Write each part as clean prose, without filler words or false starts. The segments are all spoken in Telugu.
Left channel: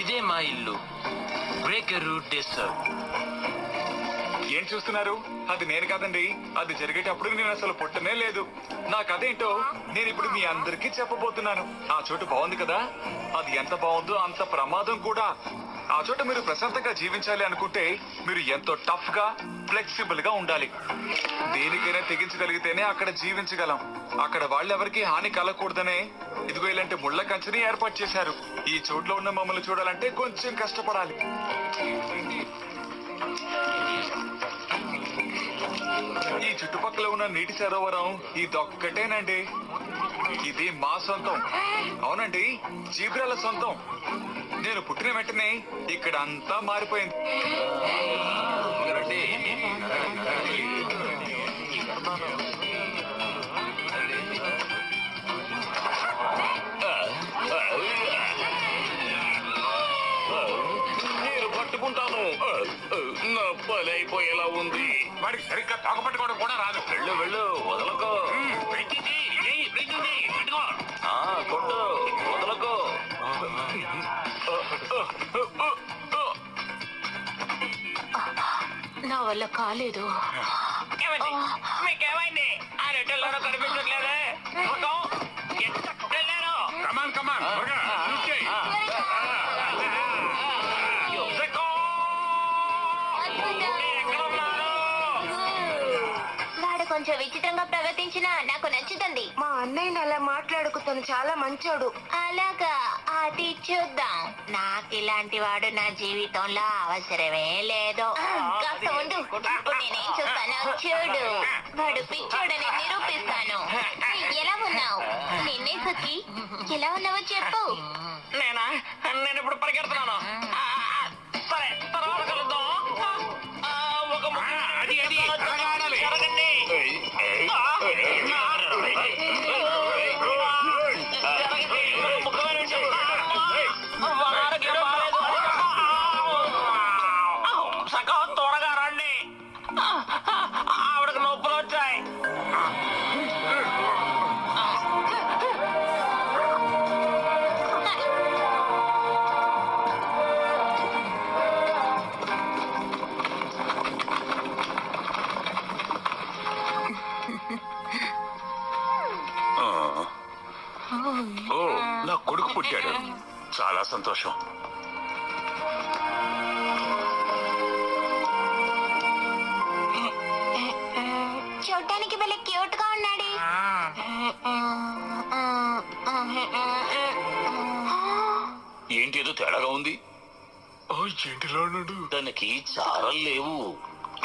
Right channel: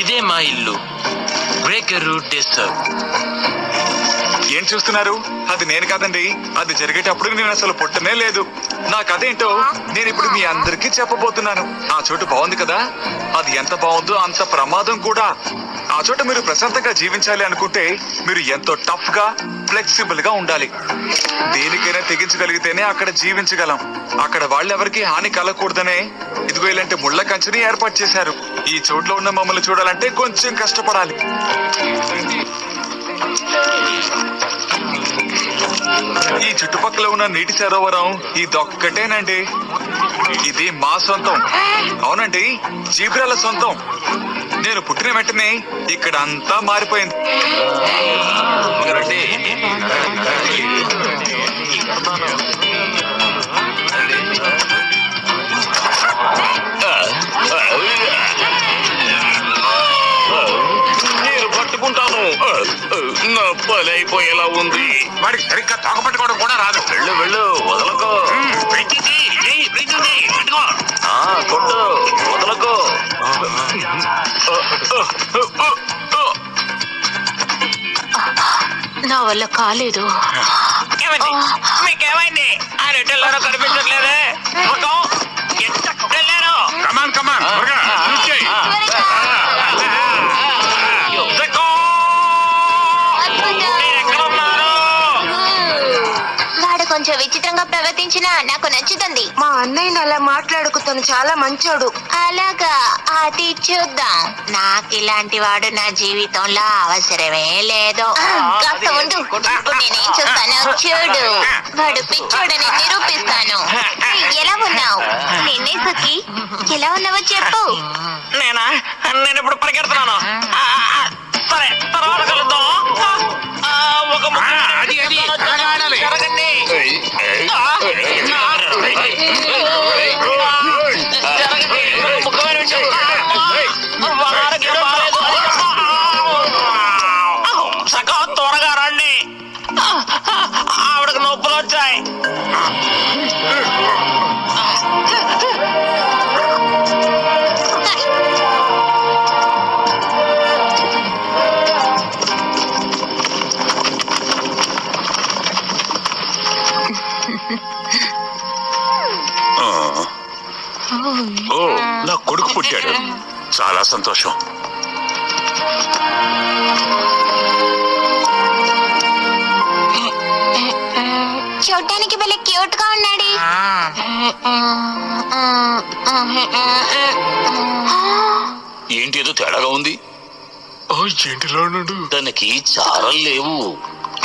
ఇదే మా ఇల్లు. Breaker disturb. ఏం చూస్తున్నారు? అది నేను కాదండి. అది జరిగేటప్పుడు నేను అసలు పుట్టనే లేదు. నా కథ ఏంటో నేను ఇప్పుడు మీ అందరికీ చెప్పబోతున్నాను. ఆ చోటు బాగుంది కదా? అది ఎంత బాగుందో అంత ప్రమాదం కూడా. ఆ చోట మీరు ప్రశాంతంగా జీవించాలి అనుకుంటే మీరు ఎంతో టఫ్ గా, ఫ్లెక్సిబుల్ గా ఉండాలి. దేనికైనా తెగించగలిగితేనే అక్కడ జీవించగలం. అక్కడ వాళ్ళెవరికి హాని కలగకూడదనే ఇదిగో ఇలాంటి ముళ్ళ కంచెని ఏర్పాటు చేశారు. ఈ చోట్లో ఉన్న మమ్మల్ని చూడాలంటే కొంచెం కష్టపడాలి. ఈ చుట్టుపక్కల ఉన్న నీటి సరోవరం ఇదొక్కటేనండి. ఇది మా సొంతం. అవునండి, జీబ్రాల సొంతం. నేను పుట్టిన వెంటనే ఇక్కడ అంతా మారిపోయింది. నేను పట్టుకుంటాను. నా పని అయిపోయేలా ఉంది. వాడికి సరిగ్గా తోకపట్టుకోవడం కూడా రాదు. వెళ్ళు వెళ్ళు, వదలకో. కొట్టు, వదలకో. నా వల్ల కాలేదు. మీకేమైంది? ఆ రెడ్డిల్లారో కనిపించట్లేదే. వెళ్ళారు. కమాన్ కమాన్ వాడు కొంచెం విచిత్రంగా ప్రవర్తించినా నాకు నచ్చుతుంది. మా అన్నయ్యని అలా మాట్లాడుకు, తను చాలా మంచోడు. అలాగా, అది చూద్దాం. నాకు ఇలాంటి వాడు నా జీవితంలో అవసరమే లేదు. కాస్త ఉండు, ఇప్పుడు నేనేం చూస్తాను చూడు. వాడు పిచ్చోడని నిరూపిస్తాను. ఎలా ఉన్నావు? నిన్నే సుఖి, ఎలా ఉన్నావో చెప్పు. నేను ఇప్పుడు పరిగెడుతున్నాను. సరే, తర్వాత కలుద్దాం. ఒక త్వరగా రండి, ఆవిడకు నొప్పులు వచ్చాయి. ఓ, నా కొడుకు పుట్టాడు. చాలా సంతోషం. చూడ్డానికి భలే క్యూట్ గా ఉన్నాడు. ఏంటి ఏదో తేడాగా ఉంది? దానికి చారలు లేవు.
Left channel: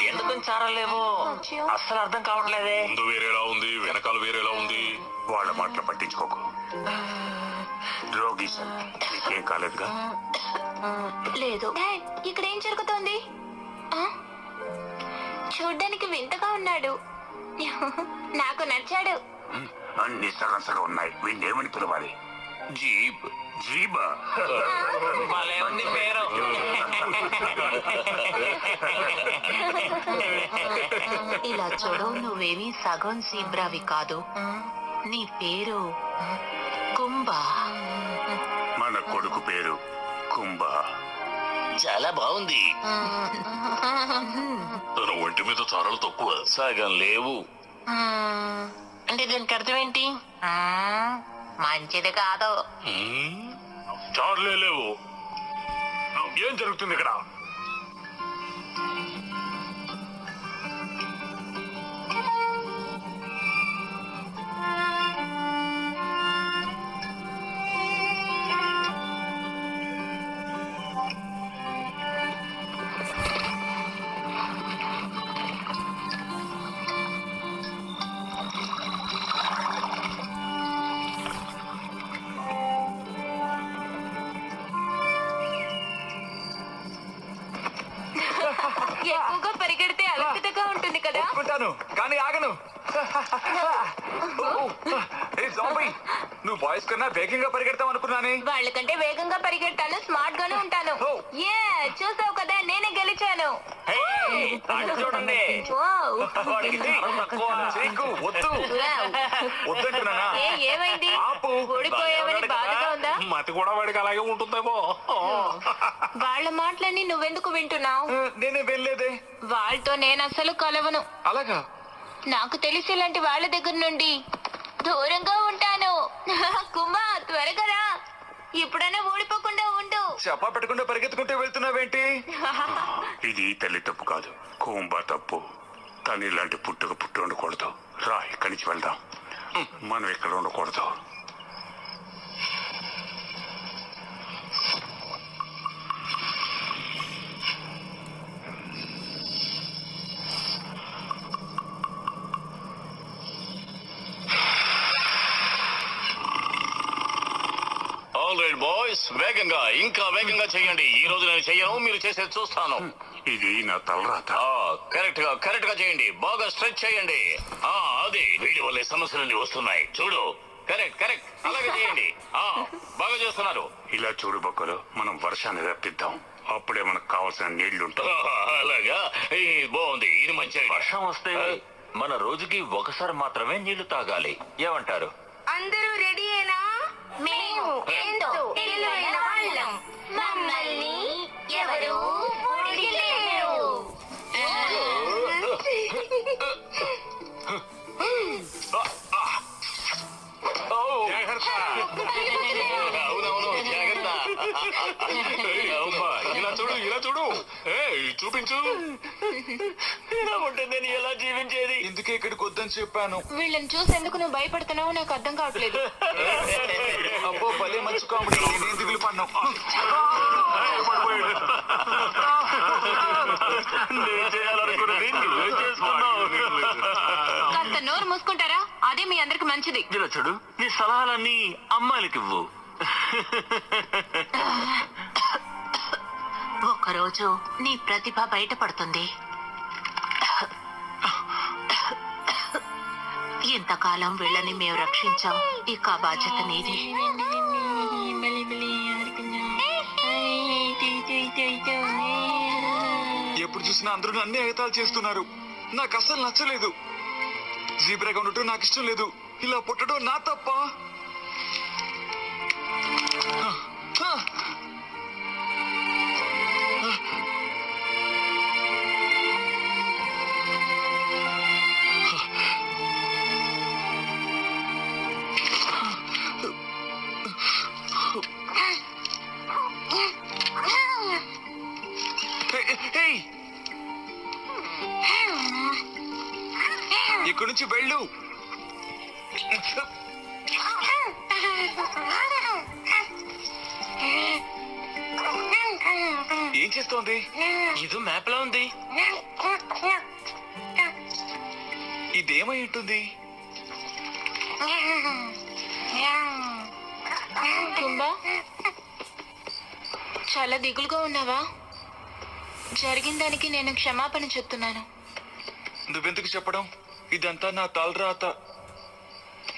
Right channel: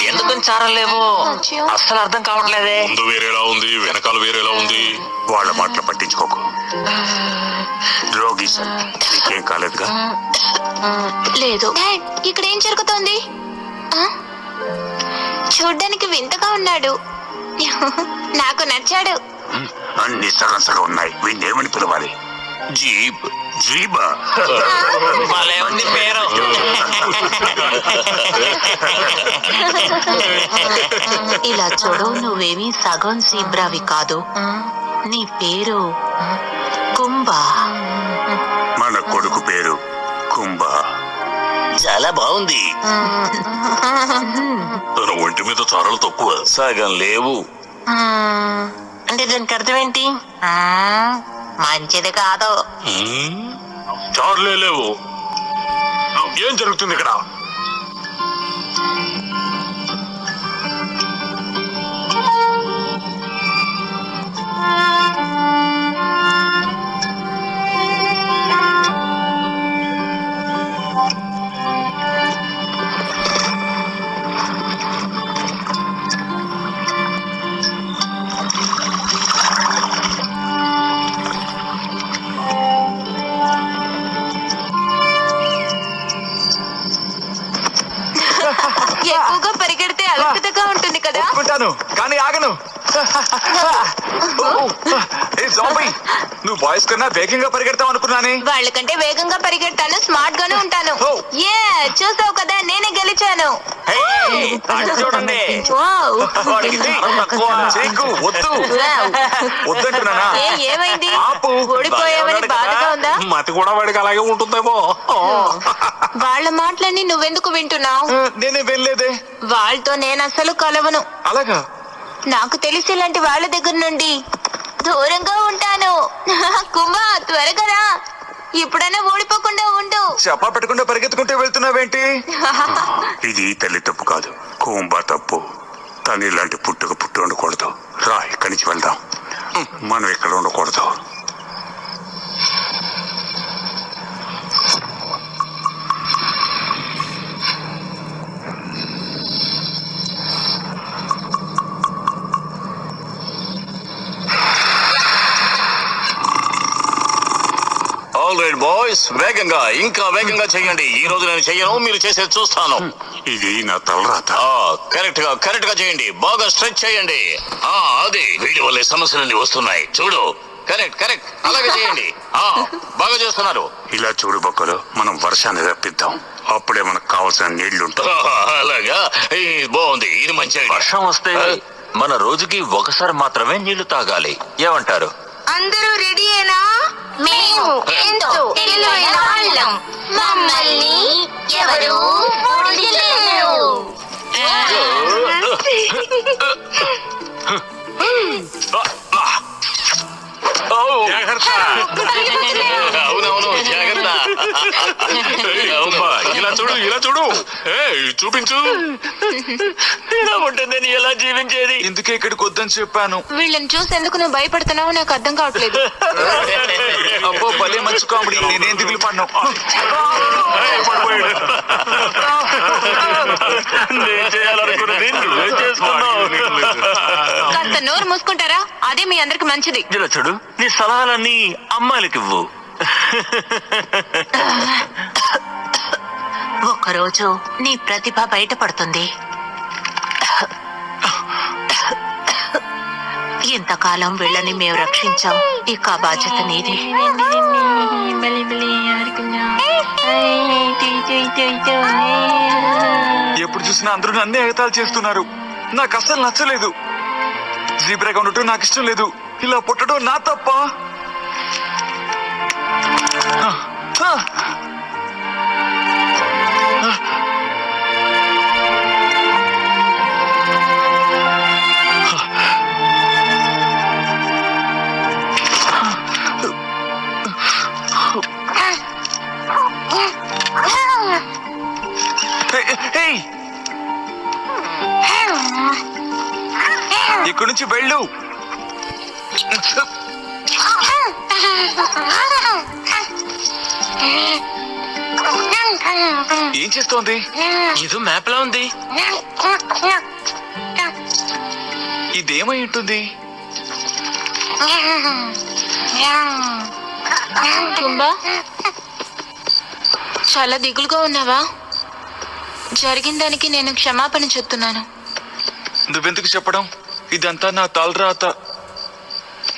ఎందుకని చారలు లేవు అస్సలు అర్థం కావట్లేదే. ముందు వేరేలా ఉంది, వెనకాల వేరేలా ఉంది. వాళ్ళ మాటలు పట్టించుకోకు. రోగి నీకేం కాలేదుగా? లేదు. ఇక్కడ ఏం జరుగుతోంది? చూడ్డానికి వింతగా ఉన్నాడు. నాకు నచ్చాడు. అన్ని సగం ఉన్నాయి. వీణేమని పిలవాలి? జీబ్. జీబా? భలే ఉంది పేరు. ఇలా చూడు, నువ్వేమీ సగం జీబ్రావి కాదు. నీ పేరు కుంభా. మన కొడుకు పేరు కుంభా. చాలా బాగుంది. తన ఒంటి మీద చారలు తక్కువ. సగం లేవు అంటే దానికి అర్థం ఏంటి? మంచిది కాదు. చారులే లేవు. ఏం జరుగుతుంది ఇక్కడ? ఎక్కువగా పరిగెడితే అలసటగా ఉంటుంది కదా. ఒప్పుకుంటాను కానీ ఆగను. ఏ జాంబీ, నువ్వు బాయ్స్ కన్నా వేగంగా పరిగెడతావు అనుకున్నానే. వాళ్ళకంటే వేగంగా పరిగెడతాను, స్మార్ట్ గానే ఉంటాను. ఓ. ఏ చూసావు కదా, నేనే గెలిచాను. చూడండి వావ్. వాడికి ధైర్యం తక్కువ. చేయకు, వద్దు వావ్. వద్దంటున్నానా. ఏమైంది? ఆపు. ఓడిపోయావని బాధగా ఉందా? మతి కూడా వాడికి అలాగే ఉంటుందేమో. వాళ్ళ మాటలన్నీ నువ్వెందుకు వింటున్నావు? నేనే వెళ్ళలేదే. వాళ్ళతో నేను అసలు కలవను. అలాగా? నాకు తెలిసి ఇలాంటి వాళ్ళ దగ్గర నుండి దూరంగా ఉంటాను. కుంభ, త్వరగా రా. ఇప్పుడైనా ఓడిపోకుండా ఉండు. చెప్పా పెట్టకుండా పరిగెత్తుకుంటూ వెళ్తున్నావేంటి? ఇది తల్లి తప్పు కాదు, కుంభ తప్పు. తను ఇలాంటి పుట్టు ఉండకూడదు. రా, ఇక్కడి నుంచి వెళ్దాం. మనం ఇక్కడ ఉండకూడదు. ఆల్ రైట్ బాయ్స్, వేగంగా ఇంకా వేగంగా చెయ్యండి. ఈ రోజు నేను చెయ్యను, మీరు చేసేది చూస్తాను. ఇది నా తలరాత. కరెక్ట్ గా చేయండి. బాగా స్ట్రెచ్ చేయండి. అది వీడి వల్లే సమస్యలన్నీ వస్తున్నాయి. చూడు, కరెక్ట్ అలాగే చేయండి. బాగా చేస్తున్నారు. ఇలా చూడు బొక్కలు, మనం వర్షాన్ని రప్పిద్దాం. అప్పుడే మనకు కావాల్సిన నీళ్లుంటాయి. అలాగా, బాగుంది. ఇది మంచి idea. వర్షం వస్తే మన రోజుకి ఒకసారి మాత్రమే నీళ్లు తాగాలి. ఏమంటారు? అందరూ రెడీయేనా? మేము ఎంతో తెలివైన వాళ్ళం. మమ్మల్ని ఎవరు ఓడించలేరు. అవునవును, జాగ్రత్త. అబ్బా, ఇలా చూడు. చూపించు. ఇలా ఉంటుందని ఎలా జీవించేది? ఇందుకే ఇక్కడికి వద్దని చెప్పాను. వీళ్ళని చూసేందుకు నువ్వు భయపడుతున్నావు నాకు అర్థం కావట్లేదు. అబ్బో, భలే మంచి కామెడీ. నేనేం దిగులు పడ్ను. నేను చేయాలనుకున్నది నువ్వే చేస్తున్నావు. కాస్త నోరు మూసుకుంటారా? అదే మీ అందరికి మంచిది. ఇలా చూడు, నీ సలహాలన్నీ అమ్మాయిలకి ఇవ్వు. ఒకరోజు నీ ప్రతిభ బయటపడుతుంది. ఇంతకాలం వీళ్ళని మేము రక్షించాం, ఇక ఆ బాధ్యత నీది. ఎప్పుడు చూసినా అందరూ నన్నే ఎగతాలు చేస్తున్నారు. నాకు అస్సలు నచ్చలేదు. జీబ్రాగా ఉండటం నాకు ఇష్టం లేదు. ఇలా పుట్టడం నా తప్ప. ఇక్కడి నుంచి వెళ్ళు. ఏం చేస్తోంది? ఇది మ్యాప్ లా ఉంది. ఇదేమై ఉంటుంది? కుంభా, చాలా దిగులుగా ఉన్నావా? జరిగిన దానికి నేను క్షమాపణ చెప్తున్నాను. నువ్వెందుకు చెప్పడం? ఇదంతా నా తలరాత.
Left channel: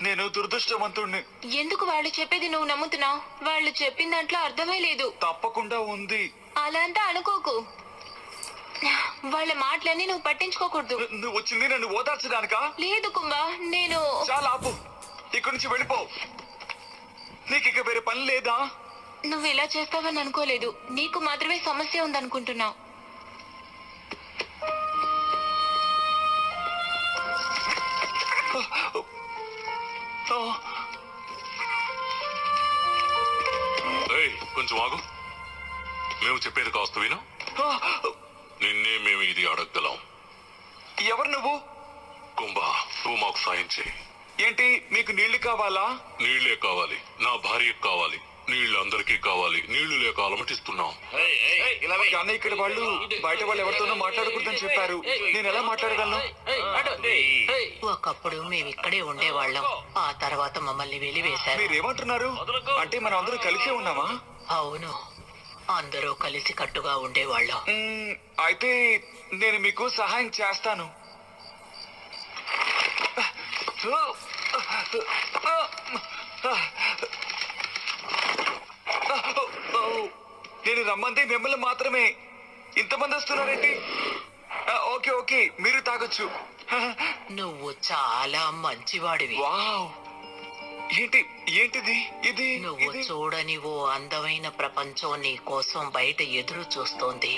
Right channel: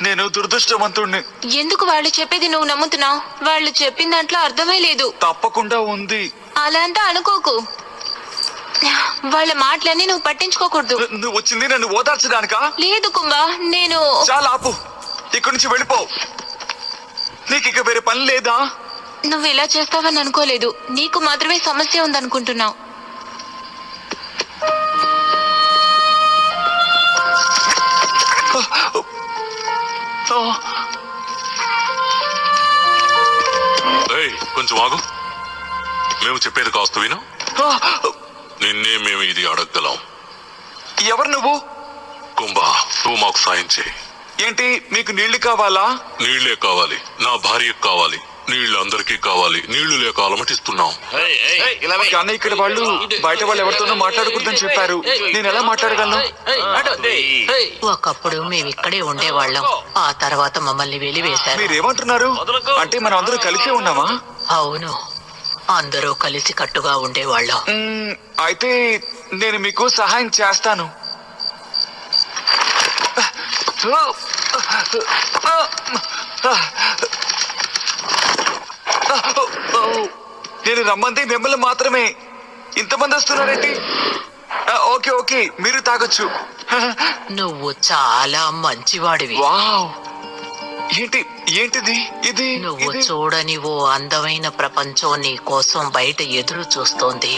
నేను దురదృష్టవంతుణ్ణి. ఎందుకు వాళ్ళు చెప్పేది నువ్వు నమ్ముతున్నావు? వాళ్ళు చెప్పిన దాంట్లో అర్థమే లేదు. తప్పకుండా ఉంది. అలా అంతా అనుకోకు. వాళ్ళ మాటలన్నీ నువ్వు పట్టించుకోకూడదు. నువ్వు వచ్చింది నన్ను ఓదార్చడానికా? లేదు కుంభా, నేను చాలా ఆపు. ఇక్కడి నుంచి వెళ్ళిపో. నీకు ఇక వేరే పని లేదా? నువ్వు ఇలా చేస్తావని అనుకోలేదు. నీకు మాత్రమే సమస్య ఉందనుకుంటున్నావు. కొంచెం ఆగు. మేము చెప్పేది కాస్త విను. నిన్నే మేము ఇది అడగగలం. ఎవరు నువ్వు? కుంభ, నువ్వు మాకు సాయం చేయి. ఏంటి, మీకు నీళ్లు కావాలా? నీళ్లే కావాలి, నా భార్యకు కావాలి, నీళ్లు అందరికీ కావాలి. నీళ్లు లేక అలమటిస్తున్నాం. కానీ ఇక్కడ వాళ్ళు బయట వాళ్ళు ఎవరితోనో మాట్లాడకూడదని చెప్పారు. నేను ఎలా మాట్లాడగలను? ఒకప్పుడు మేము ఇక్కడే ఉండేవాళ్ళం, ఆ తర్వాత మమ్మల్ని వెలివేశారు. మీరేమంటున్నారు? అంటే మనం అందరూ కలిసే ఉన్నామా? అవును, అందరూ కలిసి కట్టుగా ఉండేవాళ్ళం. అయితే నేను మీకు సహాయం చేస్తాను. నేను రమ్మంది మిమ్మల్ని మాత్రమే. ఇంతమంది వస్తున్నారేంటి? ఓకే ఓకే, మీరు తాగొచ్చు. నువ్వు చాలా మంచివాడివి. వావ్, ఏంటిది ఇది? నువ్వు చూడని ఓ అందమైన ప్రపంచం నీ కోసం బయట ఎదురు చూస్తోంది.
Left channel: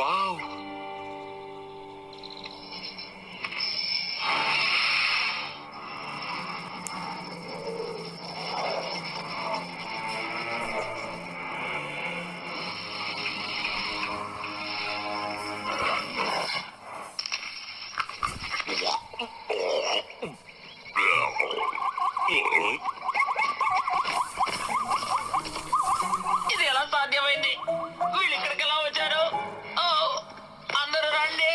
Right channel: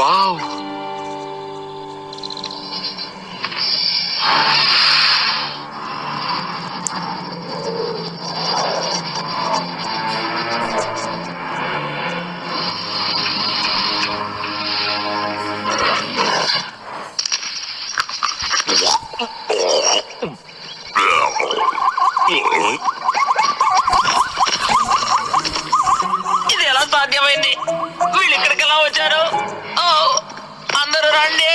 వావ్, ఇది ఎలా సాధ్యమైంది? వీళ్ళు ఇక్కడికి ఎలా వచ్చారు? ఓ, అందరూ రండి,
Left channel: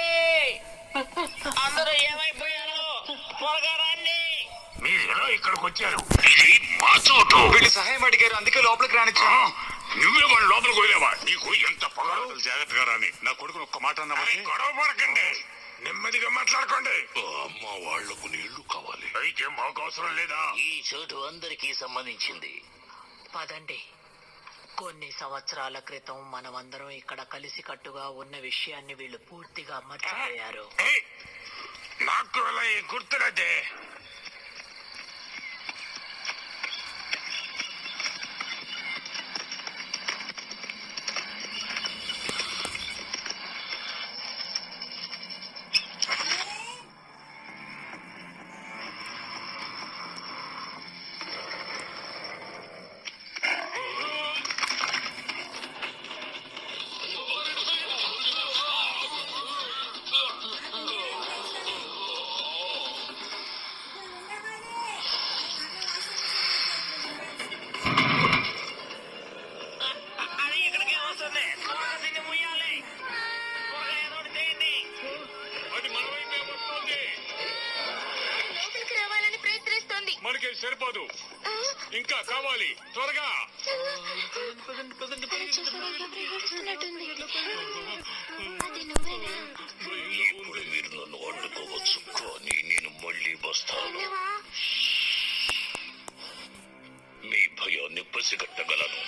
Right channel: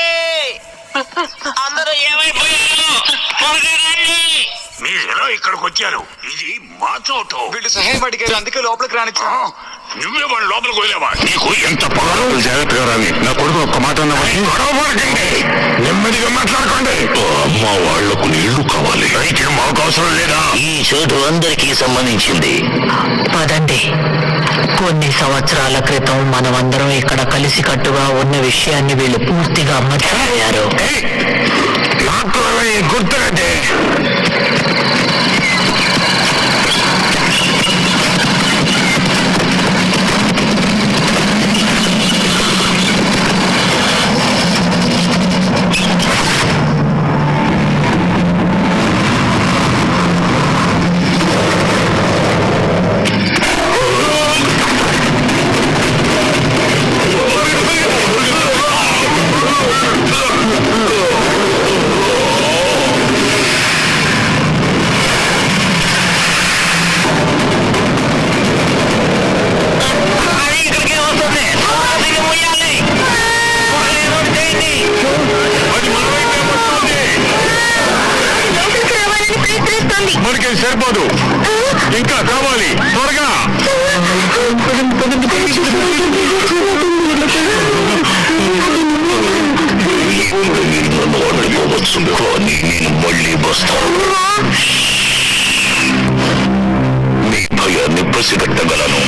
అందరూ ఏమైపోయారు? త్వరగా రండి. మీరు ఎలా ఇక్కడికి వచ్చారు? ఇది మా చోటు. వీళ్ళు సహాయం అడిగారు, అందుకే లోపలికి రానిచ్చా. నువ్వే వాళ్ళ లోపలికి వెళ్ళావా? నీకు ఎంత పొగరు? జాగ్రత్తగా రాని. నా కొడుకు ఒక్క మాట నెమ్మదిగా మాట్లాడుకోండి. అమ్మ వాళ్లకు నీళ్లు కావాలి. అయితే మాకు అవసరం లేదా? ఈ చోటు అందరికీ సంబంధించింది. పదండి. కొన్ని సంవత్సరాల క్రితం మనమందరం ఇక్కడ కలిసి కట్టుగా ఉన్న విషయాన్ని వీళ్ళు పూర్తిగా మర్చిపోయారు. నాకు గుర్తుగట్టే. మనకి సరిపోదు, ఇంకా కావాలి. త్వరగా కానీ నేను మళ్ళీ వస్తాను. మీ భయాన్ని పసిగట్టగలను.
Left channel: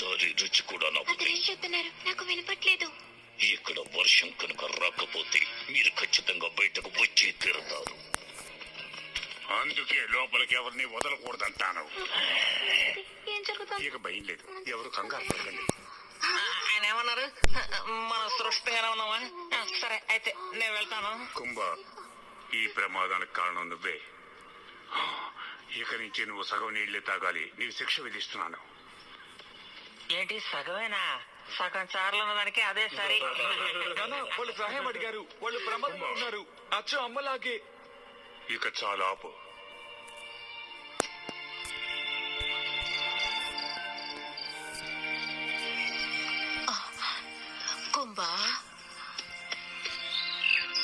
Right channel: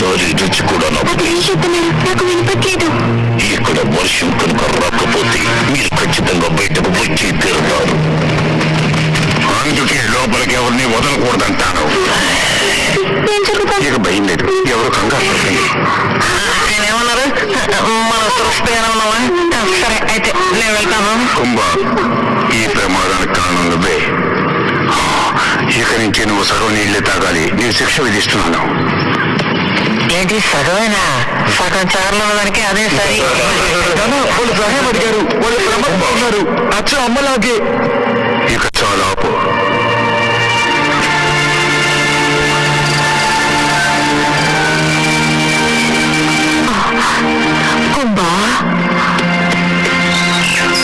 దాని రుచి కూడా నాకు వినపట్లేదు. ఇక్కడ వర్షం కనుక రాకపోతే మీరు ఖచ్చితంగా బయటకు వచ్చి తీరుతారు. అందుకే లోపలికి ఎవరిని వదలకూడదంటాను. ఇక భయం లేదు, ఎవరు కంగారు పడకండి. ఏమన్నారు? మన సురక్షితంగానే ఉన్నావా? సరే, అయితే నేను వెళ్తాను. కుంభ, ఈ ప్రమాదానికి కారణం నువ్వే. ఇక నుంచి నువ్వు సగం నీళ్లే తాగాలి. నేను శిక్ష విధిస్తున్నాను. ఏంటి సగమేనా? సగం చార్లు ఉన్నదానికి అదే సరి. వాళ్ళు సహాయం అడిగారు, వాళ్ళు ప్రమాదం అచ్చ అమ్మలాగే. ఇక చాలా ఆపు. కుంభా,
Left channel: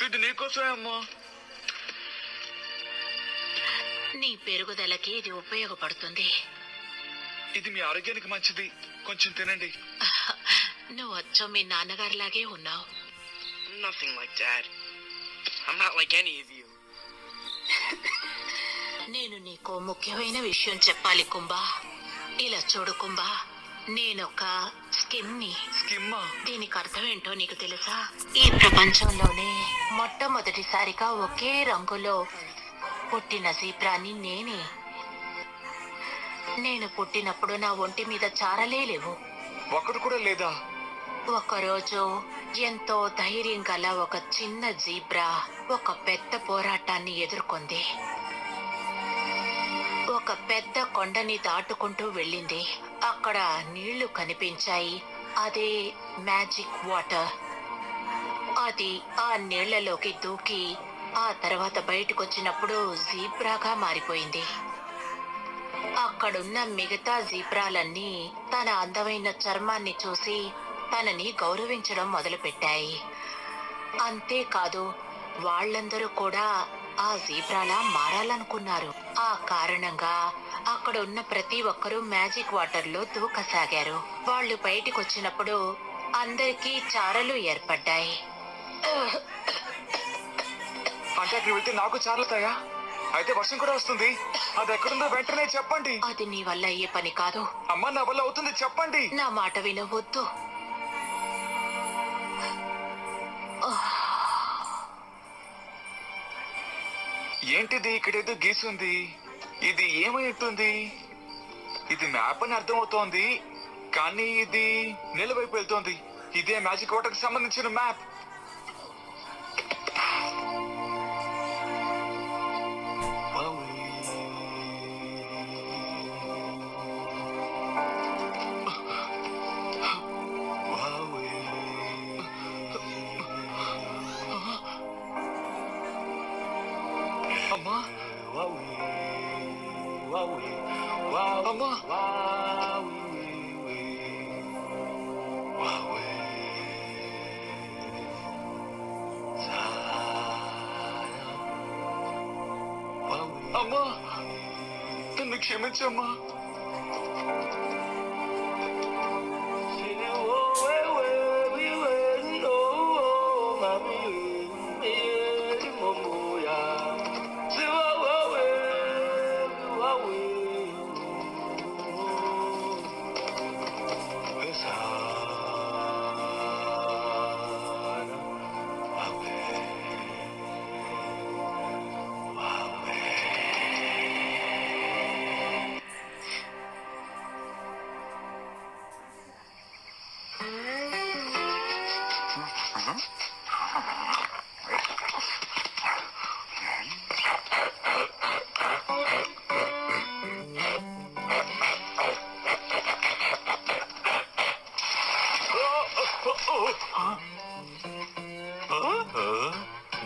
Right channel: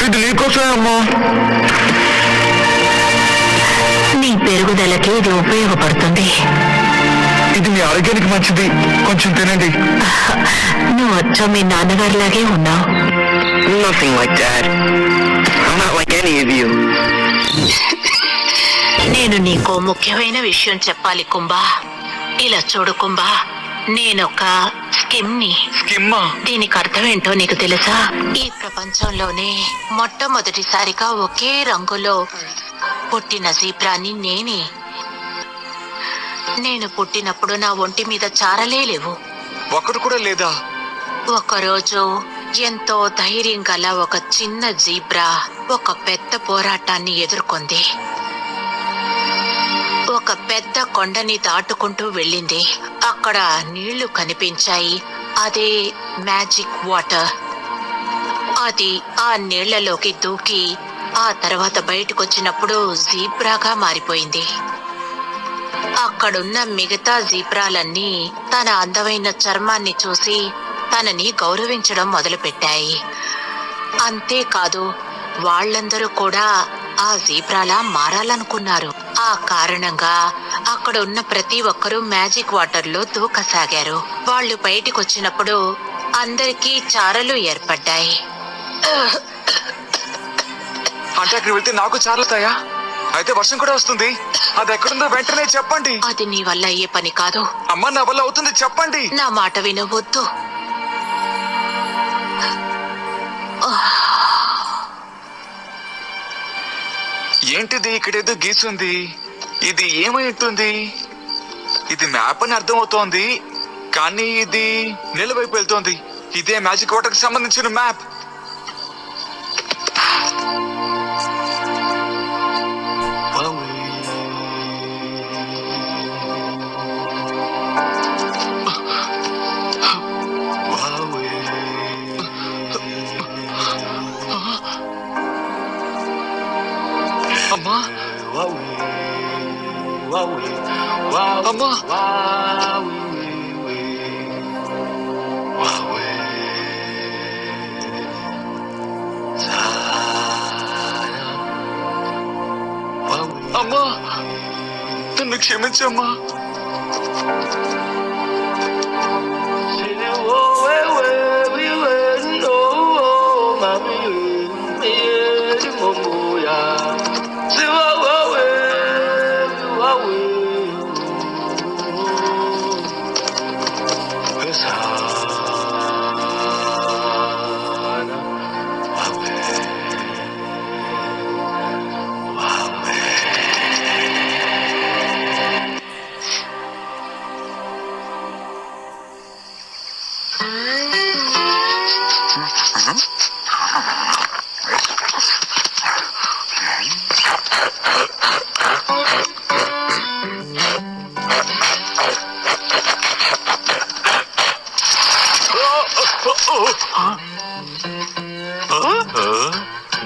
ఇది నీకోసమే అమ్మా. నీ పెరుగుదలకి ఇది ఉపయోగపడుతుంది. ఇది మీ ఆరోగ్యానికి మంచిది, కొంచెం తినండి. నువ్వు వచ్చా మీ నాన్నగారిలాగే ఉన్నావు. Nothing like that. I'm not like any of you. నేను నీకో ముఖ్యమైన విషయం చెప్పాలి కుంభా. ఇలా చూడు కుంభా, నేనొక స్కిమ్ని. స్కిమ్మా? దీనికి అర్థం ఏంటో నీకు తెలుసా? ఈ ప్రపంచంలోనే మొట్టమొదటిసారిగా ఒకే రంగులో పుట్టిన జీబ్రాని నేనే. నేను పుట్టినప్పుడు నా ఒంటి మీద చారలే లేవు. ఒక్కడు కూడా లేదా? ఒకరోజు ఎంతో ధైర్యం గల ఒక చిన్న జీబ్రా ఒక పెద్ద పోరాటాన్ని ఎదుర్కొంది. ఒక పెద్ద కొండని దాటుకుంటూ వెళ్ళింది. అక్కడ నీళ్లు కనిపించాయి. అదే మ్యాజిక్ వాటర్. అది ఆ నీళ్లలోకి దూకి ఆ తర్వాత బయటకొచ్చినప్పుడు జీబ్రాగా మారిపోయింది. అక్కడున్న మిగతా జీబ్రాలన్నీ తన అందమైన చర్మాన్ని చూసి తనని గౌరవించడం మొదలుపెట్టాయి. అంతేకాదు, వాళ్ళందరూ కూడా ఆ జీబ్రాలా మారాలనుకున్నారు. ఆ కారణంగా అక్కడ ఉన్న ప్రతి ఒక్కరూ మ్యాజిక్ వాటర్ లో దూకసాగారు. వాళ్ళు బయటికొచ్చినప్పుడు అందరికీ చారలు ఏర్పడ్డాయి. అంటే అక్కడ వెళ్తే నాకు చారుతాయా? అయితే వర్షం కూడా వస్తుంది. అది ఎక్కడుందో వెంటనే చెప్పండి. అది నీ వల్ల అయ్యే పని కాదు. అమ్మ, నా వల్ల అవుతుంది, చెప్పండి. నా మాట వినవద్దు. ఏంటిది ఇక్కడేదో గీసుంది? ఇది ఏమై ఉంటుంది? ఇది మ్యాప్ అని అర్థం అవుతోంది, కానీ ఇది నిలవైపు వెళ్తోంది. ఇదే మ్యాజిక్ వాటర్ కి సంబంధించిన మ్యాప్. అమ్మా, అమ్మా, అమ్మా, నన్ను క్షమించమ్మా.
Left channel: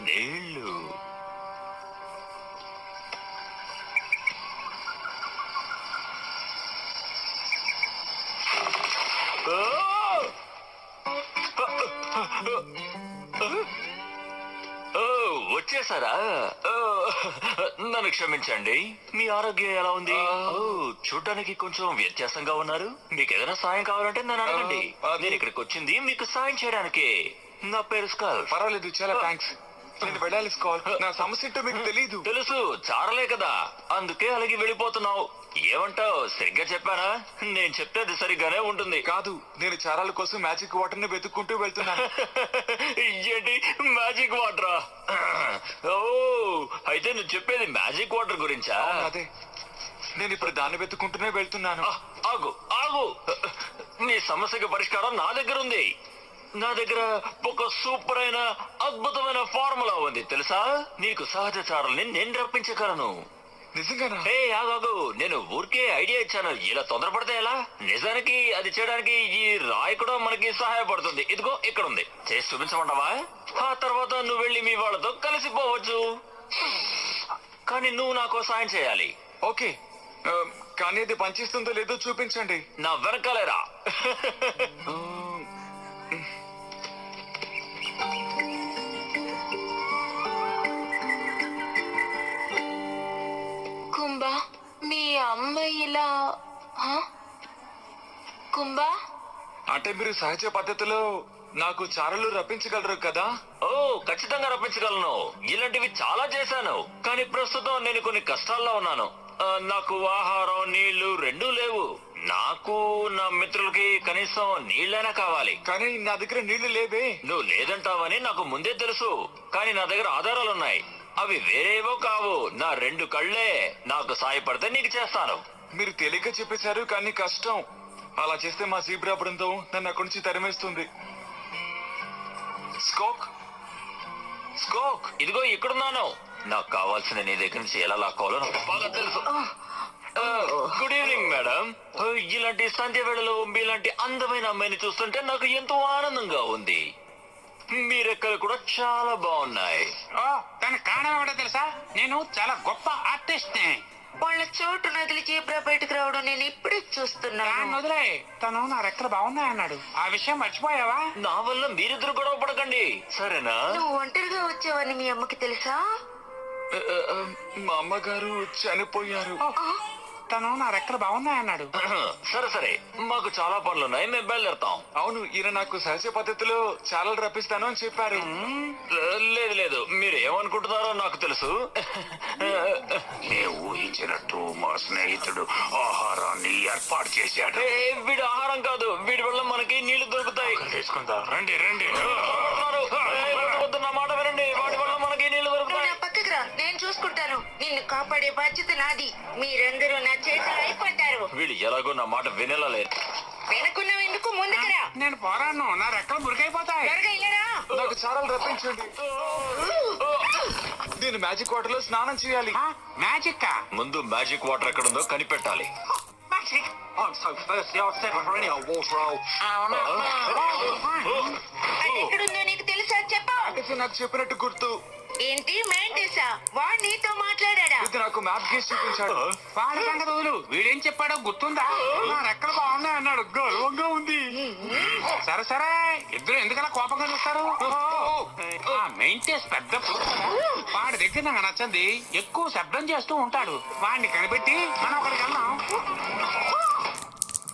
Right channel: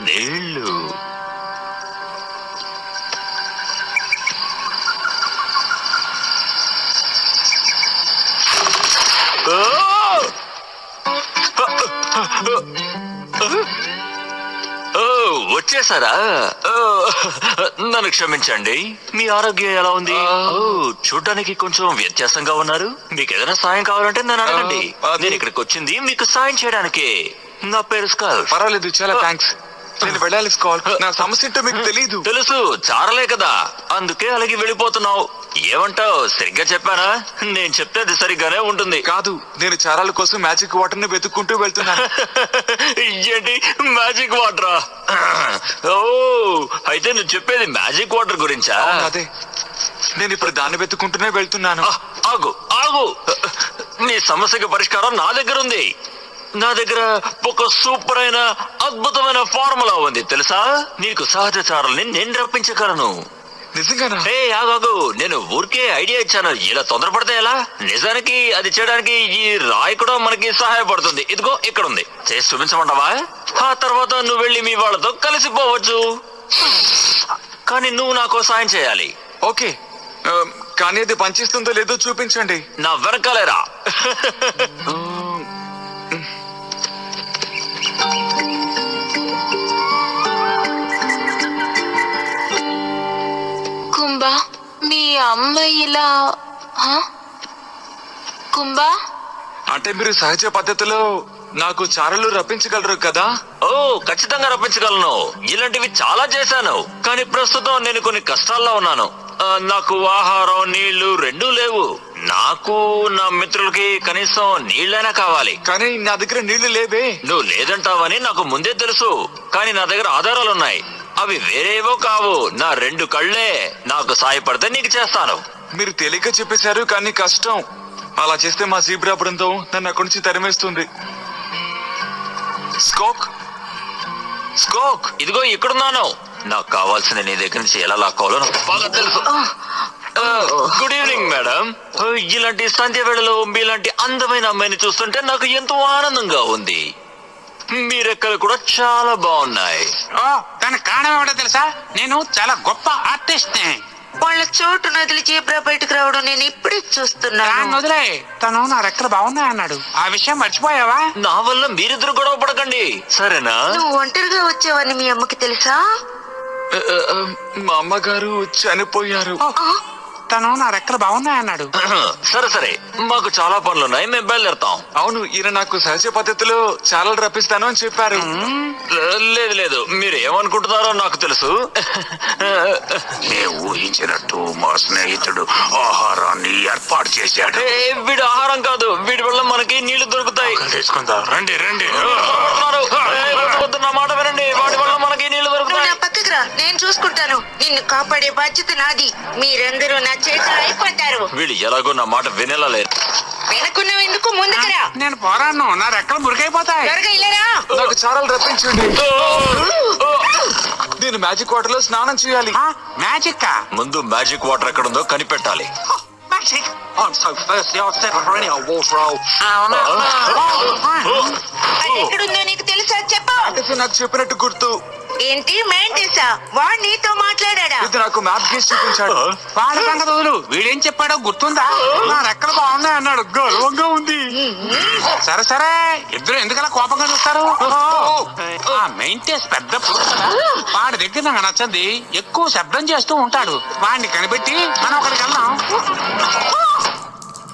నీళ్ళు. వచ్చేసారా? నన్ను క్షమించండి. మీ ఆరోగ్యం ఎలా ఉంది? చూడడానికి కొంచెం వ్యత్యాసంగా ఉన్నారు. మీకు ఏదైనా సాయం కావాలంటే నన్ను అడగండి. నేను ఇక్కడికి వచ్చింది మీకు సాయం చేయడానికి. నా పేరు స్కాల్. పర్వాలేదు, చాలా థ్యాంక్స్. నేను వెళ్ళాలి స్కాల్. నా సమస్య ఏంటో మీకు తెలీదు. తెలుసు, చారలే కదా, అందుకే అలాగే వెళ్ళిపోతున్నావు. ఏమంటావు? సరిగ్గా చెప్పానా? నేను చెప్తే అది సరిగ్గానే ఉంటుంది. కాదు, నేను చారాల కోసం మ్యాజిక్ వాటర్ ని వెతుక్కుంటూ వెళ్తున్నాను. ఏంటి మ్యాజిక్ వాటరా? ఓ, అయితే నువ్వు చెప్పేది మ్యాజిక్ వాటర్ గురించా? అదే, నేను ఇప్పుడు దాన్ని వెతుక్కుంటూనే వెళ్తున్నాను. ఆగు ఆగు, నీ సమస్యకి పరిష్కారం నా దగ్గర ఉంది. నా దగ్గర ఒక సూపర్ అయిన అద్భుతమైన ఫార్ములా ఉంది తెలుసా? నీకు సహజ చారల్ని నేను రప్పించగలను. నిజంగానా? హే ఆగాగు, నేను ఊరికే ఐడియా ఇచ్చాను. ఇలా తొందరపడితే ఎలా? నిజానికి అది చేయడానికి ఈ రాయి కూడా మనకి సహాయపడుతుంది. ఇదిగో ఇక్కడ ఉంది, చేసి చూపించమంటావా? ఆ తర్వాత నువ్వు వెళ్ళి మీ వాళ్ళతో కలిసిపోవచ్చు. కానీ నువ్వు నాకు సాయం చేయాలి. ఓకే, కానీ అది పనిచేస్తుందో లేదో చూపించండి. నా వెనకాలేరా. కుంభా, మీ అమ్మ ఇలా కుంభా, అంటే మీరు సహజ పద్ధతిలో నాకు చారలు రప్పించగలరు కదా? ఓ, ఖచ్చితంగా రప్పించగలను. ఇలాంటివి చాలా చేశాను, కానీ ప్రస్తుతం నేను కొన్ని కష్టాల్లో ఉన్నాను. నాకు ఆహారం, నీళ్లు రెండూ లేవు. నాకు నా మిత్రులకి కనీసం నీళ్ళైనా కావాలి. కానీ నా దగ్గర నీళ్లు లేవే. నువ్వు లేదంటావని నాకు ముందే తెలుసు, కానీ నా దగ్గర ఆధారాలున్నాయి. అవి వేరేవో కావు, నా 2 కళ్ళే. నాకు సాయపడితే నీకు చేస్తాను. మీరు తేలిక చెప్పేశారు, కానీ కష్టం. అలా చేస్తే మా జీబ్రా బృందం నన్ను అక్కడి నుంచి తరిమేస్తుంది. స్కోక్, స్కోక్, ఇదిగో ఇక్కడున్నాను. నాకు కావాల్సిన నీ దగ్గర నుంచి ఎలా లాక్కోవాలో నాకు బాగా తెలుసు. Good evening madam. ఇలాంటి సంధ్య వేళలో మీలాంటి అందమైన అమ్మాయిని చూస్తుంటే నాకు ఎంతో ఆనందంగా ఉంది. మీరెక్కలు కూడా చాలా బాగున్నాయి. దానికి కారణం ఏమిటో తెలుసా? నేను చాలా గొప్ప ఆర్టిస్ట్ ని. వాళ్ళ చోటు నదిలి జీబ్రా బయటకు రావడం నేను ఇప్పుడే చూస్తున్నాను. దాన్ని వదిలే, తను నా రెక్కలు బాగున్నాయన్నాడు. ఆ విషయం మర్చిపోయావా? నా వల్ల మీరిద్దరు గొడవ పడకండి, సరేనా? నువ్వు ఒంటరిగా వచ్చావని మీ అమ్మకి తెలుసా? మా అమ్మగారు చనిపోయారు. తను నా రెక్కలు బాగున్నాయన్నాడు. సరే సరే, మాకు చాలా పనులున్నాయి, మేము బయలుదేరుతాం. అవును, ఈయన నాకు సహజ పద్ధతిలో చాలా రప్పిస్తాను అని చెప్పారు. లేదు లేదు, మీరు ఏమనుకుంటున్నారో నాకు తెలుసు. మేము ఊహించినట్టు మా స్నేహితుడు ఆహారాన్ని ఏర్పాటు చేశాడు. వీడి ఆహారం కాదు, వీడి వల్ల మనకి నీళ్లు దొరుకుతాయి. తీసుకుందాం, రండి రండి. వద్దు, నా మాట వినండి, వాడి వల్ల మనకి నీళ్లు దొరుకుతాయి. పక్కకు రా, నేను చూసుకుంటాను. నిన్ను కాపాడే బాధ్యత నాది. మీరందరూ నా చేతిలో అయిపోతారు. వీడు ఎలాగో నా మాట వినేలా లేరు. వెనకున్నావు ఎందుకు? ముందుకురా. నేను పోరాను, నా రెక్కలు మురికైపోతాయి. త్వరగా ఇలారా. నాకు చారాలు రప్పించండి. నేను మ్యాజిక్ వాటర్ లో స్నానం చేయాలి. మ్యాజిక్ ముందు మ్యాజిక్ వాటర్ ఎక్కడుందో కనిపెట్టాలి. అది ఎక్కడుందో నీకు తెలుసా? చెప్పు. ఇది నాకు చెప్పినట్టు గుర్తు. ఏంటి మెంటిసా? వాడు నీతో మాట్లాడా? ఇది నాకు మ్యాప్ గీసి చూపించాడు. వాడి సంగతి వదులు, వీడేం చెప్పాడో గుర్తుందా? నా రెక్కలు బాగున్నాయి అన్నాడు, గర్వంగా ఉంది. సరే సరే, ఇద్దరు ఎందుకలా కోపంగా చూస్తారు? ఆ మెయింటెన్స్ పెద్ద పురుగు కదా, వాడి దగ్గర నాకు నచ్చంది ఎక్కువ శబ్దం చేస్తూ ఉంటాడు. వాడిని కనిపెట్టి మనం అక్కడికి వెళ్దాం.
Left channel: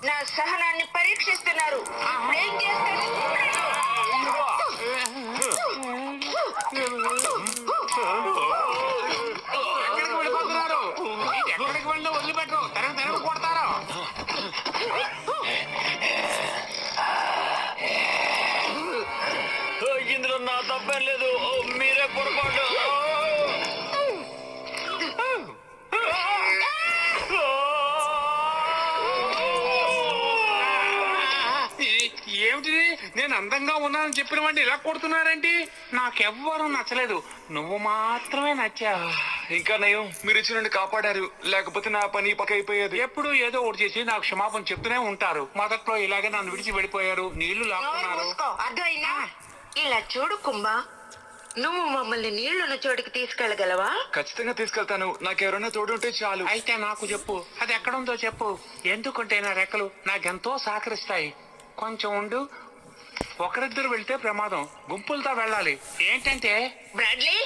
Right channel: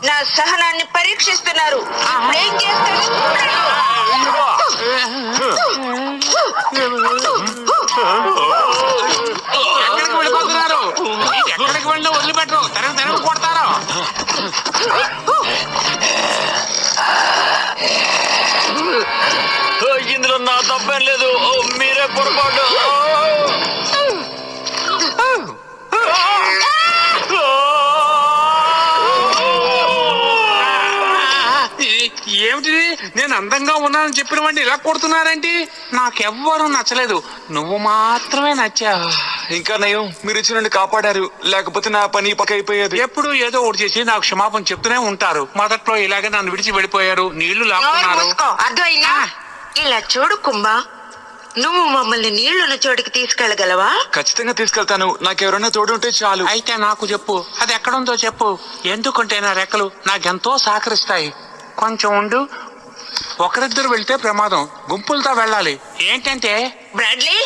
నా సహనాన్ని పరీక్షిస్తున్నారు. ఏం చేస్తాను? ఎక్కడికి వెళ్ళిపోతున్నారు? ఎక్కడికి వెళ్ళినా వదిలిపెట్టరు, తెరవు కొడతారు. ఇందులో నా తప్పేం లేదు, మీరే పొరపాటు. ఏమిటిది? నేను అందంగా ఉన్నానని చెప్పిన వాడిని ఇలా కొడుతున్నారేంటి? నాకెవ్వరూ నచ్చలేదు, నువ్వు మాత్రమే నచ్చావు. ఇంకా నయం, మీరు ఇచ్చి నుండి కాపాడారు, లేకపోతే నా పని పక్క అయిపోయేది. ఎప్పుడు ఏదో ఒకటి చేసి నాకు క్షమాపణ చెప్తూనే ఉంటారు. మొదట్లో ఇలాగే నన్ను విడిచి వెళ్ళిపోయారు, నీళ్లు లాక్కున్నారు. అర్థమైందా? ఇలా చూడు కుంభ, నువ్వు మమ్మల్ని నీళ్లున్న చోటికి తీసుకెళ్లగలవా? ఖచ్చితంగా తీసుకెళ్తాను. నాకెవరైనా తోడుంటే చాలు. అయితే నాకు చెప్పు, అది ఎక్కడుందో చెప్పు. ఎందుకంటే నా రెక్కలు నాకెంతో సహకరిస్తాయి. కొంచెం ఉండు, ఒకరిద్దరు వెళ్తే ప్రమాదం, గుంపులతో వెళ్ళాలి. ఏంటంటే బ్రాడ్లీ,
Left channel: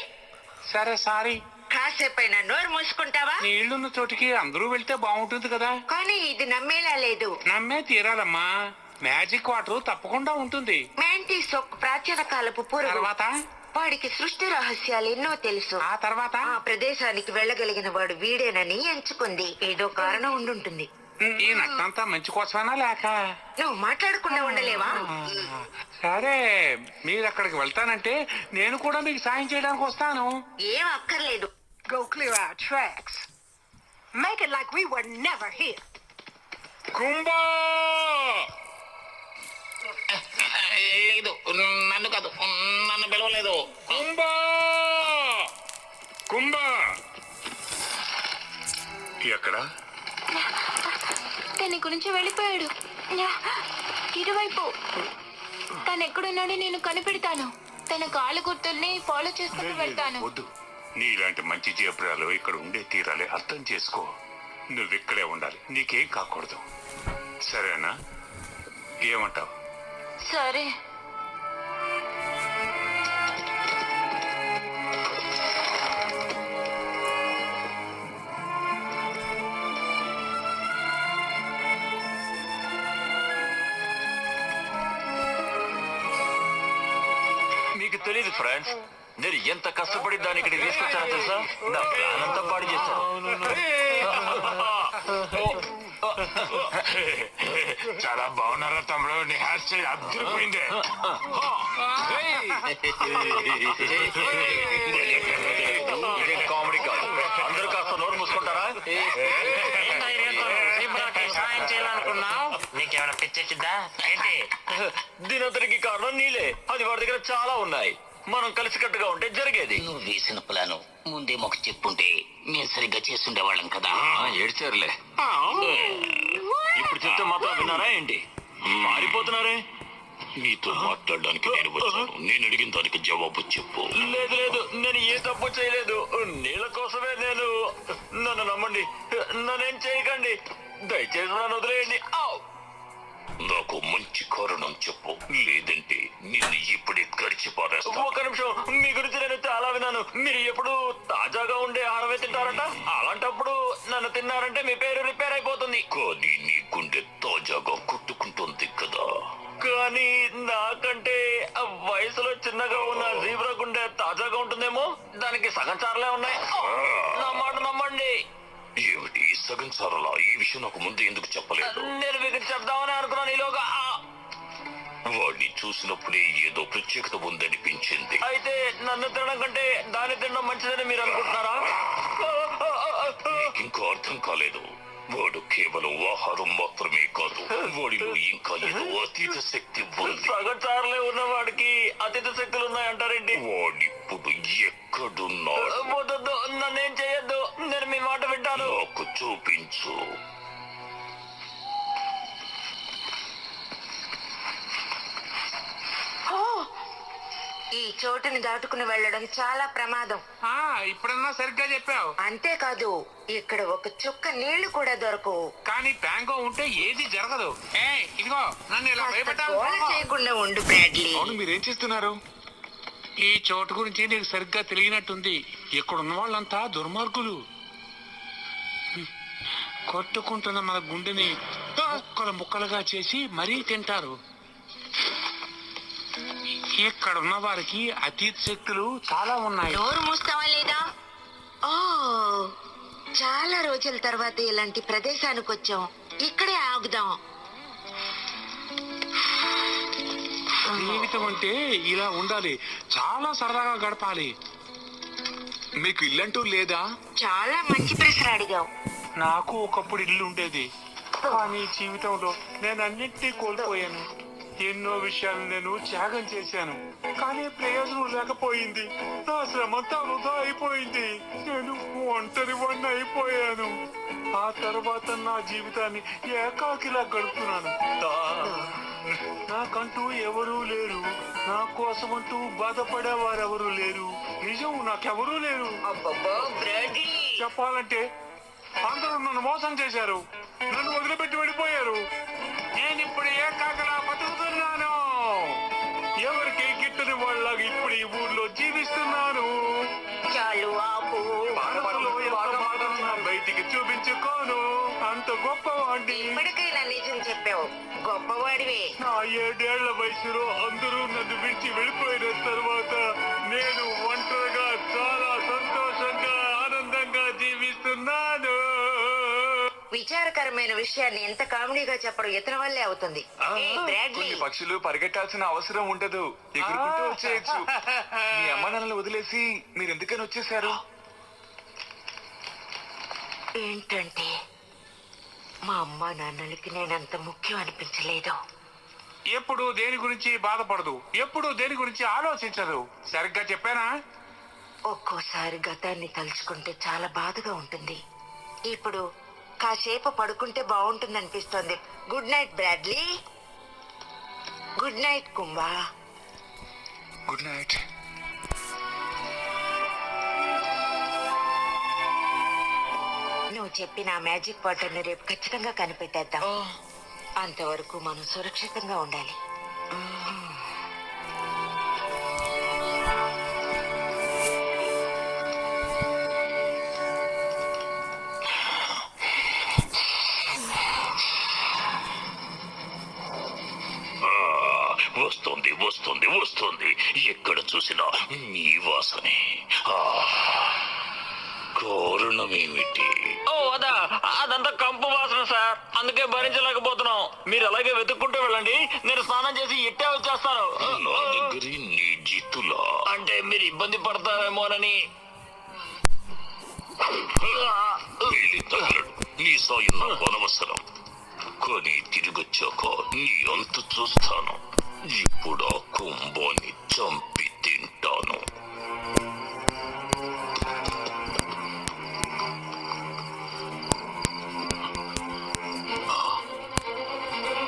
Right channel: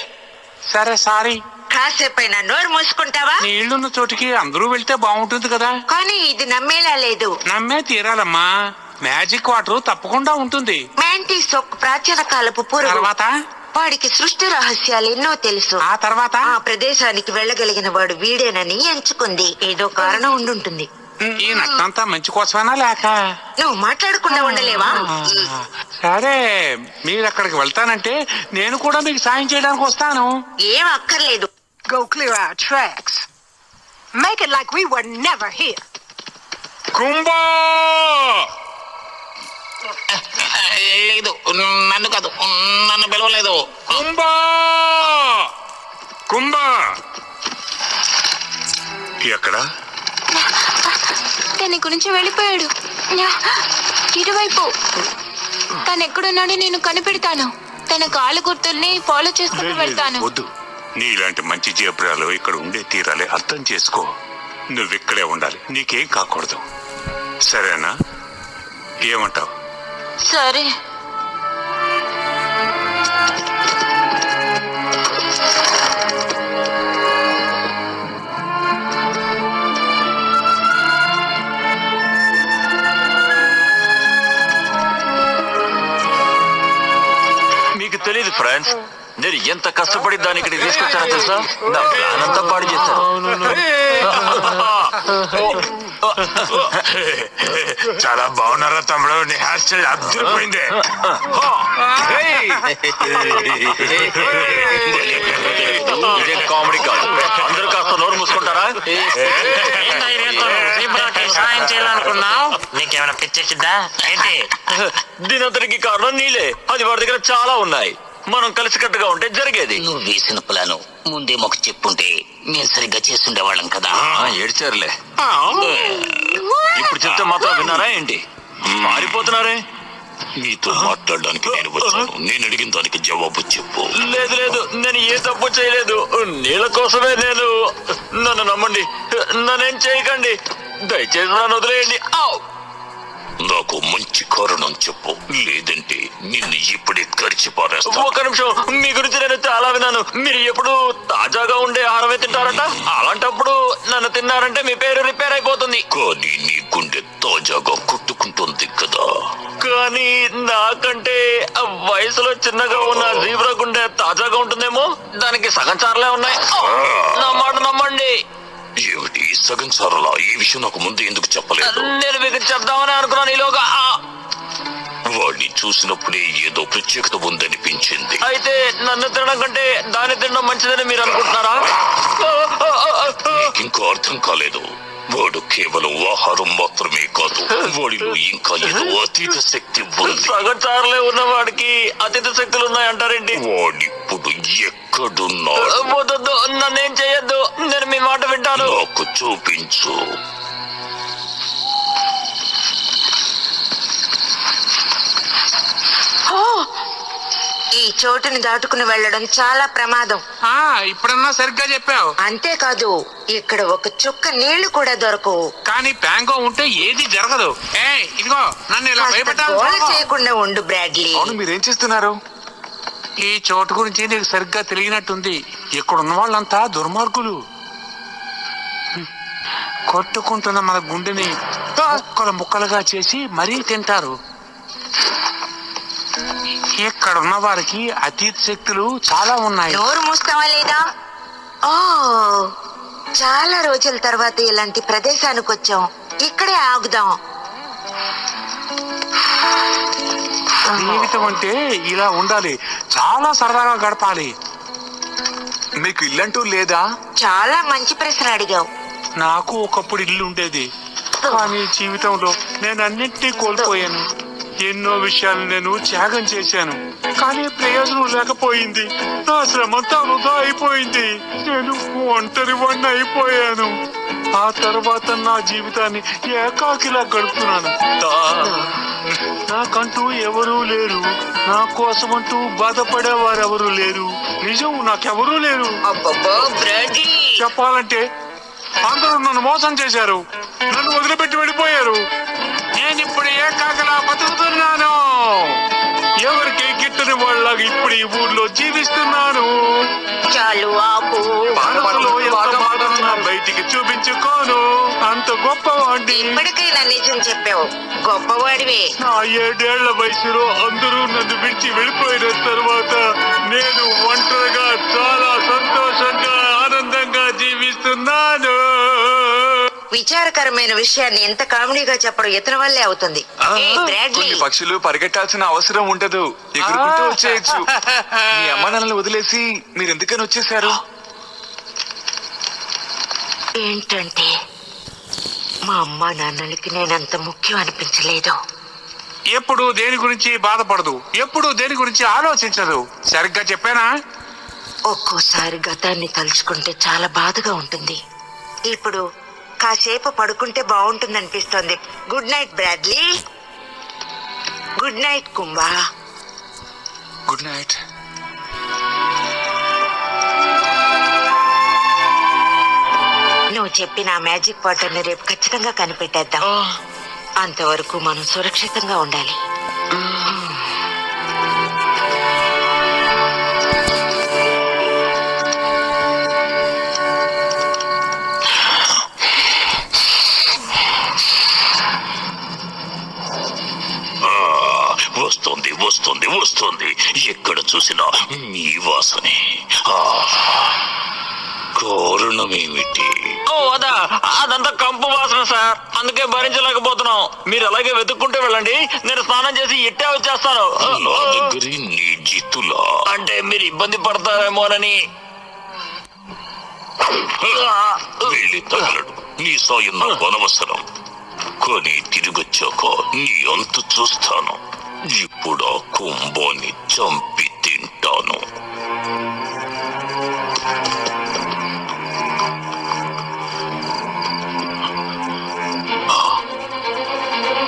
సరే సారీ. కాసేపైనా నోరు మూసుకుంటావా? నీళ్లున్న చోటికి అందరూ వెళ్తే బాగుంటుంది కదా. కానీ ఇది నమ్మేలా లేదు. నమ్మే తీరాలమ్మా, మ్యాజిక్ వాటర్ తప్పకుండా ఉంటుంది. మ్యాంటీస్ ఒక ప్రాచీన కాలపు పురుగు. తర్వాత వాడికి సృష్టి రహస్యాలు ఎన్నో తెలుసు. ఆ తర్వాత ఆ ప్రదేశానికి వెళ్ళగలిగిన వాడు వీడేనని ఎంచుకుంది. ఏదో కారణం ఉండుంటుంది. ఈ నట్టంతా మంచి కోసమేనా లేక? నువ్వు మాట్లాడకుండా ఉండలేవా? సరే, మీరు అక్కడికి వెళ్తానంటే నేను కూడా మీకు సాయం చేయడానికి వస్తాను. ఏం అక్కర్లేదు. Go clear our tracks. Make it like we were never here. Kumbha, లేదు, నన్ను కాదు, నన్ను పిలవలేదు. కుంభా, కుంభా. ఎక్కడ? తన గురించి వెళ్ళిపోయాడు. ఇటువైపు. తను ఎక్కడున్నాడో నేను కనిపెడతాను. తన కాళ్ళ గుర్తుల్ని ఫాలో చేసుకుంటూ వెళ్తాను. వద్దు, నీలాంటి మంచి జీబ్రాలు ఇక్కడ ఉండే తీరాలి, అర్థం చేసుకో. నువ్వు ఇక్కడే ఉండాలి, నీకేం కాకూడదు, సరేనా? ఏమంటావు? సరే. మీకు తెలియదు ఫ్రెండ్స్, నేను ఎంత కష్టపడి దాన్ని ఇక్కడికి తీసుకొచ్చానో తెలుసా? నా ప్లాన్ అంతా పాడు చేశాను. చాలా బాగున్నారా తమ్ముడు? నీ హెయిర్ స్టైల్ అద్దరిపోయింది. ఇదేం కామెడీ కాదు, అందరూ కాస్త నోరు మూసుకుంటారా? సాయం చేయాలనుకున్నావు? నీకేమైనా పిచ్చెక్కిందా ఏంటి? దీనంతటికి కారణం నీలే. అది వాడి దగ్గర చాలా ఉన్నాయి. మనం కలిసికట్టుగా ఉంటే జరిగేది. నువ్వు వేసిన ప్లాను ముందే మాకు చెప్పుంటే మేము సరిగ్గా చేస్తుండేవాళ్ళం కదా. ఏడ్చారులే. ఇప్పుడు చెప్తే మాత్రం విన్నారా ఏంటి? మారిపోతున్నారే. నీతో మాట్లాడడానికి నేను వచ్చాను. నేను అడిగిన దానికి జవాబు చెప్పు. లేదు లేదు, నేను ఏ తప్పు చేయలేదు. నీళ్ళ కోసమే నేను. నన్ను నమ్మండి, నన్నేం చేయకండి, దయచేసి నన్ను వదిలేయండి. నాకు మంచి కారణం చెప్పు, లేదంటే నిన్ను ఇప్పుడే కరిచి పారేస్తా. ఒక నిమిషం, మీ గురించి నేను చాలా విన్నాను. మీరు ఎప్పుడు తాజాగా ఉండే ఆహారమే తింటారట. అలాంటప్పుడు నన్ను తిన్నారంటే మీ పేరు రిపేర్ అయిపోతుంది. కానీ నీ గుండె తాజాగా కొట్టుకుంటుంది కదా. కానీ నాకంటే వయసులో చిన్నగా ఉన్న జీబ్రా గుండె తాజాగా ఉంటుందేమో. దానికి సగం చారలే ఉన్నాయి. నా మాట నమ్మండి. ఏమిటి సగం సారలా? ఈ విషయం నాకు ముందు ఎందుకు చెప్పలేదు? నేను మీకు చెప్దామని అనుకున్నాను. ఈలోగా వాడిని చూసినప్పుడే ఏదో ప్రత్యేకత ఉందనిపించింది. అయితే నన్ను తినడం కంటే దాన్ని తినడం మంచిదని మీరు అనుకుంటున్నారా? ఇంకా అర్థం కాలేదు. వాడు కేవలం ఆహారం మాత్రమే కాదు, వాడిలో ఇంకా ఏదో అతీత శక్తి ఉంది. సగం చారలే ఉన్న వాడికి అతీత శక్తులు ఉన్నాయంటారేంటి? వాడిప్పుడు ఎక్కడున్నాడు? వద్దొద్దు, నన్నేం చేయొద్దు. నేను మీ మాట వింటాను. నాకు చూపించు. ఈ చోటుని దాటుకుని వెళ్ళడం చాలా ప్రమాదం. ఇప్పుడన్నా సరిగ్గా చెప్పావు. అంతేకాదు, ఇక్కడ ఒక చుక్క నీళ్లు కూడా దొరకవు. కానీ ప్యాంగో ఉంటే ఏది జరగదు. ఇదిగో నన్ను ఇలా కాస్త భయపెట్టాలి. గోల చేయకుండా ఉండు బ్రాడ్లీ. అవును, మీరేం చేస్తున్నారు? ఈ చోటు గురించి నీకు సరిగ్గా తెలియనట్టుంది. ఇక్కడ ఉన్న వాళ్ళంతా దుర్మార్గులు. కొట్టుకుంటున్న మన గుండెని ముక్కలు ముక్కలుగా చేసి మరీ తింటారు. ఇక్కడ ఉన్న వారికి అతీత శక్తులు చాలా ఉన్నాయి. నోరు మూస్తావా లేదా? ఓ, చాలా రోజుల తర్వాత ఇలాంటి ప్రదేశానికి వచ్చాం. ఇక్కడే ఆగుదాం. జీవితం అంటే ఇలా ఉండాలి. చాలా సరదాగా గడపాలి. మీకు ఇల్లంటూ లేదా? చాలా మంచి ప్రశ్న అడిగావు. నాకు ఒకప్పుడు ఇల్లు ఉండేది. కానీ జీవితంలో నేను అన్నింటినీ కోల్పోయాను. ఎన్నో విషయాలు నేను త్యాగం చేశాను. కానీ ప్రయోజనం లేకపోయింది. నా శ్రమంతా వృధా అయిపోయింది. నేను ఒంటరి వాడిని అయిపోయాను. ఆ తర్వాత నా జీవితాన్ని ఏకాకిలా గడుపుతున్నాను. నాకంటూ ఎవరూ లేరు. నా కోసమంటూ బాధపడేవారెవరూ లేరు. నిజం, నాకెవరూ లేరు. చెప్పాలంటే అందరూ నన్ను మోసం చేశారు. నన్ను వదిలిపెట్టి వెళ్ళిపోయారు. నేను ఇప్పుడు ఏకాకలా బతుకుతున్నాను. ఎవరికి గిట్టని వాళ్ళగా ఇప్పుడు ఈ ఊర్లో జీవిస్తున్నాను. చాలు ఆపు. మనసులో ఎంత బాధన్నా బయటికి చూపించుకోను. అంత గొప్పవాడిని. ఇప్పటికైనా నిజం చెప్పావు. గొప్పవాడివే. నా 7 ఏళ్ల వయసులో అందరూ నన్ను విడిచి వెళ్ళిపోయిన తర్వాత నేను ఒంటరిగా చాలా సంతోషంగా ఆనందంగా జీవిస్తున్నాను. విచారకరమైన విషయాన్ని ఎంత కామెడీగా చెప్పడం ఇతని వల్లే అవుతుంది. ఏయ్, బ్రాడ్లీ. కొన్ని పక్షులు పరిగెట్టాల్సిన అవసరం ఉండదు, ఎగురుకుంటూ వచ్చేయచ్చు. మీ అమ్మ నాన్నలు వదిలేసి మీరు ఎందుకని వచ్చేసారు? ఏంటంటే మా అమ్మ నాన్నలకి నేనంత ముఖ్యం అనిపించలేదు. ఎప్పుడు దేని గురించి బాధపడదు. ఎప్పుడు దేని గురించి ఆలోచించదు. సరిగ్గా చెప్పానా? ఒక్కోసారి గతాన్ని తలుచుకుంటే చాలా బాధగా ఉంటుంది. ఇప్పుడు కాసేపు పడుకుంటే బాగుంటుందనిపిస్తోంది. Good night Bradley. Good night Kumbha. Good night. నువ్వు చెప్పిన మ్యాజిక్ వాటర్ ని రేపు ఖచ్చితంగా కనిపెట్టేద్దాం. అంతవరకు మనం సురక్షితంగా ఉండాలి. వస్తుంది వస్తుంది వస్తుంది, ఎక్కడ చూసినా మీ వాసనే. కారణమేమిటి? ఓ అదా, అదంతా కంపు వాసన సార్. అందుకే భరించలేకపోతున్నాం. మీరు అలాగే వెతుక్కుంటూ వెళ్ళండి. నేను స్నానం చేసి ఇట్టే వచ్చేస్తాను. నా దగ్గర నీ జిత్తులా? అంటే మీరు ఇబ్బంది పడతారేమోనని. వెళ్ళి తగలడు. నీ సాయం నాకు అనవసరం. కానీ తిరిగొచ్చాక నీ అంత చూస్తాను. ఇప్పుడు ఆ కుంభాన్ని చంపి తింటాను.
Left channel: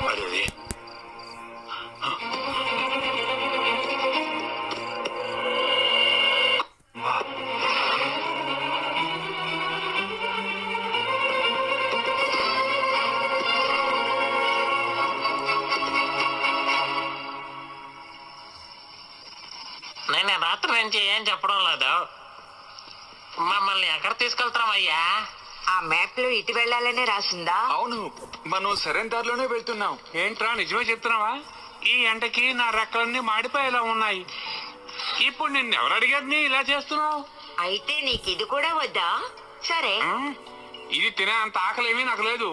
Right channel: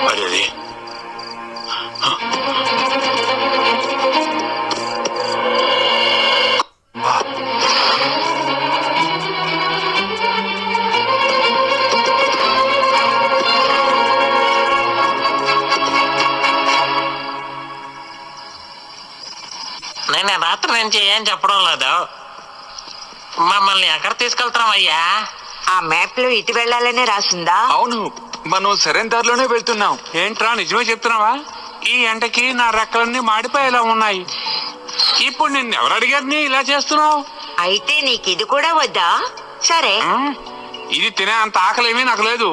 అరే, రాత్రి నుంచి ఏం చెప్పడం లేదు. మమ్మల్ని ఎక్కడ తీసుకెళ్తామయ్యా? ఆ మ్యాప్ లో ఇటు వెళ్ళాలనే రాసిందా? అవును, మనం సరైన దారిలోనే వెళ్తున్నాం. ఏంట్రా నిజమే చెప్తున్నావా? ఈ ఎండకి నా రెక్కలన్నీ మాడిపోయేలా ఉన్నాయి. ఇప్పుడు నిన్నెవరు అడిగారు ఇలా చేస్తున్నావు? అయితే నీకు ఇది కూడా వద్దా? సరే, ఇది తినే అంత ఆకలేమీ నాకు లేదు.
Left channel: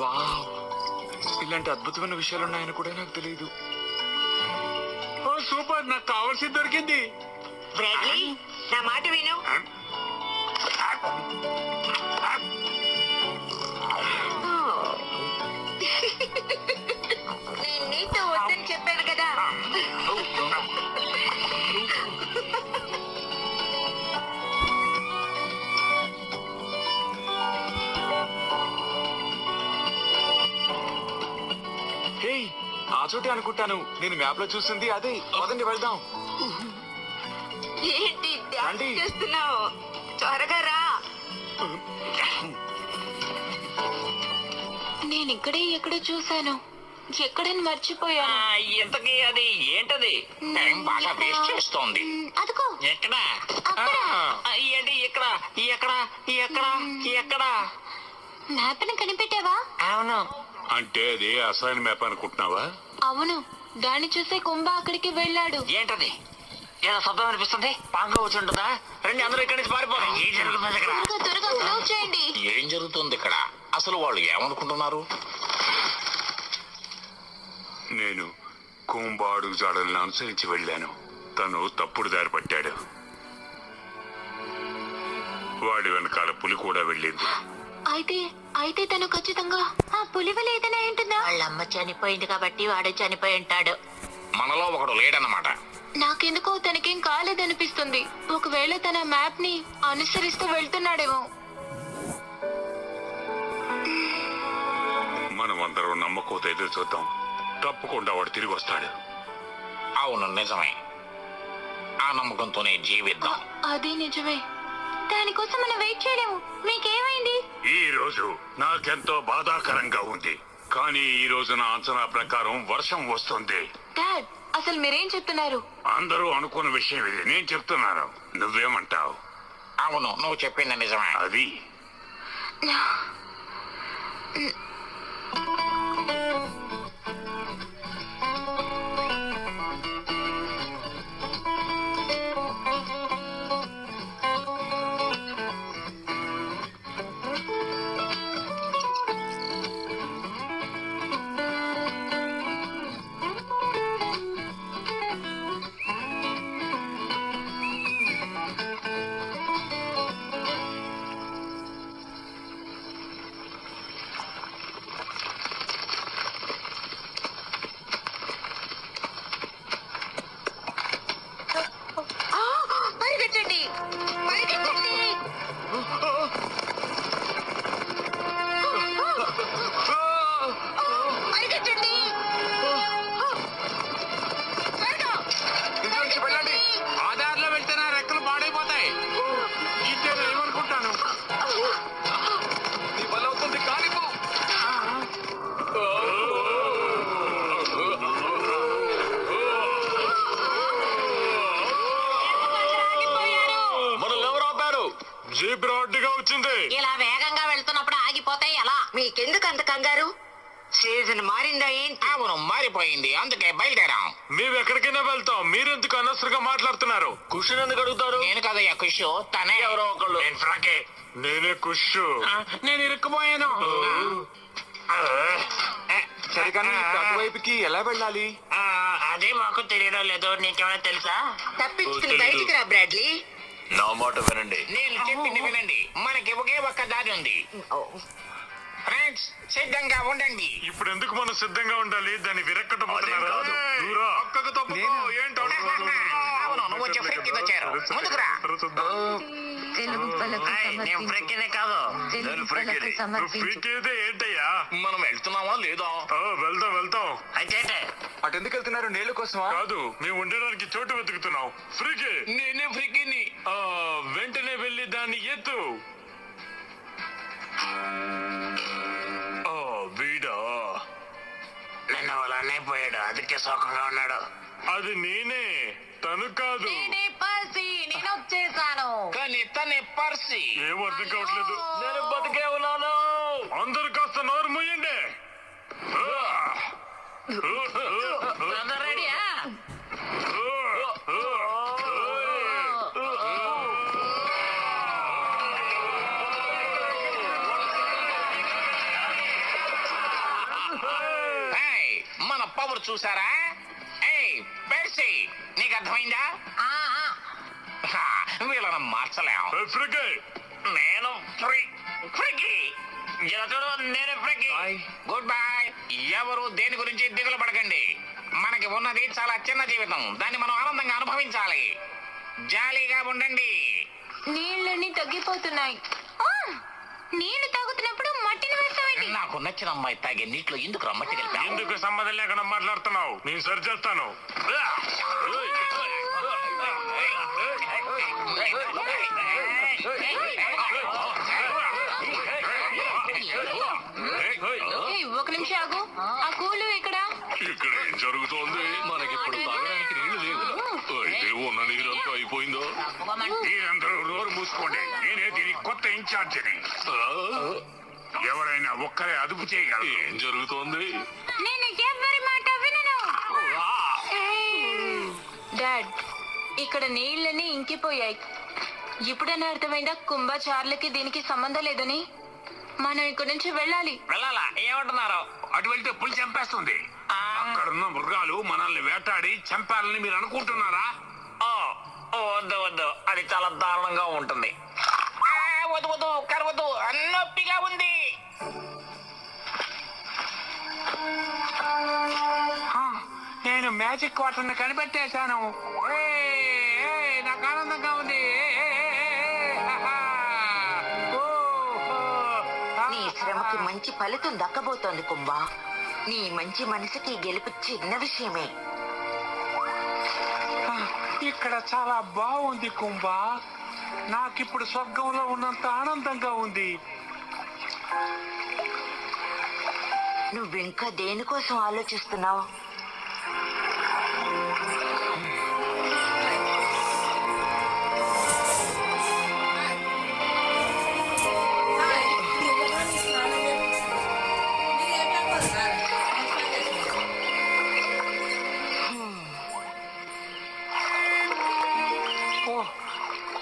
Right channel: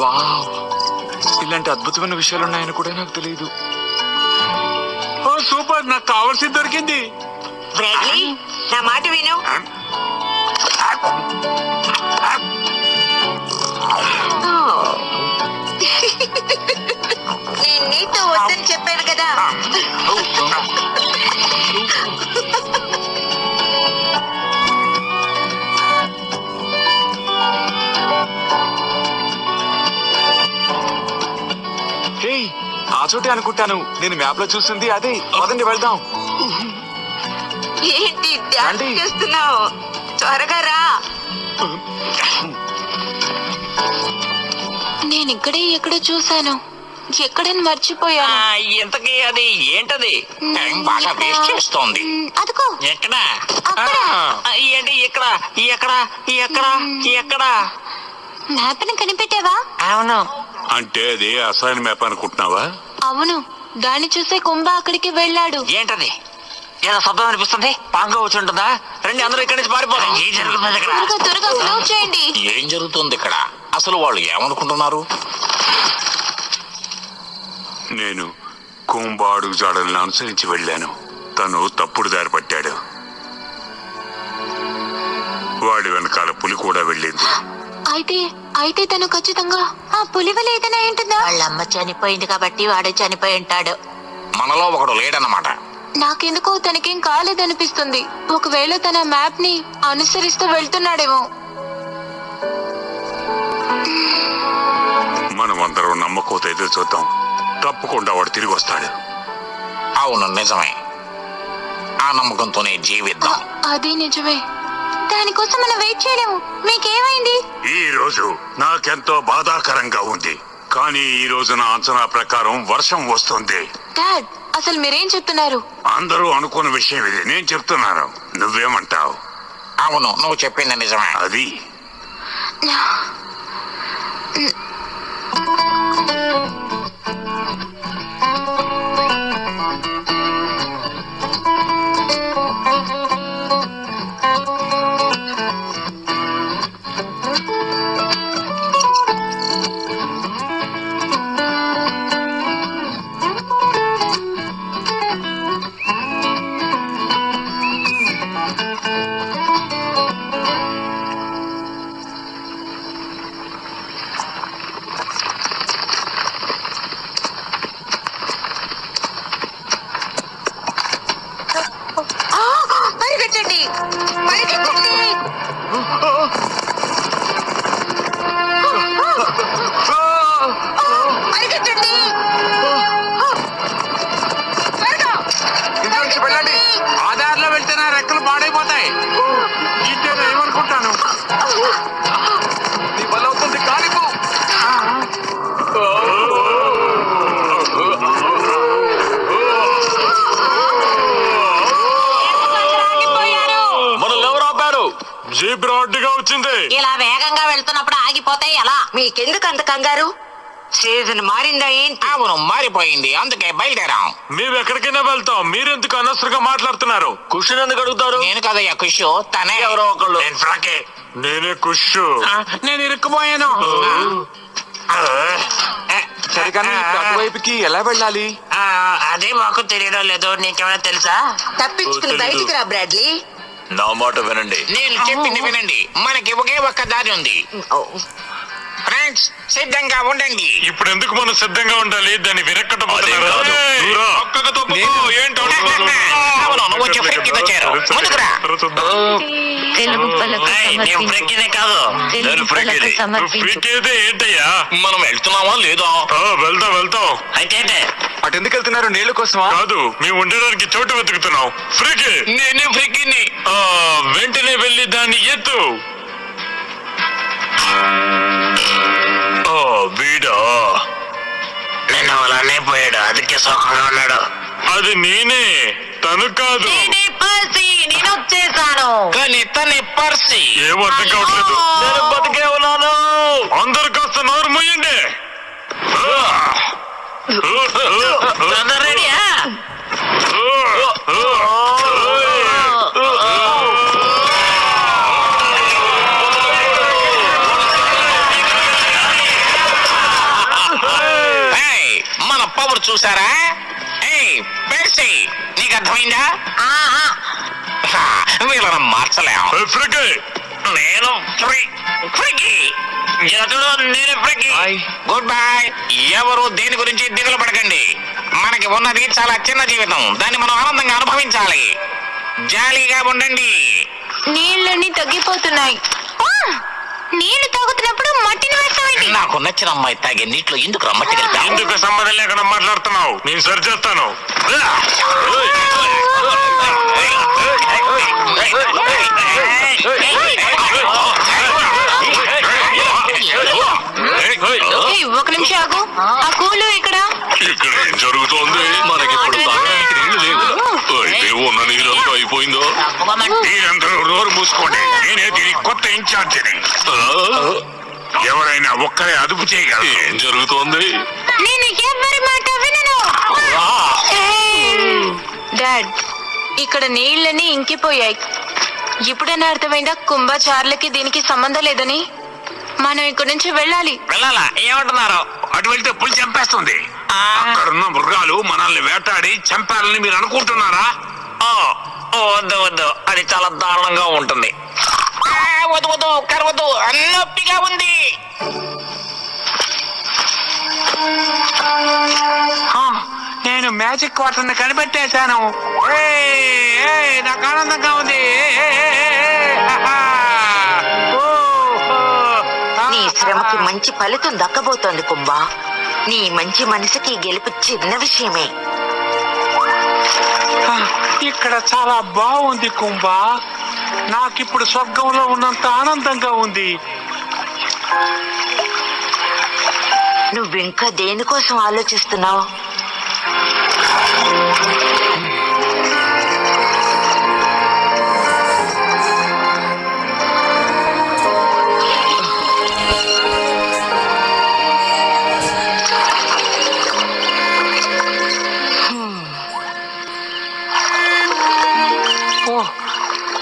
వావ్, ఇలాంటి అద్భుతమైన విషయాలు ఉన్నాయని కూడా నాకు తెలియదు. ఓ సూపర్, నాకు కావాల్సింది దొరికింది. బ్రాడ్లీ, నా మాట విను. నేను నీతో వద్దని చెప్పాను కదా. హే, ఆ చోటే అనుకుంటాను. నేను మ్యాప్ లో చూసింది అదే. పదండి వెళ్దాం. ఏంటి డాన్స్ రండి. చేస్తున్నావు? త్వరగా రా. నేను ఇక్కడే ఎక్కడో చూశాను. ఎక్కడని మర్చిపోయాను. ఇంతకీ అది ఏంటది? టైం బాగా వేస్ట్ చేస్తోంది. అదిగో ఎక్కడ? అక్కడ. ఏంటి ఇక్కడ? ఎక్కడ? ఎక్కడ? ఎక్కడ? మ్యాప్ని కనిపెట్టావా? అవును. అంటే అది అసలు మ్యాప్ అనుకుంటున్నావా? అవును, దాన్ని చూసే కుంభ అక్కడికి వెళ్ళాడు. ఏంటది? ఏదో శబ్దం అనిపిస్తుంది. పాంగా వచ్చి ఉంటుందా? రండి, అందరూ ఇక్కడి నుంచి పారిపోదాం. ఏం జరుగుతుంది ఇక్కడ? త్వరగా త్వరగా ఫ్లో చేయండి. ఏం జరుగుతుంది ఇక్కడ? అసలు వాళ్ళు ఏమనుకుంటున్నారు? నేను కుంబాడు జాడలను అనుసరించి వెళ్ళాను. తను తప్పుడు దారి పట్టాడు. వాడి వెనకాల పులి కూడా వెళ్ళింది. అయితే అయితే తను ఖచ్చితంగా ఆ పులి వల్ల ఏదైనా ఏంటుందా? వాళ్ళమ్మ చనిపోయింది కాబట్టి వాడే చనిపోయి ఉంటాడు. మనలో ఒకడు లేడన్నమాట. నాకెందుకో తనకేం కాలేదనిపిస్తుంది. ఒకవేళ తన మ్యాప్ ని అనుసరిస్తూ వెళ్తున్నాడేమో. మనం అందరం నమ్మకంతో ఎదురు చూద్దాం. తప్పకుండా వాడు తిరిగి వస్తాడు. అవును, నిజమే. ఆ నమ్మకంతోనే జీవిద్దాం. అది నిజమే. దానికోసం మనం వెయిట్ చేయలేము. మీకేమైంది? ఈ రోజు నాకెంతో బాధాకరంగా ఉంది. కానీ ఈ రోజు నా అంచనా ప్రకారం వర్షం వస్తుంది. డాడ్, అసలు మీరేం చెప్తున్నారు? అందరూ అనుకున్న విషయం ఇది. నేను చెప్తున్నాను, నువ్వేమంటావు? అవును, నువ్వు చెప్పింది నిజమే. అది పరిగెట్టండి, పరిగెట్టండి. పరిగెట్టండి. త్వరగా. ఇంటి నుంచి వెళ్ళండి. ఆధార్లో వెళ్తే నా రెక్కలు పాడైపోతాయి. ఇంకేదో ఏమనుకుంటాను. నీ వల్ల అవుతుంది. కాలిపో. మనల్ని ఎవరు ఆపారు? జీప్ రాడ్గా వచ్చింది. ఇలా వేగంగా వెళ్తున్నప్పుడు ఆగిపోతే ఎలా? మీకెందుకు అంత కంగారు? సీజన్ మారిందా ఏంటి? అవును, మారిపోయింది. అందుకే బయలుదేరాం. మేము ఎక్కడికైనా వెళ్తాం. మీరెందుకు అనవసరంగా మాట్లాడుతున్నారు? కుషన్ ఎందుకు అడుగుతారు? నేను కదయ్యా ఖుషు, తనే. ఎవరో ఒకళ్ళు. నేనే కుష్. నేను ఇరుక్కుపోయాను. సరే, కానీ అటువైపుకి ఎలా వెళ్ళాలి? అదే మాకు తెలియడం లేదు. నీకేమైనా తెలుసా? తప్పించుకుని బయటికి రా బ్రాడ్లీ. నా మాట వినండి. నేను చెప్పింది వినండి. మనకి ఒకే ఒక్క దారి ఉంది. ఫ్రెండ్స్, సిద్ధంగా ఉండండి. ఇప్పుడు ఎందుకు మనం సిద్ధంగా ఉండాలి? దాన్ని అదేం కాదు. విరక్కటపోతున్నారు. అవును, కొంచెం ఫ్రెక్కితో చేరు ముందుకురా తెలుగు పలక ఫ్రెక్కినే కాదు నేను ఫ్రెక్కిది. ఫ్రెక్కిది ఏంటయ్యా? మనం వెళ్తున్నామా లేదా? వెళ్తాం అయితే ఏంటే? అటు ఎందుకు వెళ్తున్నారు? నీళ్ళ కోసమా? కాదు, మేము ఉండడానికి చోటు వెతుకుతున్నాం. ఫ్రిక్ నేనే ఫ్రిక్కిని. వెంటనే వెళ్ళి దాన్ని ఎత్తు. వీడా నేను అలానే పోయాడు, అందుకే సోకంగా ఉన్నాడు. అది నేనే, తను కాదు. నేను వచ్చేసాను. కానీ తనే పర్సి. ఏం అర్థం కావట్లేదు. నేను బతికే ఉన్నాను. అందరు కాస్త నోరు మూయండి. రెడీయా? మన పవర్ చూసారా? పర్సి నీకు అర్థమైందా? వీళ్ళని మార్చలేం. నేను గుడ్ బై. ఎవరు దేని గురించి దిగులు పడకండి. మనకి ఉన్నది చాలా చిన్న జీవితం, దాన్ని మనం ఆనందంగా అనుభవించాలి. జాలీగా ఉండండి. నీళ్ళని తగ్గిపోతున్నాయి. నీళ్లు తాగుతున్నప్పుడు మట్టిని వేస్తామండి. నాకు నచ్చిన అమ్మాయి తాగే నీటిలో ఎందుకు మట్టి కలిపా? ఎందుకు సంబంధం లేకుండా మాట్లాడుతున్నావు? నేను సరి చేస్తాను. ఒక నిమిషం ఆగు. ఆ కూలు ఇక్కడ. ఇక్కడ ఏం జరుగుతోంది? మనకిప్పుడు తాగడానికి నీళ్లు లేవు. అయితే ఉన్న నీరంతా అయిపోయిందో? మీరందరూ నోరు మూసుకోండి. నేనే దీని కొత్త ఇన్ఛార్జిని. ఎవరైనా ఒక్కరే అదుపు చేయగలరు. ఏం జరుగుతోంది? నేను ఎవరి మాట వినను. డాడ్, ఇక్కడ నీళ్ళని ఇంకిపోయాయి. ఇప్పుడైనా అర్థమైందా కుంభచార్లకి దీనికి సంబంధం లేదని? మనం ఇక్కడి నుంచి వెళ్ళాలి. వెళ్ళాలా? ఏమంటున్నారు? అటు వెళ్తే పులి చంపేస్తుంది. అక్కడున్న మృగాలు మనల్ని వేటాడి చంపాలని మీరు అనుకుంటున్నారా? వద్దు వద్దు, అది చాలా దారుణంగా ఉంటుంది. వద్దు వద్దు, కరవద్దు, నొప్పిగా ఉంది. నేను మ్యాజిక్ వాటర్ ని కనిపెట్టేశాను. నాకు ఆనందంగా ఉంది. నీ శ్రమకి మంచి ఫలితం దక్కబోతోంది కుంభ. నీ మంచి మనసుకి గెలుపు చిన్న విషయమే. ఇక్కడ చాలా బాగుంది కుంభ. నాకిప్పుడు స్వర్గంలో ఉన్నంత ఆనందంగా ఉంది. నువ్వింకా దేనికోసం ఆలోచిస్తున్నావు?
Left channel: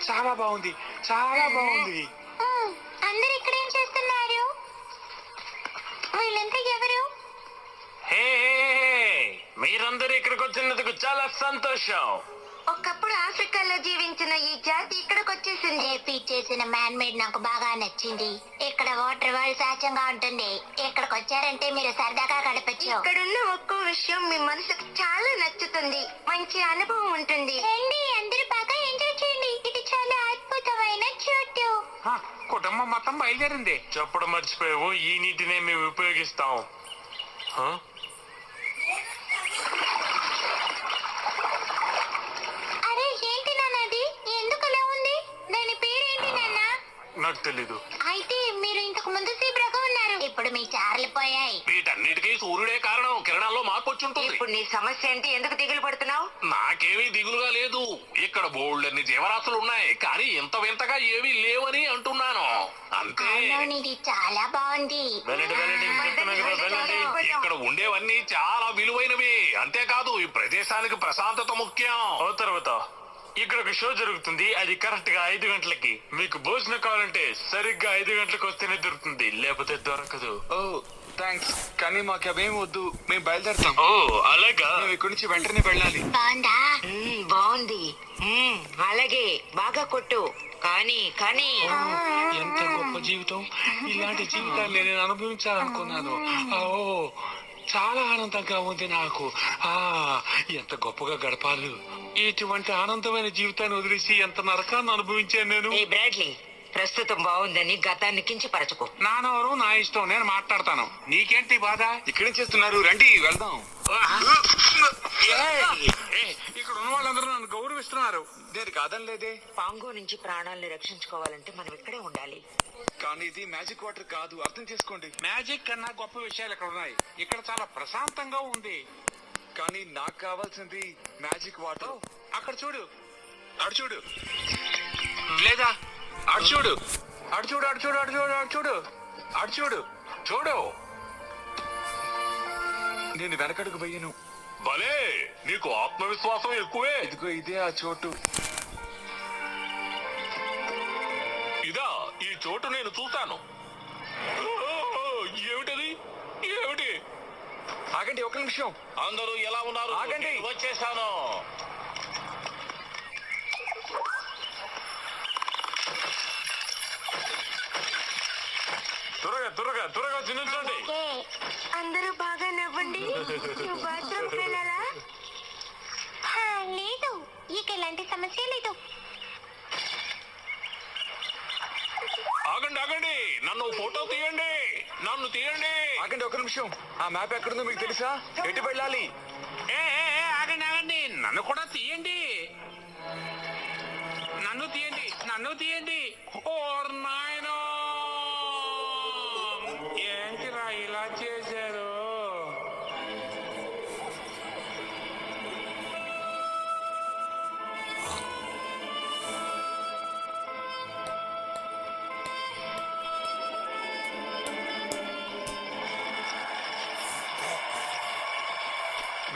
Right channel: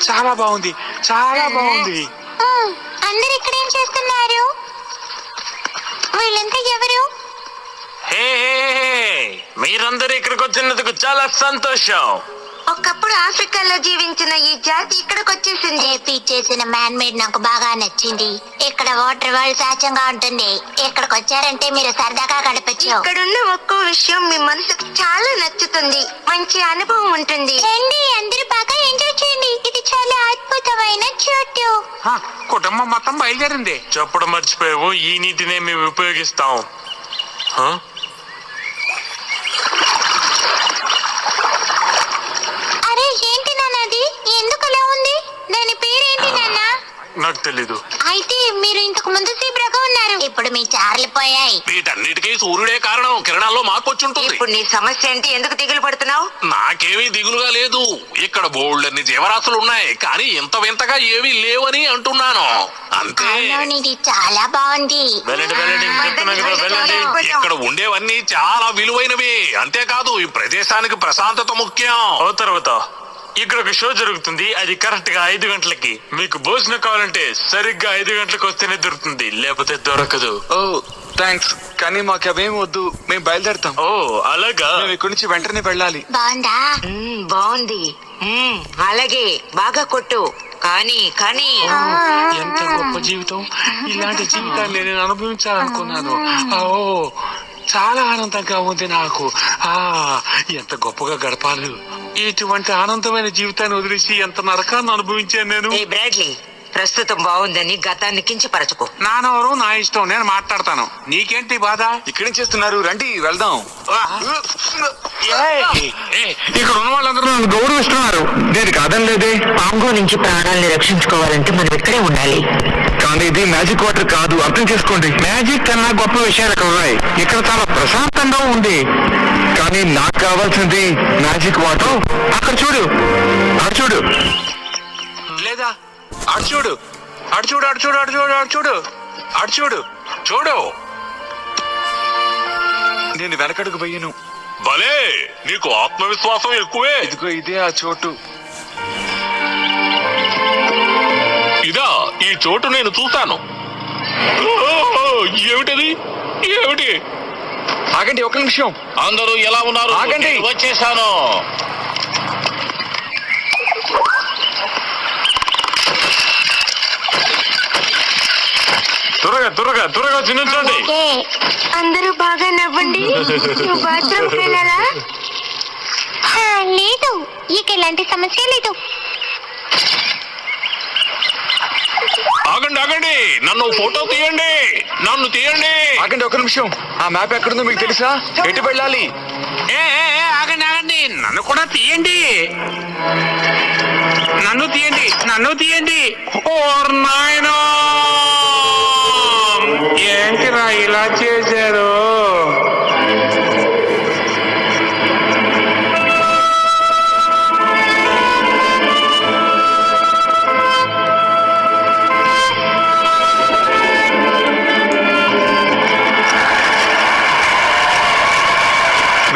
చాలా బాగుంది, చాలా బాగుంది. అందరు ఇక్కడ ఏం చేస్తున్నారు? వీళ్ళంతా ఎవరు? మీరందరూ ఇక్కడికి వచ్చినందుకు చాలా సంతోషం. ఒకప్పుడు ఆఫ్రికాలో జీవించిన ఈ జాతి ఇక్కడికి వచ్చేసింది. ఏపీ చేసిన మ్యాన్ మేడ్ నాకు బాగా నచ్చింది. ఇక్కడ వాటర్ వరల్డ్ సహజంగా ఉంటుంది. ఇక్కడికి వచ్చారంటే మీరు సరదాగా గడపచ్చు. ఇక్కడున్న ఒక్కో విషయం మీ మనసుకు చాలా నచ్చుతుంది. మంచి అనుభవం ఉంటుంది. రండి, అందరూ బాగా ఎంజాయ్ చేయండి. ఇది చాలా అద్భుతమైన చోటు. కుటుంబం మొత్తం బయలుదేరింది. చెప్పడం మర్చిపోయావు, ఈ నీటినే మేము ఉపయోగిస్తాం. అరే ఏంటి నాన్న అది? ఎందుకు అలా ఉంది? దాని పేరేంటి నాన్న? నాకు తెలీదు. అయితే మీరు ఇంతకు ముందు జీబ్రాగా ఉన్నారు. ఇప్పుడు మీ చార్లు పోయాయి. వీటన్నిటికీ సూర్యుడే కారణం. కిరణాల్లో మార్పు వచ్చి ఉంటుంది. ఇప్పుడు నీ సమస్య ఏంటి? ఎందుకు దిగులు పడుతున్నావు? నాకేమీ దిగులుగా లేదు. ఇక్కడ బోల్డన్ని జీవరాశులు ఉన్నాయి, కానీ ఇంత వింతగా ఏమీ లేవని అంటున్నాను అంతే. అవును, ఇది చాలా బాగుంది. వెళ్ళండి వెళ్ళండి, చెప్తున్నా కదా, వెళ్ళండి. ఇక్కడ ఉండేవన్నీ చాలా విలువైనవి. అంతేకాదు, ఈ ప్రదేశానికి ప్రశాంతత ముఖ్యం. తర్వాత ఇక్కడ ఒక షో జరుగుతుంది. అది కరెక్ట్ గా 5 గంటలకి. మీకు భోజనం కావాలంటే సరిగ్గా 5 గంటలకు వస్తేనే దొరుకుతుంది, లేకపోతే దొరకదు. ఓ థ్యాంక్స్, కానీ మాకు అవేం వద్దు. మేము బయలుదేరుతాం. ఓ అలాగా? మేము ఇక్కడి నుంచి వెంటనే వెళ్ళాలి. బాగుందా? బాగుంది. అలాగే బాగా కొట్టు. కానీ కానీ ఎంత గొప్ప జీవితం. ఇలాంటి జీవితాన్ని నేను అనుభవించాలనుకున్నాను. ఓ చాలా ఆనందంగా ఉంది నాకు. ఎంత గొప్పగా గడపాలి. ఇటువంటి ఆనందమైన జీవితాన్ని వదిలేసి ఎంత నరకాన్ని అనుభవించాను నేను. ఏ బ్రాడ్లీ, ప్రస్తుతం బాగుందని గతాన్ని కించపరచుకో. నానవరు నా ఇష్టం, నేను మాట్లాడతాను. నీకేంటి బాధ? ఇక్కడేం చేస్తున్నారు? రండి వెళ్దాం. ఇక్కడ ఉన్న వాళ్ళందరూ నన్ను గౌరవిస్తున్నారు. నేను కాదనలేదే. పాంగో నుంచి ప్రాణాల్ని రక్షించుకోవాలంటే మనం ఇక్కడే ఉండాలి. కానీ ఇది మ్యాజిక్ వాటర్ కాదు, అర్థం చేసుకోండి. మ్యాజిక్ కన్నా గొప్ప విషయాలు ఇక్కడ ఉన్నాయి. ఇక్కడ చాలా ప్రశాంతంగా ఉంది. కానీ నాకు కావాల్సింది మ్యాజిక్ వాటర్. అక్కడ చూడు, అటు చూడు. లేదా అటు చూడు, అటు చూడు, అటు చూడు, అటు చూడు, అటు చూడు, అటు చూడు, చూడు. నేను వెనకడుగు పోయాను. భలే, నీకు ఆత్మవిశ్వాసం ఎక్కువే. ఇదిగో ఇదే ఆ చోటు. ఇదా ఈ చోటు నేను చూస్తాను. ఏమిటది? ఏమిటి? ఆగండి ఒక నిమిషం. అందరూ ఎలా ఉన్నారు? ఆగండి. నేను వచ్చేసాను. త్వరగా త్వరగా త్వరగా చిన్నించండి. అందరూ బాగా నవ్వండి. నువ్వు బాత్రూమ్కి వెళ్ళాలా? లేదు, ఇక ఎలాంటి సమస్య లేదు. ఆగండి ఆగండి, నన్ను ఫోటో తీయండి, నన్ను తీయండి. ఆగండి ఒక నిమిషం. ఆ మ్యాప్ ఎక్కడుందో మీకు తెలుసా? ఎటు వెళ్ళాలి? ఆగండి ఆగండి, నన్ను కూడా తీయండి, నన్ను తీయండి, నన్ను తీయండి. ఓర్ నాయనా, ఏంటిరా ఇలా చేశారు?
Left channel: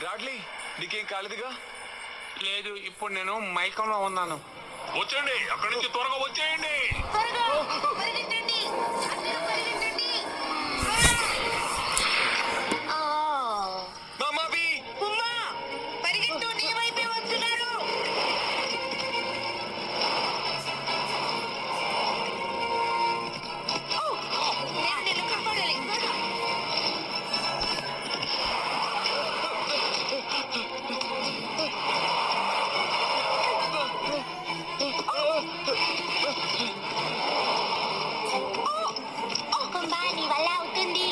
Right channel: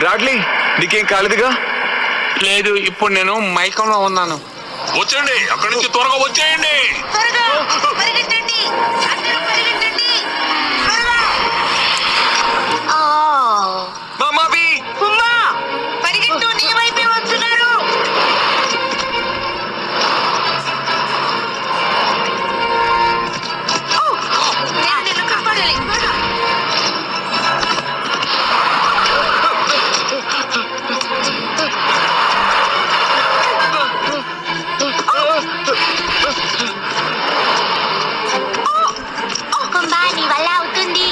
బ్రాడ్లీ, నీకేం కాలేదుగా? లేదు, ఇప్పుడు నేను మైకంలో ఉన్నాను. వచ్చేయండి, అక్కడి నుంచి త్వరగా వచ్చేయండి. త్వరగా పరిగెత్తండి, అందరూ పరిగెత్తండి. మామాబీ! ఉమ్మా, పరిగెత్తు, నీ వైపే వస్తున్నారు. నేను నిన్ను కాపాడాలి. కుంభా, నీ వల్ల అవుతుంది.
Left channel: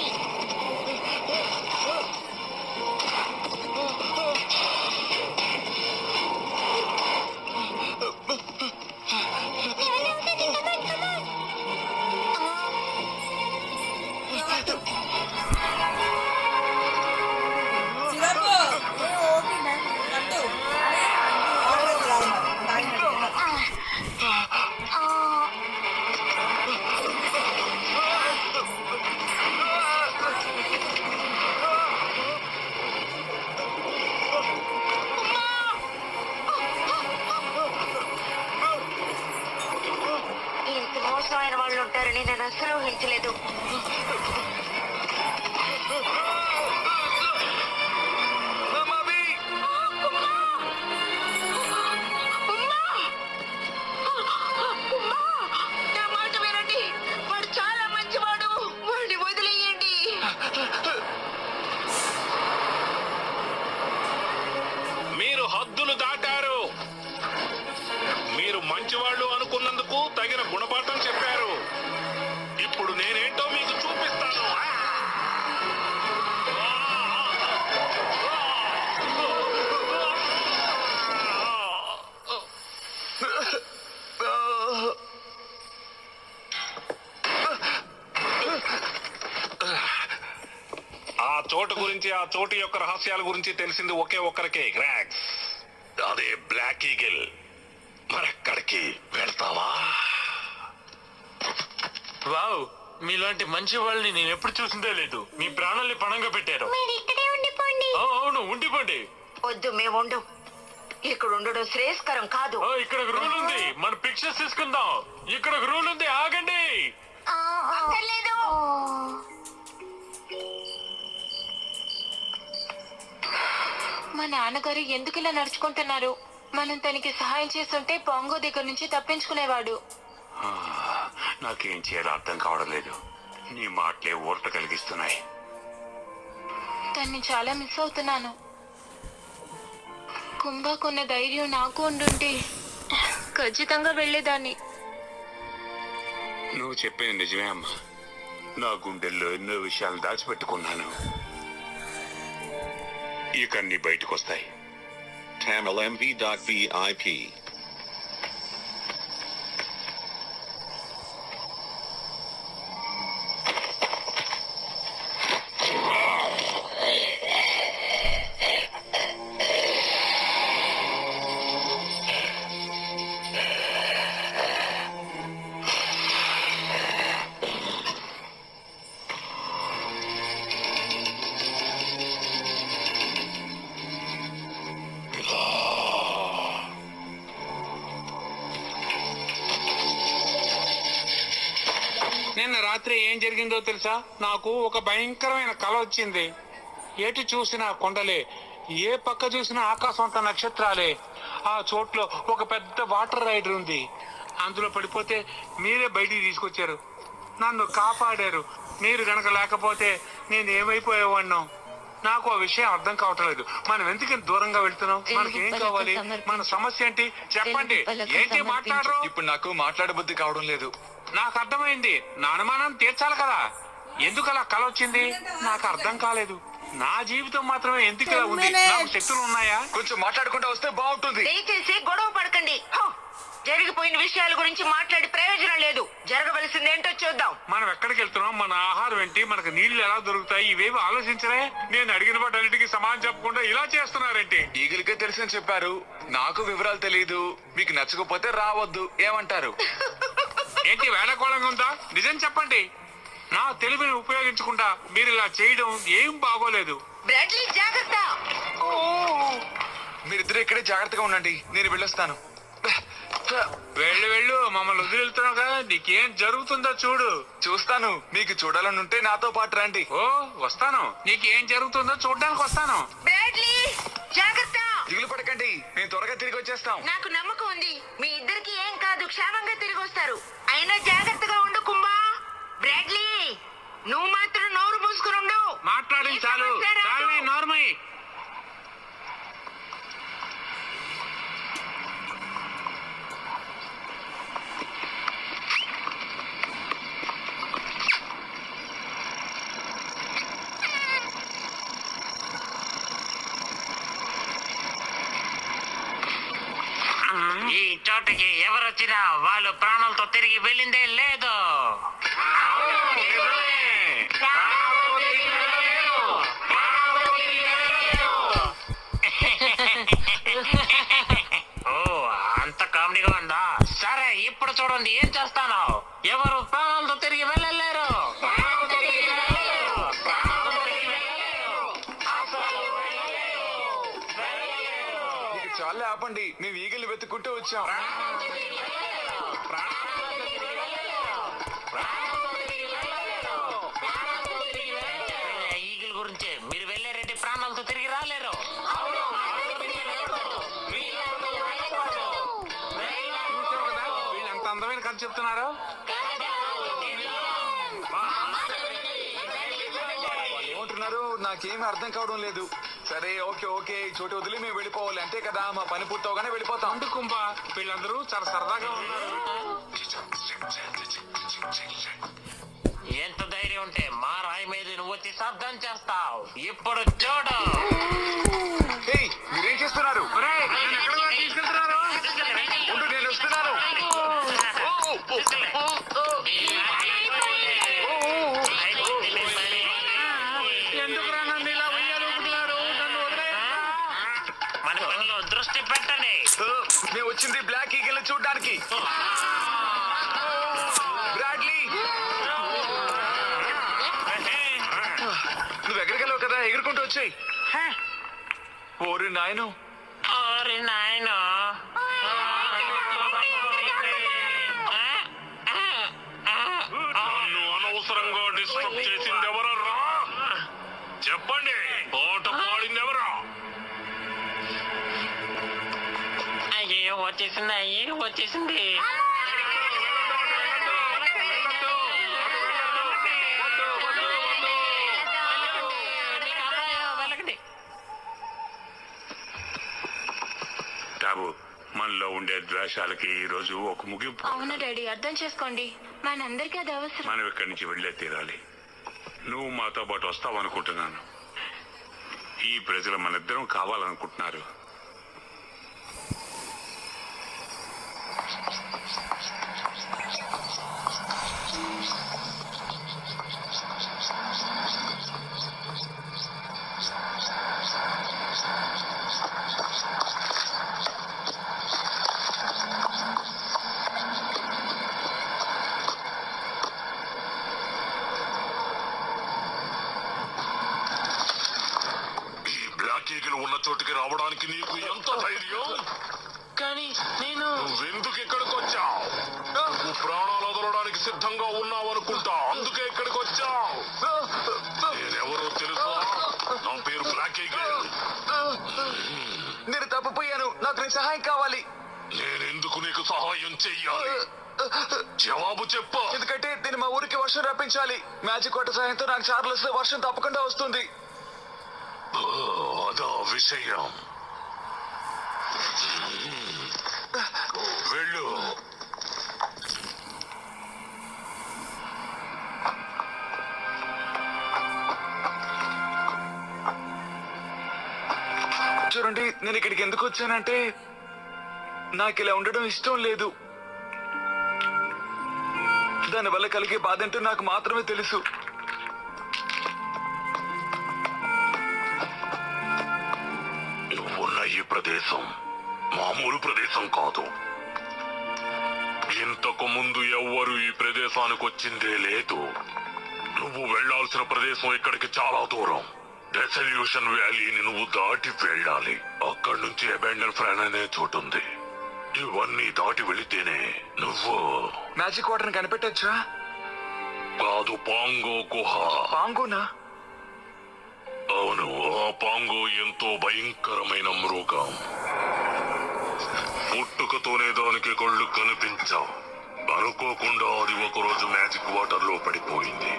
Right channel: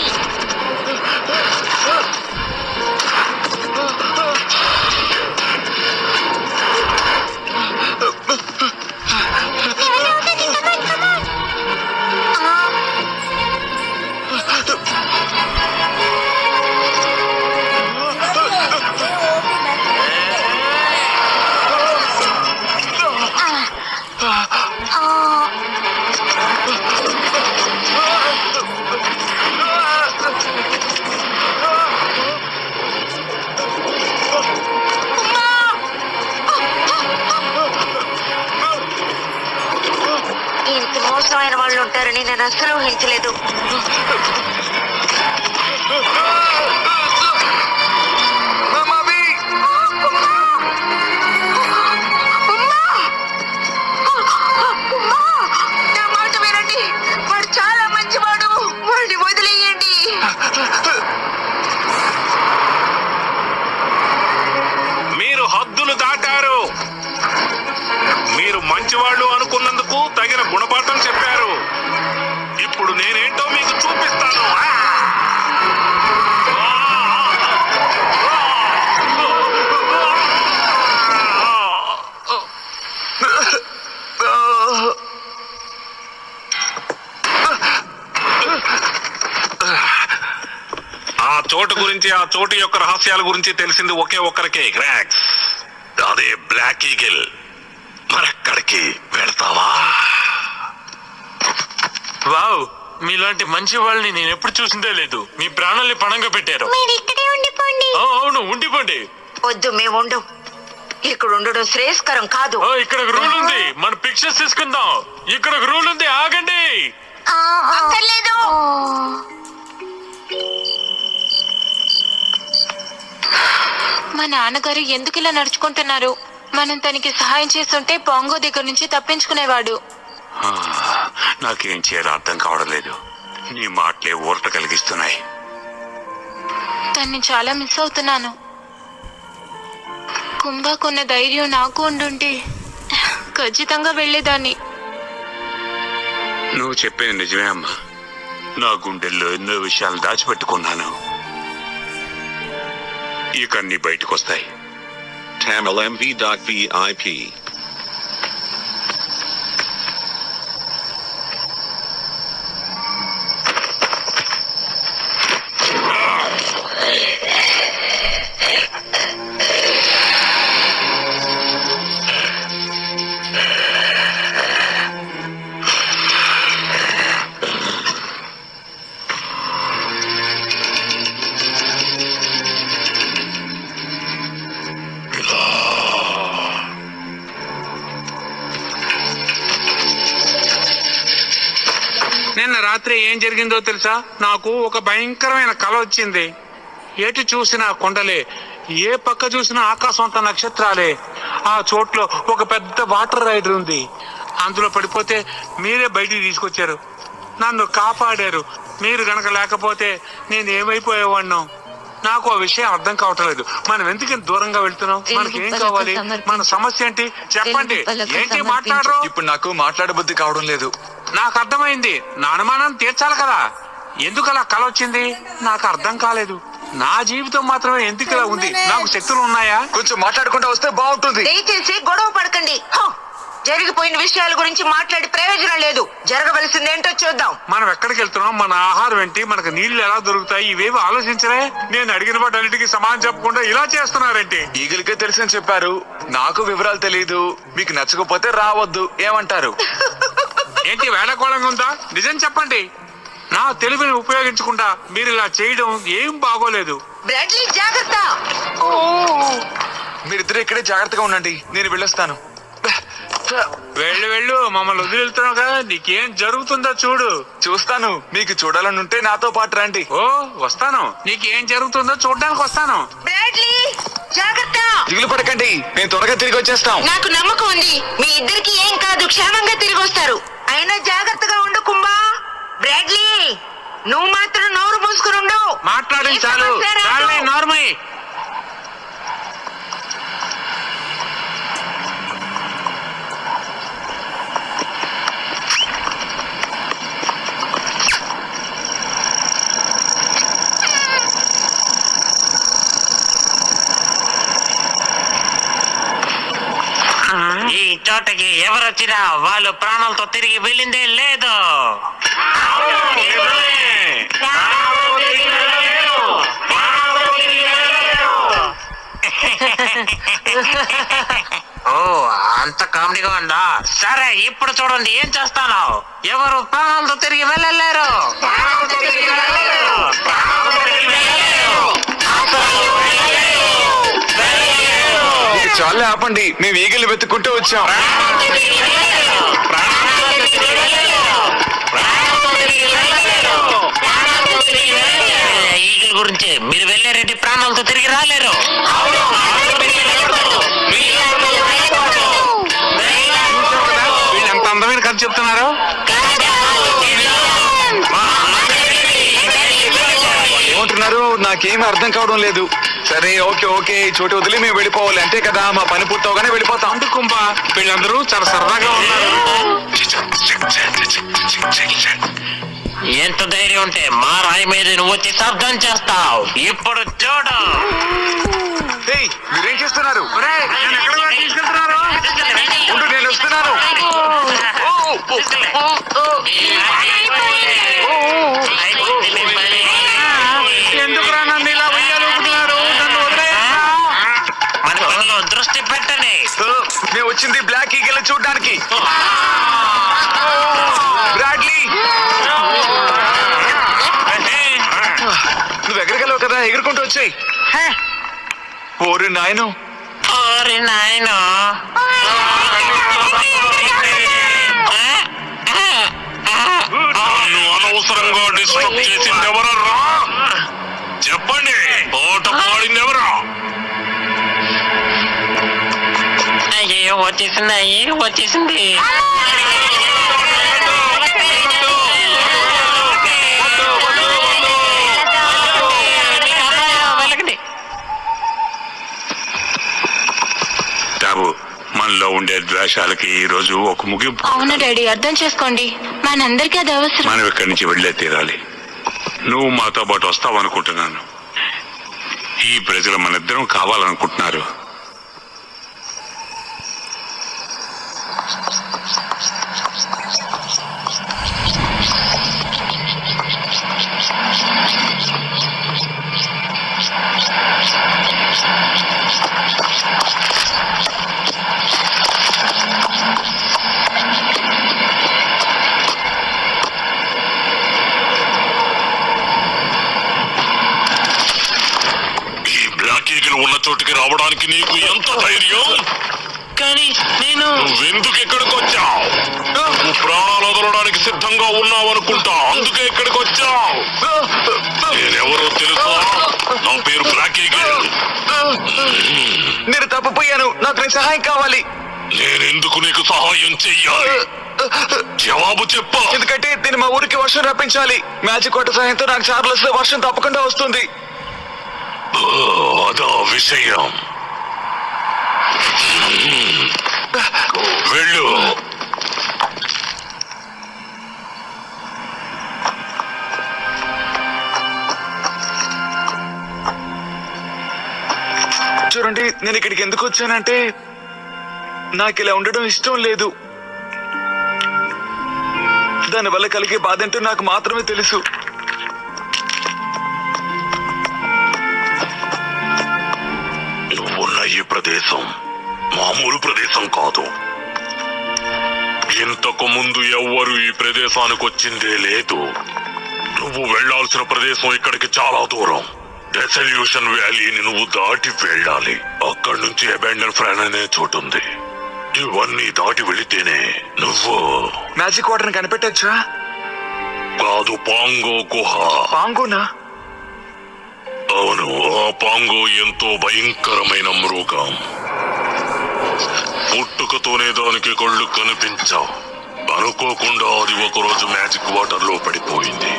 ఇంత మోసమైన వాళ్ళు ఉంటారని నేను అస్సలు ఊహించలేదు. మామాబీ! నా మాట వినండి, వాడు చాలా మంచివాడు. వాడిని వదిలేయండి. మీరు హద్దులు దాటారు. మీరు మంచివాళ్ళు అనుకున్నందుకు తగిన గుణపాఠం చెప్పారు. ఇప్పుడు నేనేంటో మీకు చూపిస్తాను. ఆ చోటు గురించి, ఆ చోటు యొక్క రహస్యాల గురించి తెలిసింది ఒకే ఒక్కరికే, గ్రాక్స్. అదే బ్లాక్ ఈగిల్. మరక్కడికి వెళ్తావా? వావ్, మీలాంటి మంచి వాళ్ళని నేను ఎప్పుడు చూసిందే లేదు. మీ ప్రాణాల్ని పణంగా పెట్టారు. మీరు ఇక్కడే ఉండిపోండి. అవును, ఉండిపోండి. వద్దు, మేము ఉండు. ఇక్కడ ఉండడం శ్రేయస్కరం కాదు. ఇక్కడ ఒక రూల్ ఉంది, మన పిక్చర్స్ తీసుకుందాం. ఇక్కడ ఒక రూల్ ఉంది, ఆగండి. అక్కర్లేదు. మా నాన్నగారు ఎందుకు ఇలా నడుచుకుంటున్నారు? మనం తనకి సహాయం చేస్తుంటే పాంగో దగ్గర నుంచి తప్పించుకునేవాడు. నాకేం చేయాలో అర్థం కావడం లేదు. నీ మాటలే ఊరట కలిగిస్తున్నాయి. తన్ని చాలా మిస్ అవుతున్నాను. కుంభకున్న ధైర్యం నాకు ఉండుంటే ఖచ్చితంగా వెళ్ళేదాన్ని. నువ్వు చెప్పేది నిజమే అమ్మా. నా గుండెల్లో ఎన్నో విషయాలు దాచిపెట్టుకున్నాను. ఇక అన్ని బయటకు వస్తాయి. TamilMV.VIP. నిన్న రాత్రి ఏం జరిగిందో తెలుసా? నాకు ఒక భయంకరమైన కల వచ్చింది. ఎటు చూసినా కొండలే, ఏ పక్క చూసినా ఆకాశం అంత నక్షత్రాలే. ఆ చోట్లో ఒక పెద్ద వాటర్ రైడర్ ఉంది. అందులో పడిపోతే మీరే బయటికి తీసుకొచ్చారు, నన్ను కాపాడారు. మీరు గనక లేకపోతే నేను ఏమైపోయేవాడినో. నాకు ఆ విషయం అర్థం కావటం లేదు. మనం ఎందుకు దూరంగా వెళ్తున్నాం? మనకి ఏం కావాలి? మన సమస్య ఏంటి చెప్పండి. ఏంటి మాట్లాడరు? ఇప్పుడు నాకు మాట్లాడబుద్ధి కావడం లేదు. నాకు అర్థమైంది. నా అనుమానం తీర్చాలి కదా. ఎందుకు అలా కల వచ్చింది నాకు అర్థం కాలేదు. నా జీవితం మాత్రమే ఎందుకు ఇలా ఉంది? నాకు శక్తులు ఉన్నాయా? కొంచెం మాట్లాడుకుంటూ వస్తే బాగుంటుంది. దయచేసి గొడవ పడకండి. జరిగిపోయిన విషయాల గురించి మాట్లాడి ప్రయోజనం లేదు. జరగవలసింది ఏంటో చూద్దాం. మనం ఎక్కడికి వెళ్తున్నాం, మన ఆహారం ఏంటి, మనకు నీళ్లు ఎలా దొరుకుతాయి, ఇవేవి ఆలోచించలే. నేను అడిగిన వాటన్నిటికీ సమాధానం చెప్పకుండా ఇలా చేస్తున్నారేంటి? ఈగలకే తెలిసని చెప్పారు, నాకు వివరాలు తెలియదు. మీకు నచ్చకపోతే రావద్దు, ఏమంటారు? ఏంటి వేళకోళంగా ఉందా? నిజం చెప్పండి. నా తెలివిని ఉపయోగించకుండా మీరు ఇలా చేయడం ఏం బాగోలేదు. బ్రాడ్లీ జాగ్రత్త. మీరిద్దరు ఇక్కడే జాగ్రత్తగా ఉండండి, నేను వెళ్ళొస్తాను. వెళ్ళు వెళ్ళు, మమ్మల్ని వదిలి వెళ్తున్నావు కదా. నీకేం జరుగుతుందో చూడు. చూస్తాను. మీకు చూడాలని ఉంటే నాతో పాటు రండి. ఓ వస్తాను. నీకేం జరుగుతుందో చూడడానికి వస్తాను. బ్రాడ్లీ జాగ్రత్త. దిగులు పడకండి, మేము త్వరగా తిరిగి వచ్చేస్తాం. నాకు నమ్మకం ఉంది, మీ ఇద్దరికి ఏం కాదు, క్షేమంగా తిరిగి వస్తారు. అయినా జాగ్రత్తగా ఉండు కుంభా. బ్రాడ్లీ నువ్వు మాత్రం నోరు మూసుకుని ఉండు. మాట్లాడింది చాలు. చాలే నార్మల్. ఈ చోటకి ఎవరొచ్చినా వాళ్ళు ప్రాణాలతో తిరిగి వెళ్ళిందే లేదు. ఓ అంత కామెడీగా ఉందా? సరే ఇప్పుడు చూడండి ఏం చేస్తాను. ఎవరు ప్రాణాలతో తిరిగి వెళ్ళలేరు. చాలే ఆపండి, మేము ఈగలు వెతుక్కుంటూ వచ్చాం. ఈగల గురించి మీరు వెళ్ళారంటే ప్రాణాలతో తిరిగి రాలేరు. వీళ్ళు ఎంత అందమైన కథ చెప్తున్నారు. ఏమంటున్నారు? నాకేమీ అర్థం కావడం లేదు. సరే ఓకే ఓకే, చోటు వదిలి మేము వెళ్ళిపోవాలి అంతే కదా. మా పని పూర్తవగానే వెళ్ళిపోతాం. అంటు కుంభ, వీళ్ళందరూ చాలా సరదాగా ఉన్నారు. ఎంత ధైర్యం ఉంటే మా రాయి మీద నువ్వు వచ్చి శబ్దం చేస్తావు. ఇప్పుడు చూడు. ఏయ్, మీరేం చేస్తున్నారు? ఒరేయ్, నన్ను ఎక్కడికి తీసుకెళ్తున్నారు? ఉండు, నేను వస్తున్నాను. ఎందుకురా నన్ను ఇలా ఉయ్యాలనుకుంటున్నారు? నన్ను వదిలేయ్. మన పనిలో దృష్టి పెట్టండి. మేము వచ్చింది బ్లాక్ ఈగల్ చూడడానికి. బ్రాడ్లీ, నువ్వు ఎగరగలవు కదా, ఎగురుకుంటూ వచ్చాయి. ఓరి నాయను. ఓరి నాయనా. నువ్వు అనవసరంగా డిస్టర్బ్ చేసింది ఎవరరా? చెప్పండి, పాట పాడింది ఎవరా? అయ్యో వచ్చేసింది. వెళ్ళకండి. మనలో ఉండే ద్వేషాలకి ఈ రోజు ఒక ముగింపు. అవును డాడీ, అర్థం చేసుకోండి, మనందరికీ అది అవసరం. మనం ఇక్కడి నుంచి వెళ్ళే తీరాలి. నువ్వు మాతో పాటు వస్తావనుకుంటున్నాను. ఈ ప్రజలు మనిద్దరం కావాలనుకుంటున్నారు. ఉన్న చోటుకి రావడానికి నీకు ఎంత ధైర్యం? కానీ నువ్వెందుకు ఇక్కడికి వచ్చావు? నువ్వు ప్రాణాలు వదలడానికి సిద్ధంగా ఉన్నావు అనుకుంటా, అందుకే ఇక్కడికి వచ్చావు. నేనెవరో తెలుసా? నా పేరు బ్లాక్ ఈగిల్. నేను తప్పిపోయాను, నాకు నీ సహాయం కావాలి. నేనెందుకు నీకు సహాయం చెయ్యాలి? జవాబు చెప్పు. ఎందుకంటే నేను మా ఊరికి వర్షం రప్పించాలి. మ్యాజిక్ వాటర్ సహాయంతో నాకు చార్లెస్ లో వర్షం తప్పకుండా వస్తుంది. అదా విషయం. వెళ్ళు. చూడండి, నేను ఇక్కడికి ఎందుకు వచ్చానంటే నాకు ఇలా ఉండడం ఇష్టం లేదు. దానివల్ల కలిగే బాధ ఏంటో నాకు మాత్రమే తెలుసు. నువ్వున్న ఈ ప్రదేశం మామూలు ప్రదేశం కాదు. ఇంతకు ముందు ఎవ్వరు ఈ ప్రదేశానికి వచ్చిందే లేదు. నువ్వు వెళ్లాల్సిన ప్రదేశం ఇక్కడికి చాలా దూరం. డెసల్యూషన్ వ్యాలీని నువ్వు దాటి వెళ్ళాలి. అక్కడి నుంచి అబాండన్ ఫ్రాన్ అనే చోటుంది. ఇవన్నీ దాటి వెళితేనే నువ్వు మ్యాజిక్ వాటర్ ని కనిపెట్టచ్చా? కాదు, పాంగో గుహ. పాంగోనా? అవును, ఆ పాంగో ఎంతో భయంకరమైన మృగం. పుట్టుకతోనే దానికి కళ్ళు కనిపించావు. అనుకోకుండా అది ఒకరోజు మ్యాజిక్ వాటర్ లో పడిపోయింది.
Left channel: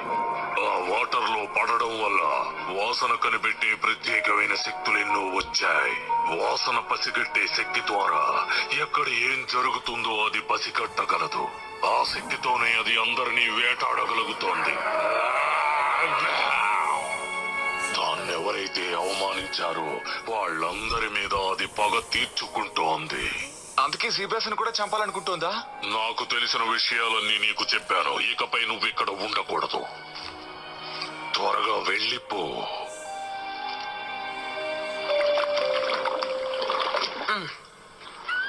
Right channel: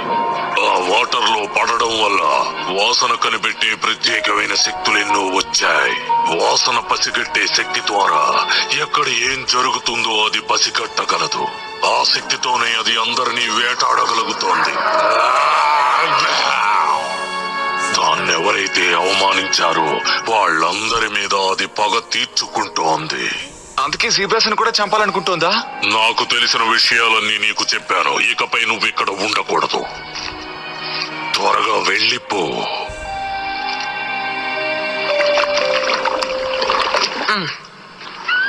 ఆ వాటర్ లో పడడం వల్ల వాసన కనిపెట్టే ప్రత్యేకమైన శక్తులెన్నో వచ్చాయి. వాసన పసిగట్టే శక్తి ద్వారా ఎక్కడ ఏం జరుగుతుందో అది పసిగట్టగలదు. ఆ శక్తితోనే అది అందరినీ వేటాడగలుగుతోంది. దాన్నెవరైతే అవమానించారో వాళ్ళందరి మీద అది పగ తీర్చుకుంటోంది. అందుకే జీబ్రాస్ కూడా చంపాలనుకుంటోందా? నాకు తెలిసిన విషయాలన్నీ నీకు చెప్పాను. ఇకపై నువ్వు ఇక్కడ ఉండకూడదు. త్వరగా వెళ్ళిపో.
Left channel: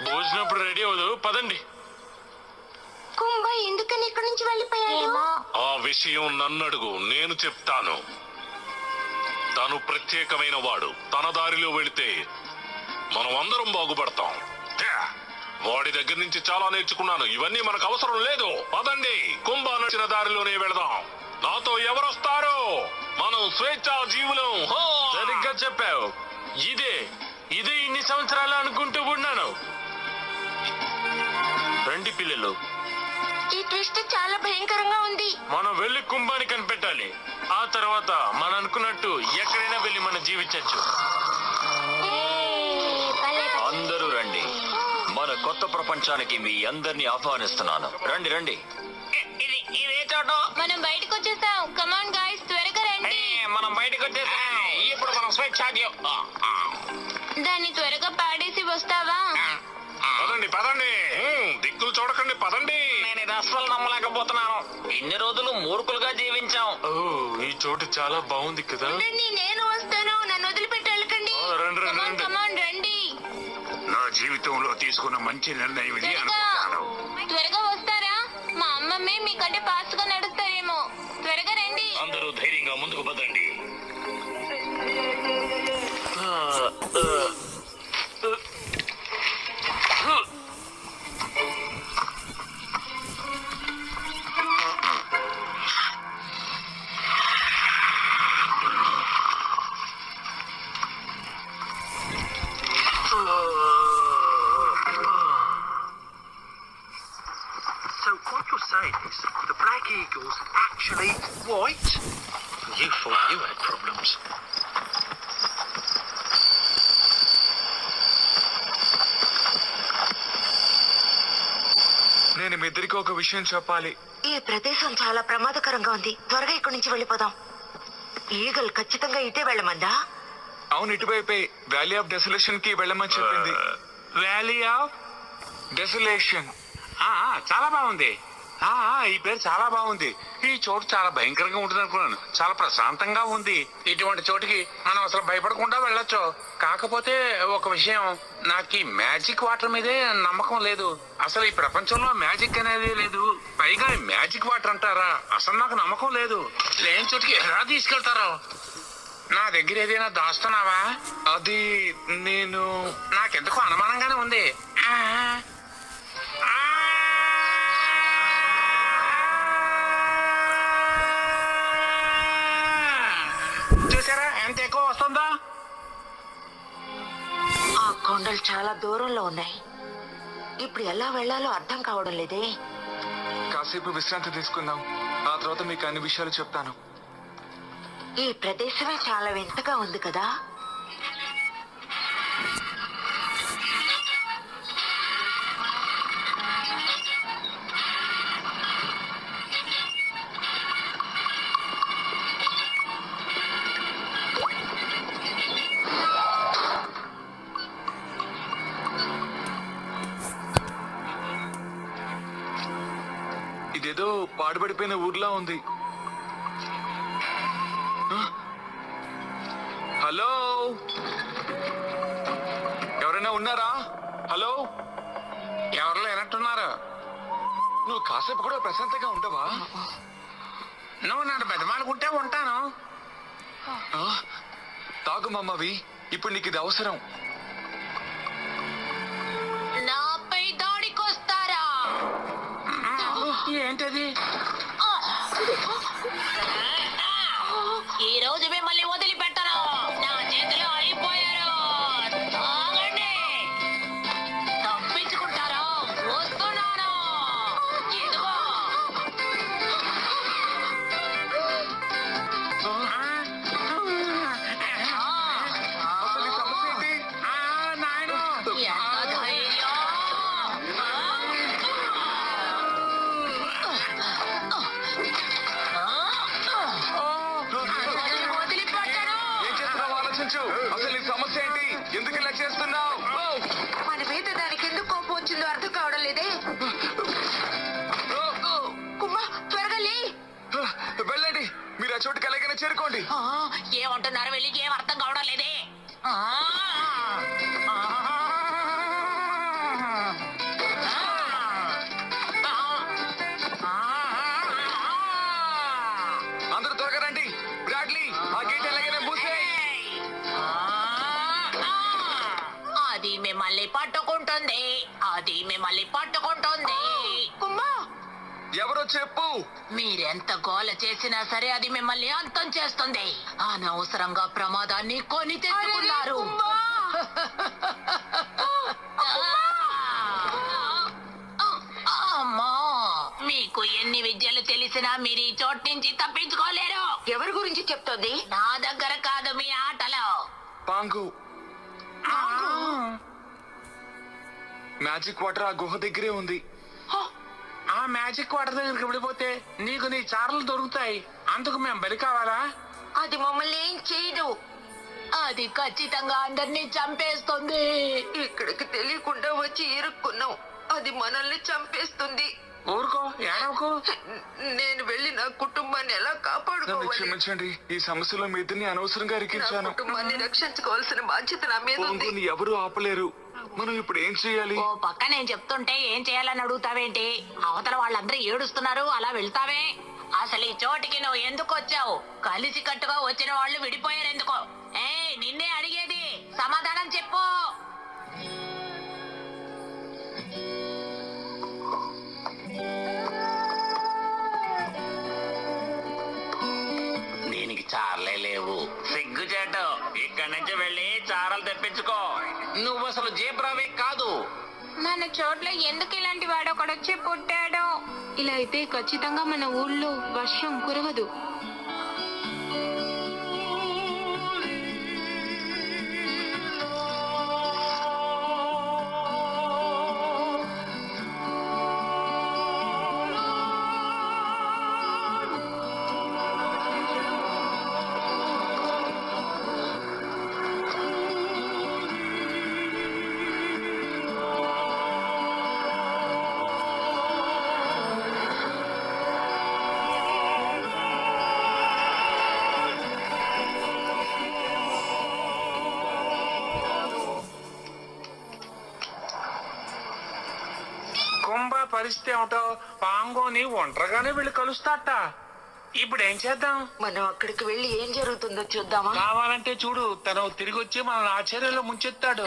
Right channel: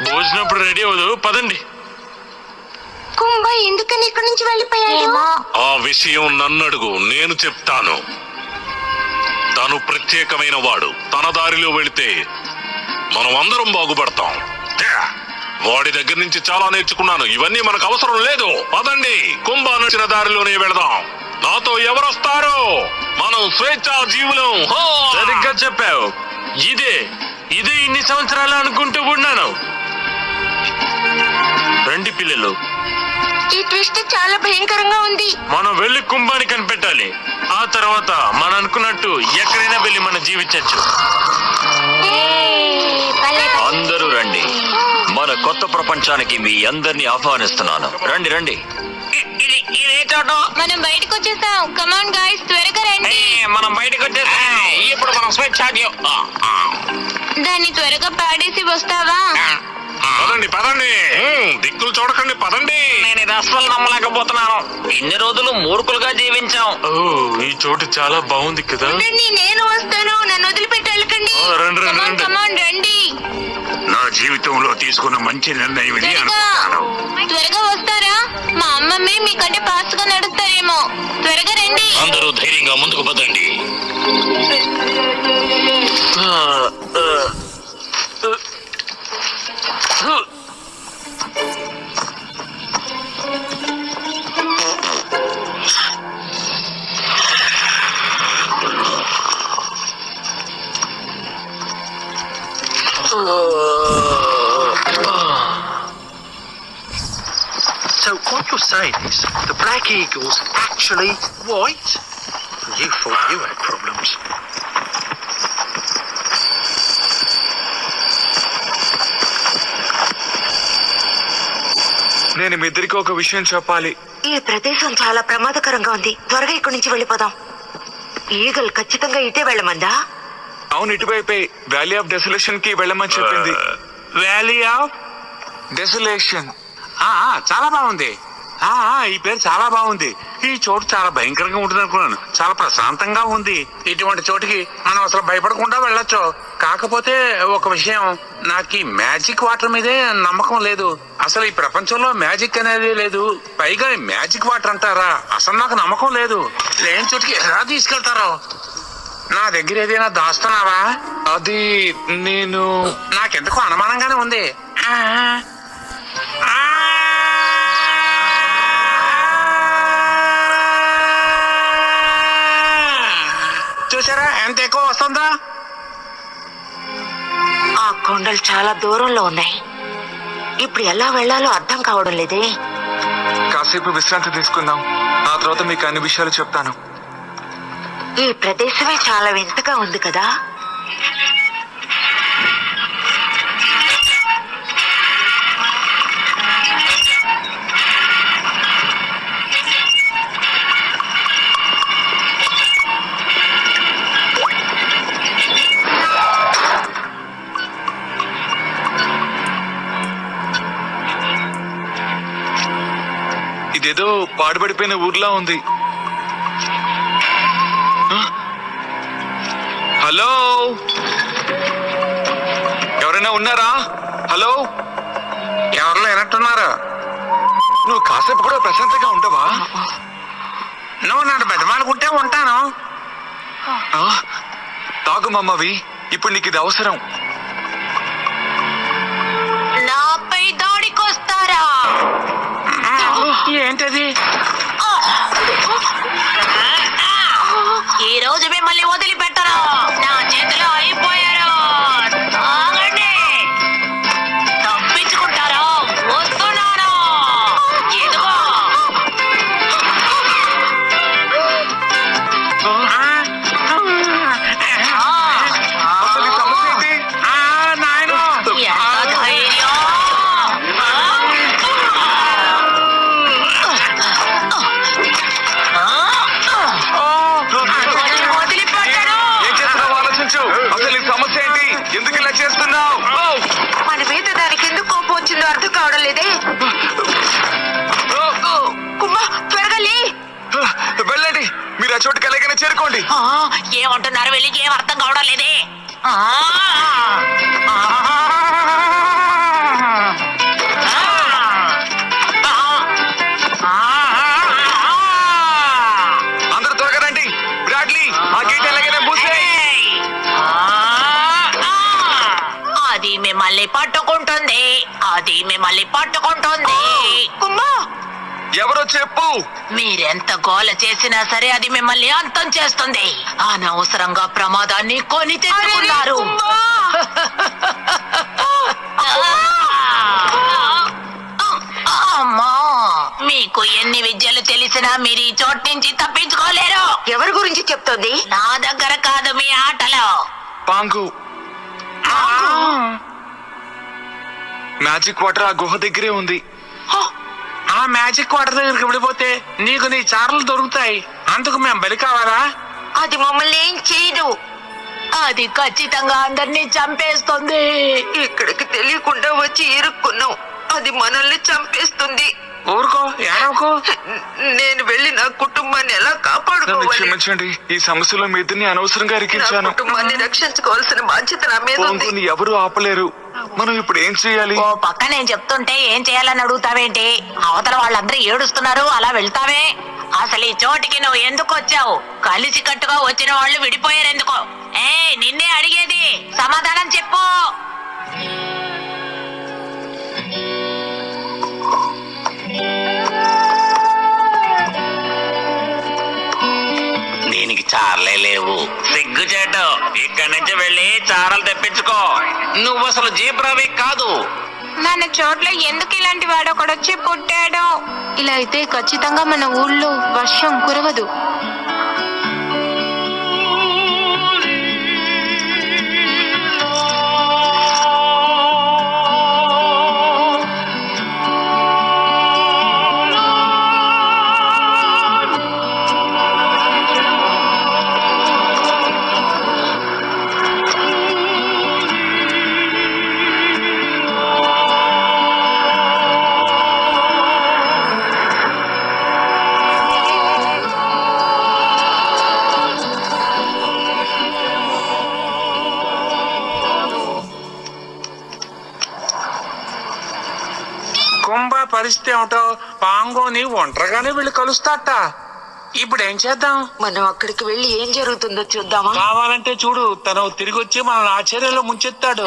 భోజనప్పుడు రెడీ అవ్వదు, పదండి. కుంభ ఎందుకని ఇక్కడి నుంచి వెళ్ళిపోయాడు? ఆ విషయం నన్నడుగు, నేను చెప్తాను. తను ప్రత్యేకమైన వాడు. తన దారిలో వెళితే మనం అందరం బాగుపడతాం. వాడి దగ్గర నుంచి చాలా నేర్చుకున్నాను. ఇవన్నీ మనకు అవసరం లేదు. పదండి, కుంభ నడిచిన దారిలోనే వెళదాం. నాతో ఎవరొస్తారు? మనం స్వేచ్ఛా జీవులం. సరిగ్గా చెప్పావు. ఇదే ఇన్ని సంవత్సరాలు అనుకుంటూ ఉన్నాను. రండి పిల్లలు. ఈ ట్విస్ట్ చాలా భయంకరంగా ఉంది. మనం వెళ్ళి కుంభాన్ని కనిపెట్టాలి. ఆ తర్వాత మనం అనుకున్నట్టు ఎక్కడైనా వెళ్ళి మనం జీవించచ్చు. అందరూ రండి. మన కొత్త ప్రపంచానికి మీ అందరినీ ఆహ్వానిస్తున్నాను. రండి రండి. మనం బయటకు వచ్చేసాం. కమాన్ గైస్, త్వరగా రండి. మనం బయటకు వచ్చేసాం. ఇప్పుడు మనం స్వేచ్ఛాజ్యం. దాన్ని త్వరగా పాడేసి వస్తావా? పదండి పదండి. దిక్కులు చూడకండి, పదండి. నేను ఇది అస్సలు నమ్మలేకపోతున్నాను. ఇన్ని రోజులు మూర్ఖులుగా జీవించాం. ఈ చోటు చాలా బాగుంది కదా. నేను వస్తాను, నన్ను వదిలిపెట్టి వెళ్ళకండి. రండి రండి. కమాన్ రండి. నా జీవితంలో తీసుకున్న మంచి నిర్ణయం ఇది అనుకుంటాను. త్వరగా వస్తారా? మా అమ్మమ్మే మీకంటే ఫాస్ట్ గా నడుస్తారేమో. త్వరగా రండి. అందరూ ధైర్యంగా ముందుకు పదండి. So what you're saying is the Black Eagle's actually white? You thought you had problems. నేను మీ ఇద్దరికి ఒక విషయం చెప్పాలి. ఈ ప్రదేశం చాలా ప్రమాదకరంగా ఉంది. త్వరగా ఇక్కడి నుంచి వెళ్ళిపోదాం. ఈగల్ ఖచ్చితంగా ఇటే వెళ్ళమందా? అవును, ఇటువైపే వ్యాలీ ఆఫ్ డెసలేషన్ కి వెళ్ళమని చెప్పింది. Valley of desolation. చాలా బాగుంది. ఈ పేరు చాలా బాగుంది. ఈ చోటు చాలా భయంకరంగా ఉంటుంది అనుకున్నాను. చాలా ప్రశాంతంగా ఉంది. ఇటువంటి చోటుకి మనం అసలు భయపడకుండా వెళ్ళొచ్చు. కాకపోతే ఒక విషయం, నాకు ఈ మ్యాజిక్ వాటర్ మీదే నమ్మకం లేదు. అసలు ఈ ప్రపంచంలో మ్యాజిక్ అనేది లేదు. పైగా ఈ మ్యాజిక్ వాటర్ అంటారా, అసలు నాకు నమ్మకం లేదు. లేని చోటుకి ఎలా తీసుకెళ్తారో. నా దగ్గర ఏదైనా దాస్తున్నావా? అది నేను నాకెందుకో అనుమానంగానే ఉంది. చూసారా ఎంత ఎక్కువ వస్తుందా? ఆ కొండలు చాలా దూరంలో ఉన్నాయి. ఇప్పుడు ఎలా వెళ్ళాలో అర్థం కావడం లేదే. కాసేపు విశ్రాంతి తీసుకుందాం, ఆ తర్వాత మీకు అన్ని విషయాలు చెప్తాను. ఈ ప్రదేశమే చాలా వింతగా ఉంది కదా. ఇదేదో పాడుపడిపోయిన ఊర్లా ఉంది. హలో, ఎవరైనా ఉన్నారా? హలో, ఎవరు లేనట్టున్నారు. నువ్వు కాసేపు కూడా ప్రశాంతంగా ఉండవా? నువ్వు నన్ను బెదమాలుకుంటే ఉంటాను. తాగు మమ్మవి, ఇప్పుడు నీకు ఇది అవసరం. నాపై దాడికొస్తారా? ఏంటది? ఈ రోజు మిమ్మల్ని వదిలిపెట్టరు. నా చేతిలో అయిపోయారు. ఆగండి. తప్పించుకుంటారా? వస్తున్నాను. ఇదిగో. అసలు ఈ సమస్య ఏంటి? నాయనా, ఎంత ధైర్యం! వదిలిపెట్టరు. ఏం చేస్తున్నావు ఆలోచించు. అసలు ఈ సమస్య ఏంటి? ఎందుకు ఇలా చేస్తున్నావు? మన మీద దానికి ఎందుకు కోపం వచ్చిందో అర్థం కావడం లేదే. కుమ్మా, త్వరగా లే. వెళ్ళండి, మీరు ఆ చోటుకి ఎలాగైనా చేరుకోండి. ఏమంటున్నారు? వెళ్ళి ఏం అర్థం కావడం లేదే. అందరూ త్వరగా రండి. బ్రాడ్లీ, ఆ గేట్ ఎలాగైనా మూసేయ్. అది మిమ్మల్ని పట్టుకుంటుంది. అది మిమ్మల్ని పట్టుకుంటుంది. కుమ్మా, ఎవరో చెప్పు. మీరెంత గోల చేసినా సరే అది మిమ్మల్ని అంతం చేస్తుంది. అనవసరంగా ప్రమాదాన్ని కొని తెచ్చుకున్నారు. అమ్మా, మీకు ఎన్ని విద్యలు తెలిసినా మీరు ఈ చోటు నుంచి తప్పించుకోలేరు. ఎవరి గురించి చెప్తోంది? నా దగ్గర కాదు, మీ ఆటలో. పాంగు, మ్యాజిక్ వాటర్ ఆ గుహ దగ్గరే ఉంది. ఆ మ్యాజిక్ వాటర్ దగ్గరికి వెళ్ళిపోతే నీకు నీ చారలు దొరుకుతాయి. అందుకు మేము బలి కావాలా? అది మమ్మల్ని ఏం చేయదు. అది ఖచ్చితంగా అందరినీ చంపేస్తుంది. ఇక్కడికి తెలియకుండా వచ్చి ఇరుక్కున్నాం. అది మనల్ని చంపేస్తుంది. ఊరుకో, ఏడవకో. నేను వెళ్ళి నా కుటుంబాన్ని ఎలా నన్ను కాపాడుకోవాలి? క్షమించండి, ఈ సమస్యలో మీ ఇద్దరిని అనవసరంగా నా ఇరికించాను. కుటుంబాన్ని రక్షించుకోవాల్సిన బాధ్యత నా మీద ఉంది. పాంగుని ఎవరు ఆపలేరు. మనం ఇప్పుడు ఏం చేయాలి? ఓ పక్క నేను చెప్తుంటే ఏం చేయాలని అడుగుతావేంటి? అవతల వాళ్ళందరూ ఏడుస్తున్నారు, అలా వెళ్తావే? అసలు ఈ చోటికి నువ్వు ఎందుకు వచ్చావు? కలిసి కట్టుగా వచ్చిన వాళ్ళు విడిపోయారు ఎందుకో? నిన్నే అడిగేది, సమాధానం చెప్పు. దీనికి చారలే లేవు. సిగ్గుచేటు, ఇక్కడి నుంచి వెళ్ళి చారలు తెప్పించుకో. నువ్వు అసలు జీబ్రావే కాదు. మన చోట్ల ఎందుకు ఇలాంటి వాడు ఒకడొచ్చి పుట్టాడో. ఇలా అయితే ఖచ్చితంగా మన ఊళ్ళో వర్షం కురవదు. కుంభ పరిస్థితి ఏమిటో పాంగోని ఒంటరిగానే వెళ్ళి కలుస్తాట. ఇప్పుడు ఏం చేద్దాం? మనం అక్కడికి వెళ్ళి ఏం జరుగుతుందో చూద్దామా? కావాలంటే చూడు, తను తిరిగి వచ్చి మనల్ని ఆశ్చర్యంలో ముంచెత్తాడు.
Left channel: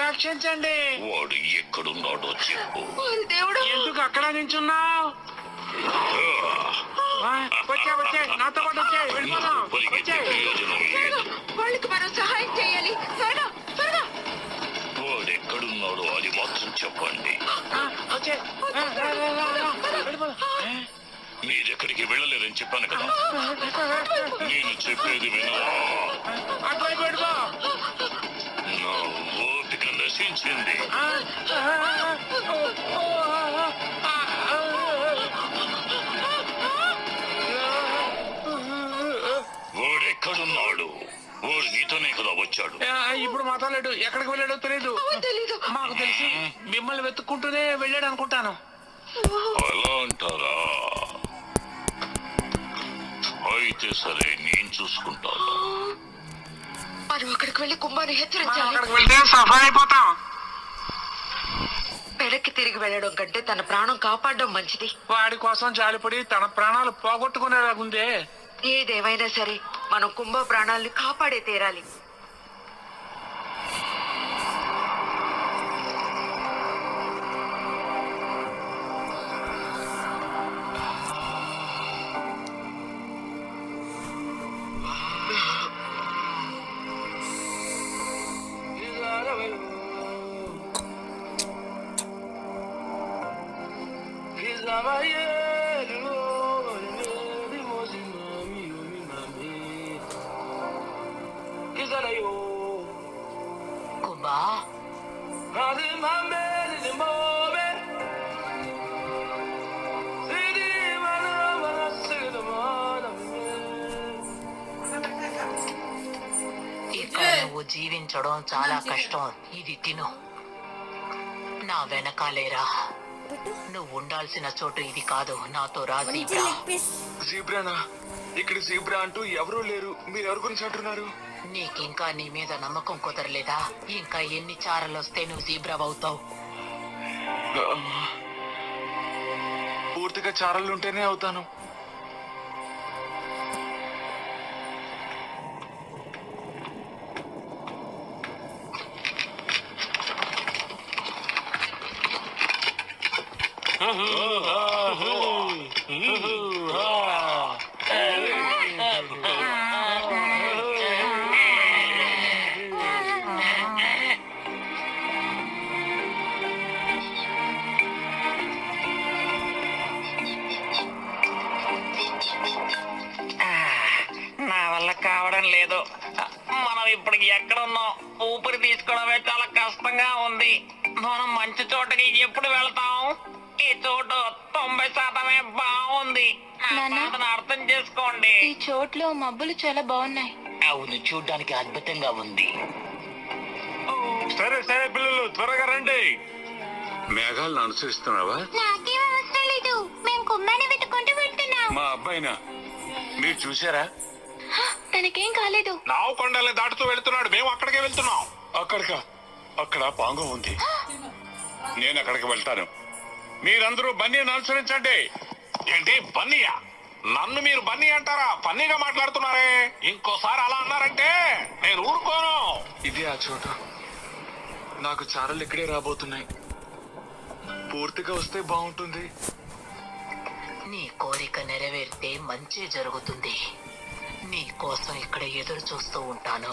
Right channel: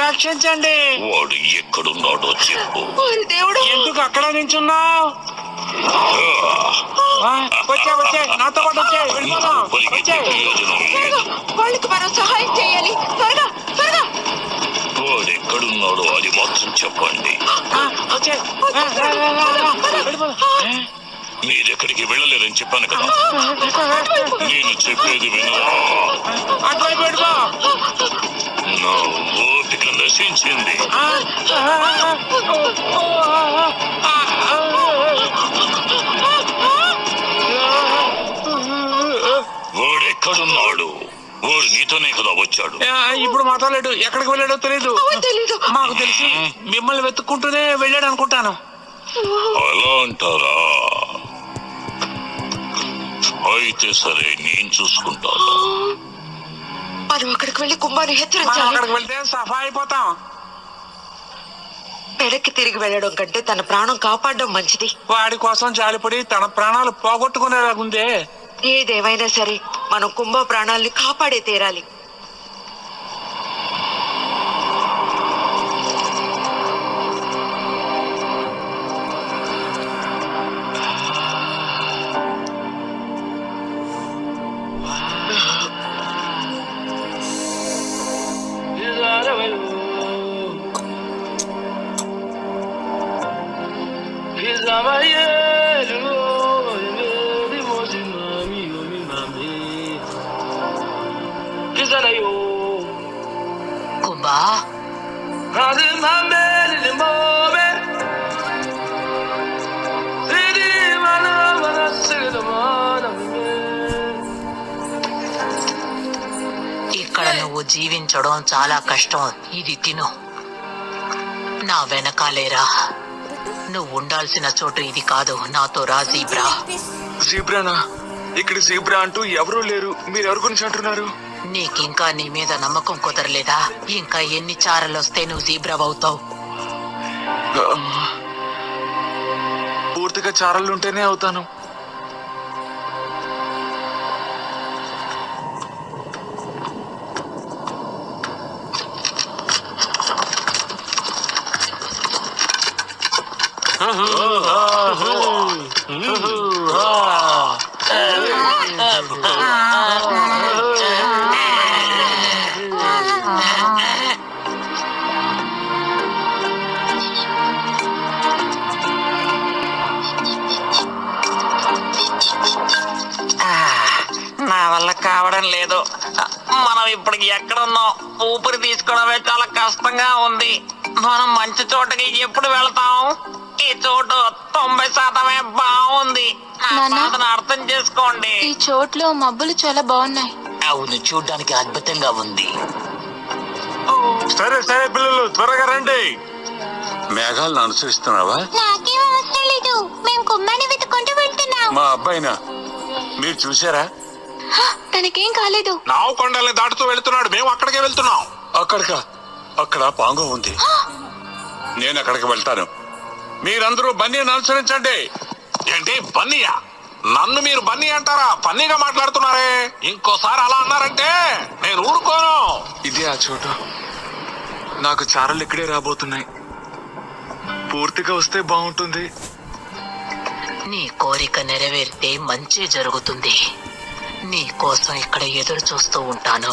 రక్షించండి. వాడు ఎక్కడున్నాడో చెప్పు. దేవుడు, ఎందుకు అక్కడ నించున్నావు? వచ్చే నాతో పాటు వచ్చే. పరిగెత్తే ప్రయోజనం లేదు. వాళ్ళకి మనం సహాయం చేయాలి. త్వరగా త్వరగా. వాడు ఎక్కడున్నాడో అది మాత్రం చెప్పండి. మీరెక్కడికి వెళ్ళలేరని చెప్పాను కదా. నేను చెప్పేది విను. నా ఓపిక నశించింది. వాడెక్కడున్నాడు? వాడు నీతోనే కదా వచ్చాడు. ఇప్పుడు మాట్లాడాడు. ఎక్కడికి వెళ్ళాడో తెలీదు. మాకు తెలిసి మిమ్మల్ని వెతుక్కుంటూనే వెళ్ళాడు అనుకుంటాను. అలా అంటారా? అయితే సరే, నేను చూసుకుంటాను. మనం అక్కడికి వెళ్ళి కుంభాన్ని మనం హెచ్చరించాలి. అక్కడికి వెళ్తే సఫా అయిపోతాం. వెనక్కి తిరిగి వెళ్ళడం కంటే తన ప్రాణం కాపాడడం మంచిది. వాడి కోసం జాలిపడి తన ప్రాణాలు పోగొట్టుకునేలాగుందే. ఏదేమైనా సరే మనం కుంభ ప్రాణాలను కాపాడే తీరాలి. కుంభా, ఇక్కడ నువ్వు జీవించడం చాలా కష్టం. ఇది తిను. నా వెనకాలేరా. నువ్వు ఉండాల్సిన చోటు ఇది కాదు. నాతో రా జీబ్రా. జీబ్రానా? ఇక్కడ జీబ్రా అంటూ ఎవరూ లేరు. మీరు ఎవరి గురించి అంటున్నారు? నీకింకా నీ మీద నమ్మకం కుదరలేదా? ఇంకా ఎన్ని చారలొస్తే నువ్వు జీబ్రా అవుతావు? పూర్తిగా చారలుంటేనే అవుతాను. నా వల్ల కావడం లేదు. మనం ఇప్పుడు ఎక్కడున్నాం? ఊపిరి తీసుకోవడమే చాలా కష్టంగా ఉంది. మనం మంచి చోటకి ఎప్పుడు వెళ్తాం? ఈ చోటు 90% బాగుంది. నా బాధను అర్థం చేసుకోండి. ఈ చోట్లో మబ్బులు చాలా బాగున్నాయి. అవును, చూడ్డానికి అద్భుతంగా ఉంది. సరే సరే పిల్లలు, త్వరగా రండి. మేఘాలను అనుసరిస్తున్నావా? నాకేం అవసరం లేదు. మేము కుంభాన్ని వెతుక్కుంటూ వెళ్తున్నాం. మా అబ్బాయినా? మీరు చూసారా? తనకేం కాలేదు. నావు కొండల్ని దాటుతూ వెళ్తున్నాడు. మేము అక్కడికే వెళ్తున్నాం. అక్కడికా? అక్కడ పాంగో ఉంది. నేను అక్కడికి వెళ్తాను. మీరందరూ బన్నీని అనుసరించండి. ఏంటి బన్నీయా? నన్ను మీరు బన్నీ అంటారా? బన్నీగా మాట్లాడుతున్నారే. ఇంకోసారి అలా అన్నారంటే నేను ఊరుకోను. ఇదే ఆ చోటు. నాకు చారలు ఇక్కడే రాబోతున్నాయి. పూర్తిగా వస్తే బాగుంటుంది. నీ కోరిక నెరవేరితే మంచి జరుగుతుంది. నీ కోసం ఇక్కడ ఎదురు చూస్తూ ఉంటాను.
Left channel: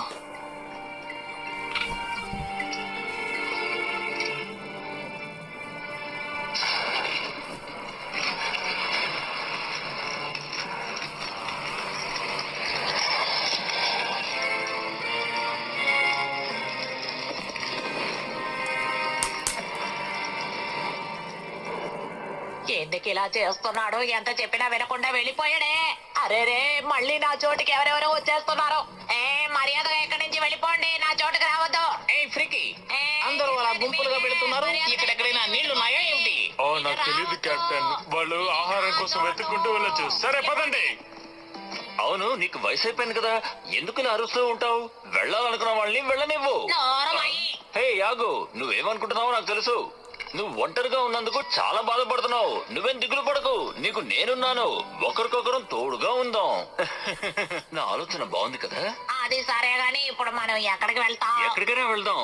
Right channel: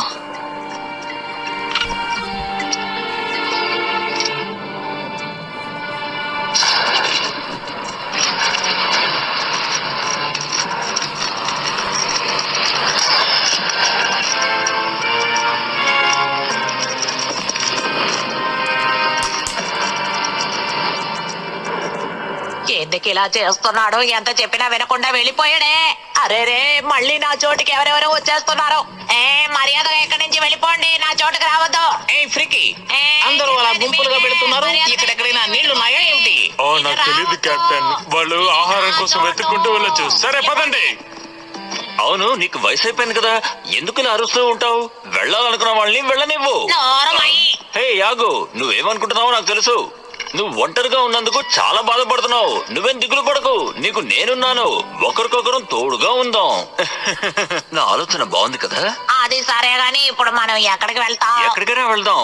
ఎందుకు ఇలా చేస్తున్నాడు? ఎంత చెప్పినా వినకుండా వెళ్ళిపోయాడే. అరే రే, మళ్ళీ నా చోటుకి ఎవరెవరో వచ్చేస్తున్నారు. మర్యాదగా ఎక్కడి నుంచి వెళ్ళిపోండి. నా చోటుకి రావద్దు. ఫ్రీకి అందరూ అలా గుంపులుగా పెడుతున్నారు. ఇక్కడెక్కడైనా నీళ్లున్నాయా ఏమిటి? నాకు తెలియదు కెప్టెన్. వాళ్ళు ఆహారం కోసం వెతుక్కుంటూ వెళ్ళొచ్చు. సరే పదండి. అవును, నీకు వయసు అయిపోయింది కదా, ఎందుకు ఇలా అరుస్తూ ఉంటావు? వెళ్ళాలనుకున్న వాళ్ళని వెళ్ళనివ్వు. హే యాగు, నువ్వేమనుకుంటున్నావో నాకు తెలుసు. నువ్వు ఒంటరిగా ఉన్నందుకు చాలా బాధపడుతున్నావు. నువ్వేం దిగులు పడకు, నీకు నేనున్నాను. ఒకరికొకరం తోడుగా ఉందాం. నా ఆలోచన బాగుంది కదా? అది సరే గాని ఇప్పుడు మనం ఎక్కడికి వెళ్తాం? ఎక్కడికైనా వెళ్దాం.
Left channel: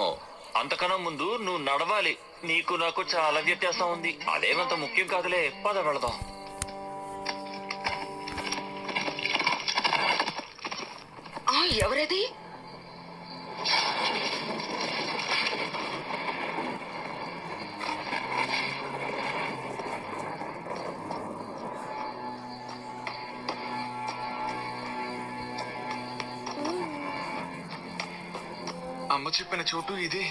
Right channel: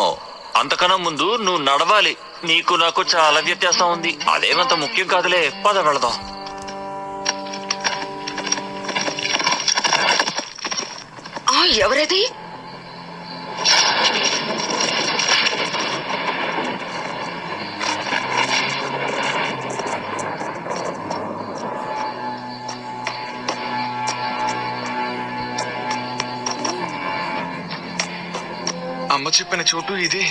అంతకన్నా ముందు నువ్వు నడవాలి. నీకు నాకు చాలా వ్యత్యాసం ఉంది. అదేమంత ముఖ్యం కాదులే, పద వెళదాం. ఎవరది? అమ్మ చెప్పిన చోటు ఇదే.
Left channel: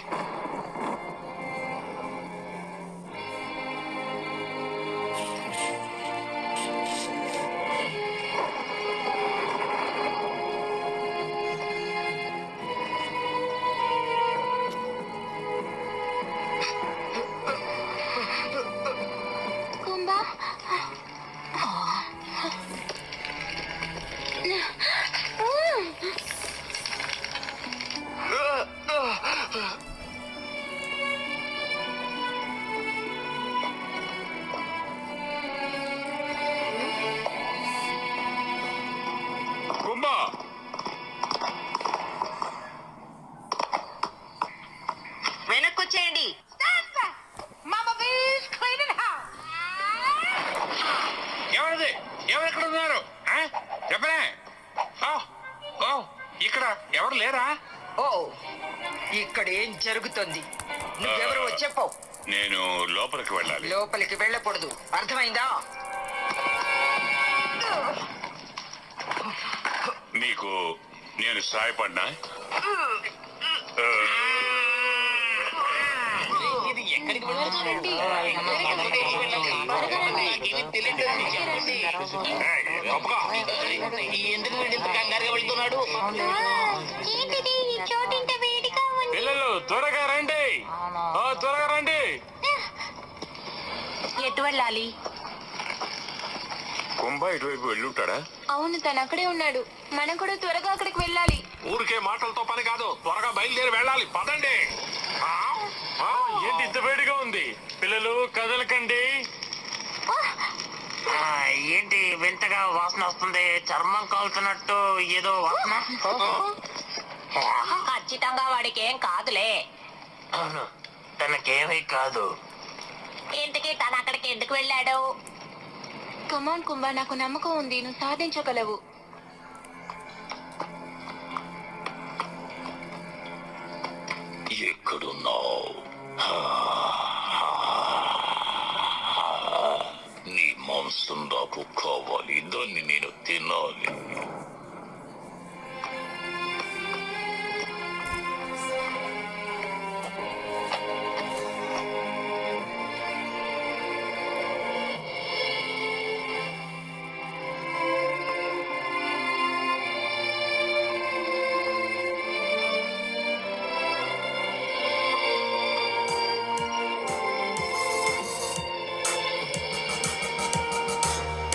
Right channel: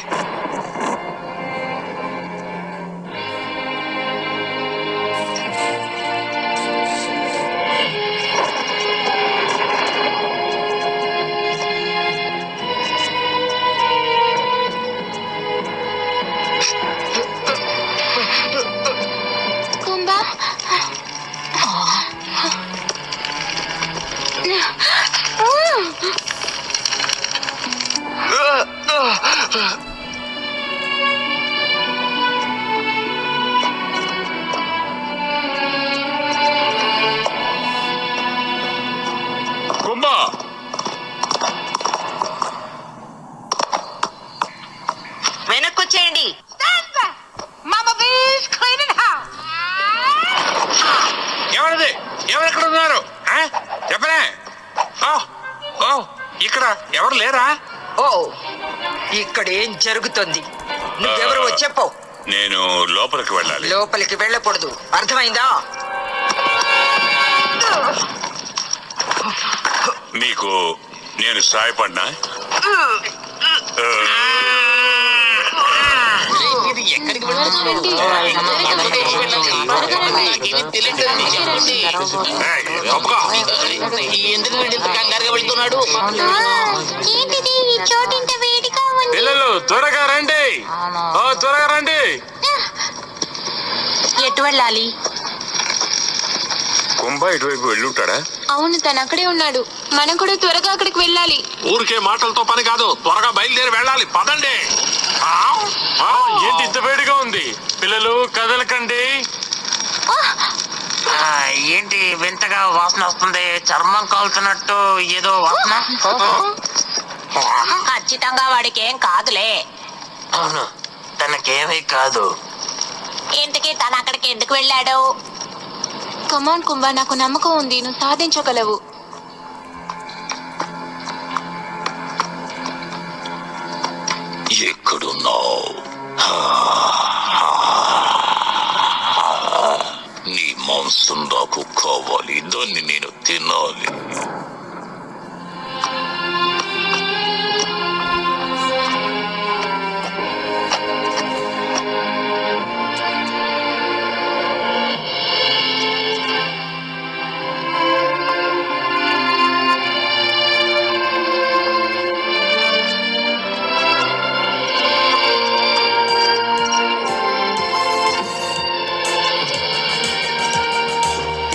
Kumbha Kumbha, వెనక్కొచ్చేయండి. Mama Bee's cleaning house. ఎవరిది? ఎవరెక్కడ ఉన్నారు? చెప్పనే. ఇక్కడ ఎవరు లేరా? ఓ, ఇక్కడ ఏం జరుగుతుంది? నువ్వెవరు చెప్పు. నేను లోపలికి వెళ్ళాలి. లోపలికి వెళ్ళకూడదు, అర్థమైందా? నీకు నేను సాయపడినా? ఏంటిది ఈ చోటు ఇంత వేడిగా ఉంది? పిల్లలు త్వరగా రండి, త్వరగా రండి. ఎటు వెళ్ళాలి? కుంభ ఇటువైపు వెళ్ళుంటాడా? అవును, తను అక్కడే ఉన్నాడు. మనం కూడా త్వరగా అక్కడికి వెళ్ళాలి. ఊరికే మాటలతో పని కాదు, త్వరగా బయలుదేరి వెళ్ళాలి. పదండి. ఏంటి ఇంత వేడిగా ఉంది? పిల్లలు కదలకండి. ఏంటి వింతగా వాసన వస్తుంది? చర్మం కాలుతున్నట్టు ఏదో వాసన. ఖచ్చితంగా వాడికి ఏం కాదులే. అవును, తనకేమీ కాదు. ఇంతకీ తను అక్కడికి ఎందుకు వెళ్ళాడు? కమాన్ కుంభా, నాకు నమ్మకం ఉంది, నువ్వు సాధించగలవు. ఎక్కడున్నావు? నీ మాంసం నాకు కావాలి, దాన్ని నేను తినాలి.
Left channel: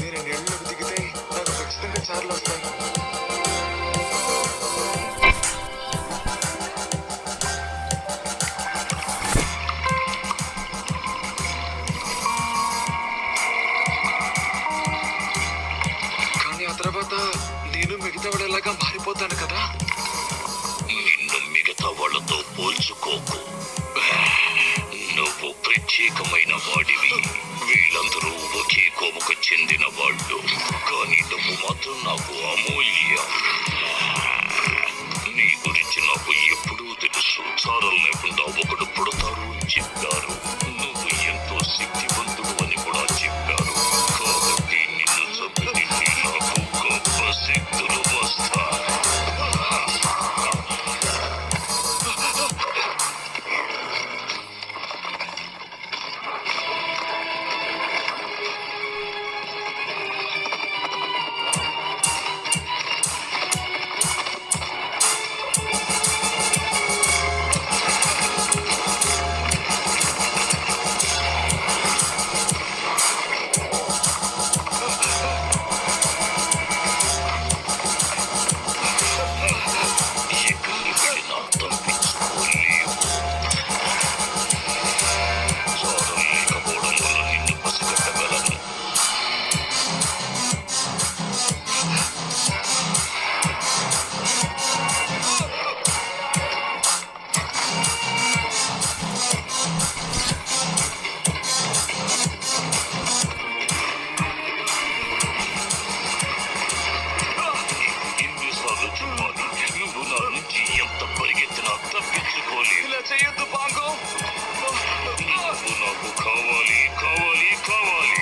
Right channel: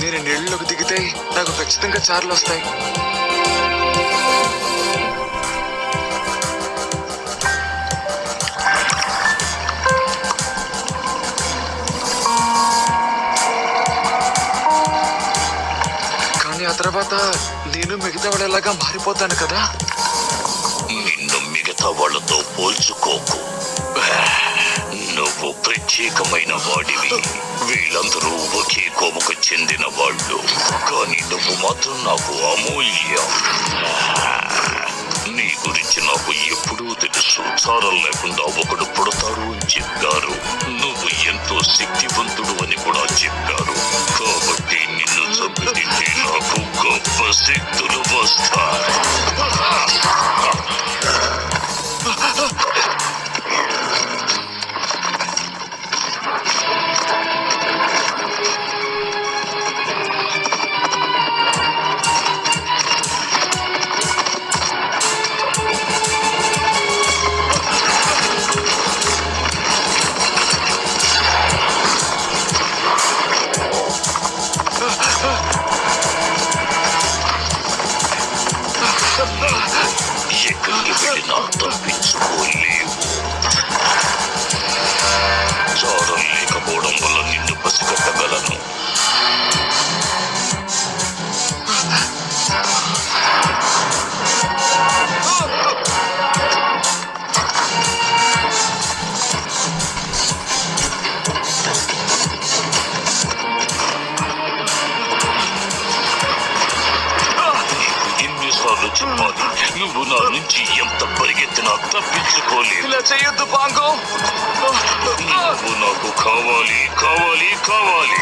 నేను నీళ్ళలోకి దిగితే నాకు ఖచ్చితంగా చార్లు వస్తాయి. కానీ ఆ తర్వాత నేను మిగతా వాళ్ళలాగా మారిపోతాను కదా. నిన్ను మిగతా వాళ్ళతో పోల్చుకోకు. నువ్వు ప్రత్యేకమైన వాడివి. వీళ్ళందరూ ఒకే కోముకు చెందిన వాళ్ళు, కానీ నువ్వు మాత్రం నాకు అమూల్యం. నీ గురించి నాకు ఎప్పుడూ తెలుసు. చారం లేకుండా ఒకడు పుడతాడు అని చెప్పారు. నువ్వు ఎంతో శక్తివంతుడు అని కూడా చెప్పారు. కాబట్టి నిన్ను చంపితే నాకు గొప్ప శక్తులు వస్తాయి. నుంచి ఎంత పరిగెత్తినా తప్పించుకోలేదు. ఇలా చేయొద్దు పాంగో. నువ్వు నాకు కావాలి కావాలి కావాలి.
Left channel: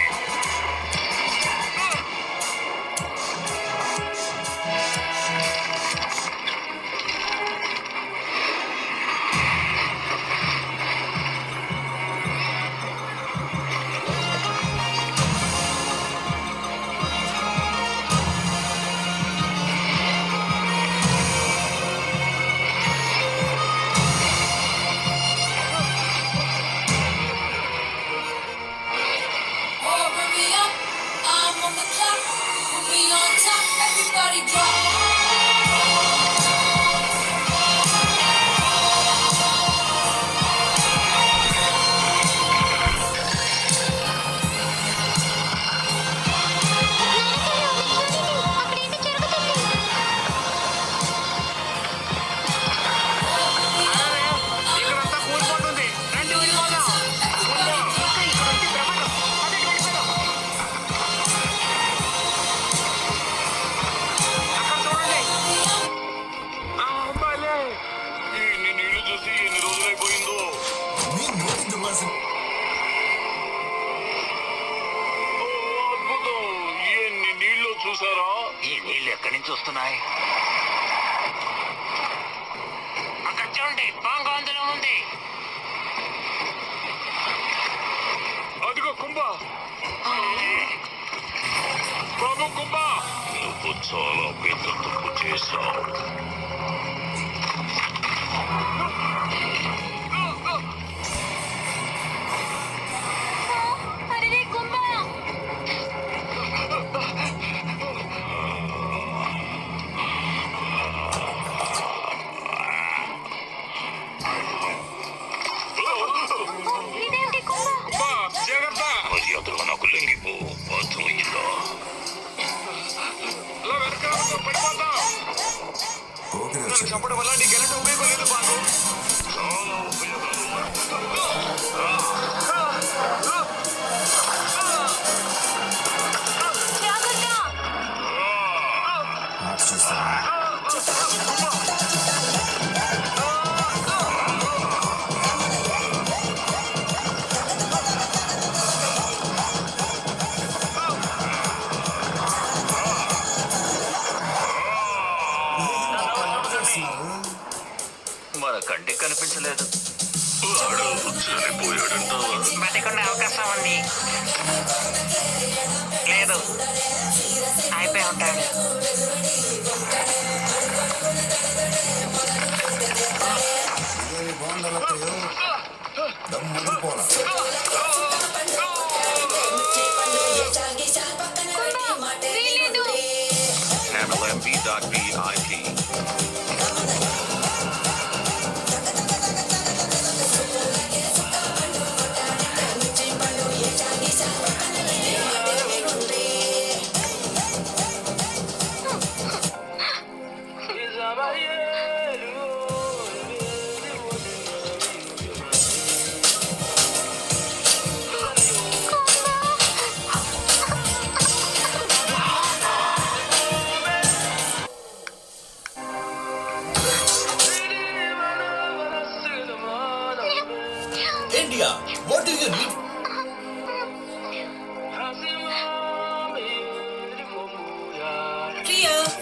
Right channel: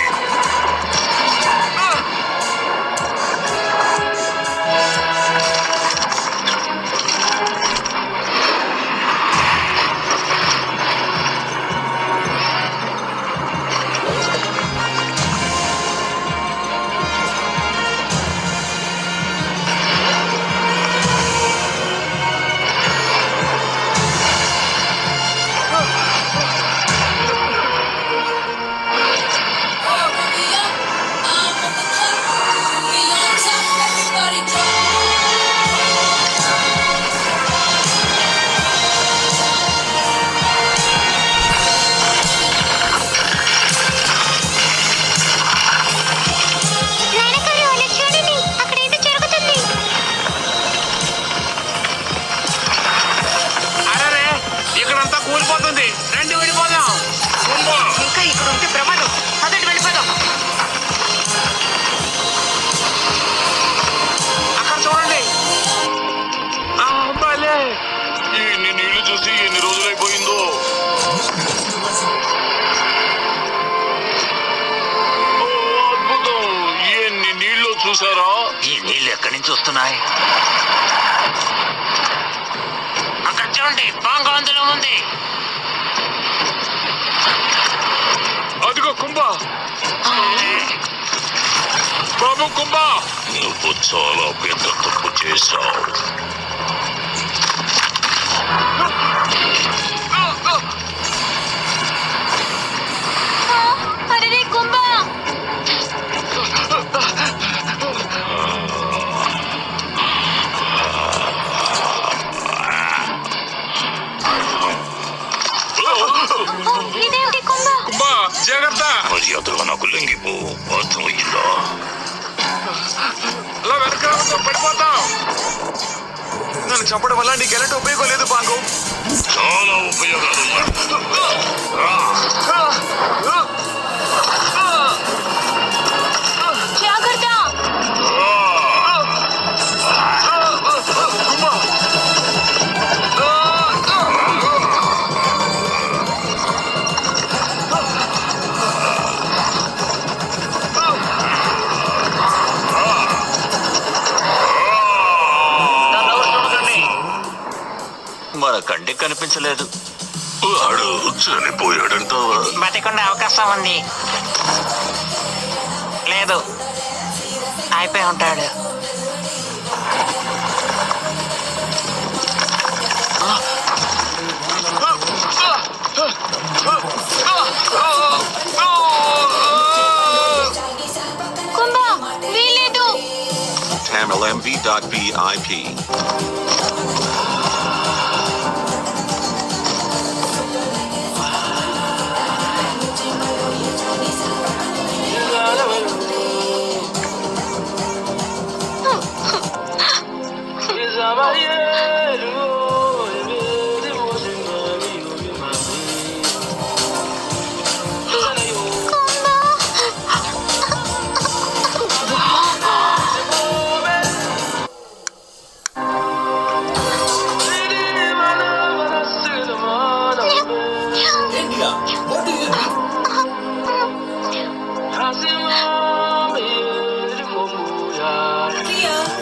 అరే ఇక్కడంతా కూలిపోతుంది. రండి వెళ్ళిపోదాం. ఇంకా ఇక్కడ ఉంటే ప్రమాదం. అదటి వెళ్ళిపోదాం. అక్కడ చూడండి. భలే. ఎన్ని నీళ్లు చూసి ఎన్ని రోజులైపోయిందో. ఓ, అద్భుతం. ఎన్ని నీళ్లు చూసారా? ఈ నీళ్ళు ఎక్కడి నుంచి వస్తున్నాయి? అక్కడ చూడండి. పాంగో అందులో ఉంది. అదిగో కుంభ. బాబు కుంభ, నువ్వు చాలా పెద్ద తప్పు చేశావు. అరే కుంభ, ఇదేమిటి కుంభ? జాగ్రత్త. మర్యాదగా నాకు లొంగిపో, అర్థమయ్యిందా? అలా వెనక పడిపోతాం. నన్ను చంపడం వల్ల నీకు ఎలాంటి ఉపయోగం లేదు పాంగో. చాలా ఉపయోగాలు. జాగ్రత్త. మన కంటికి కనిపించలేదు. వాడు చనిపోయాడంటావా? బతికున్న అవకాశం ఉంది. లేదు, అయిపోయి ఉంటాడు. కుంభ, వీలేదు. TamilMV.VIP.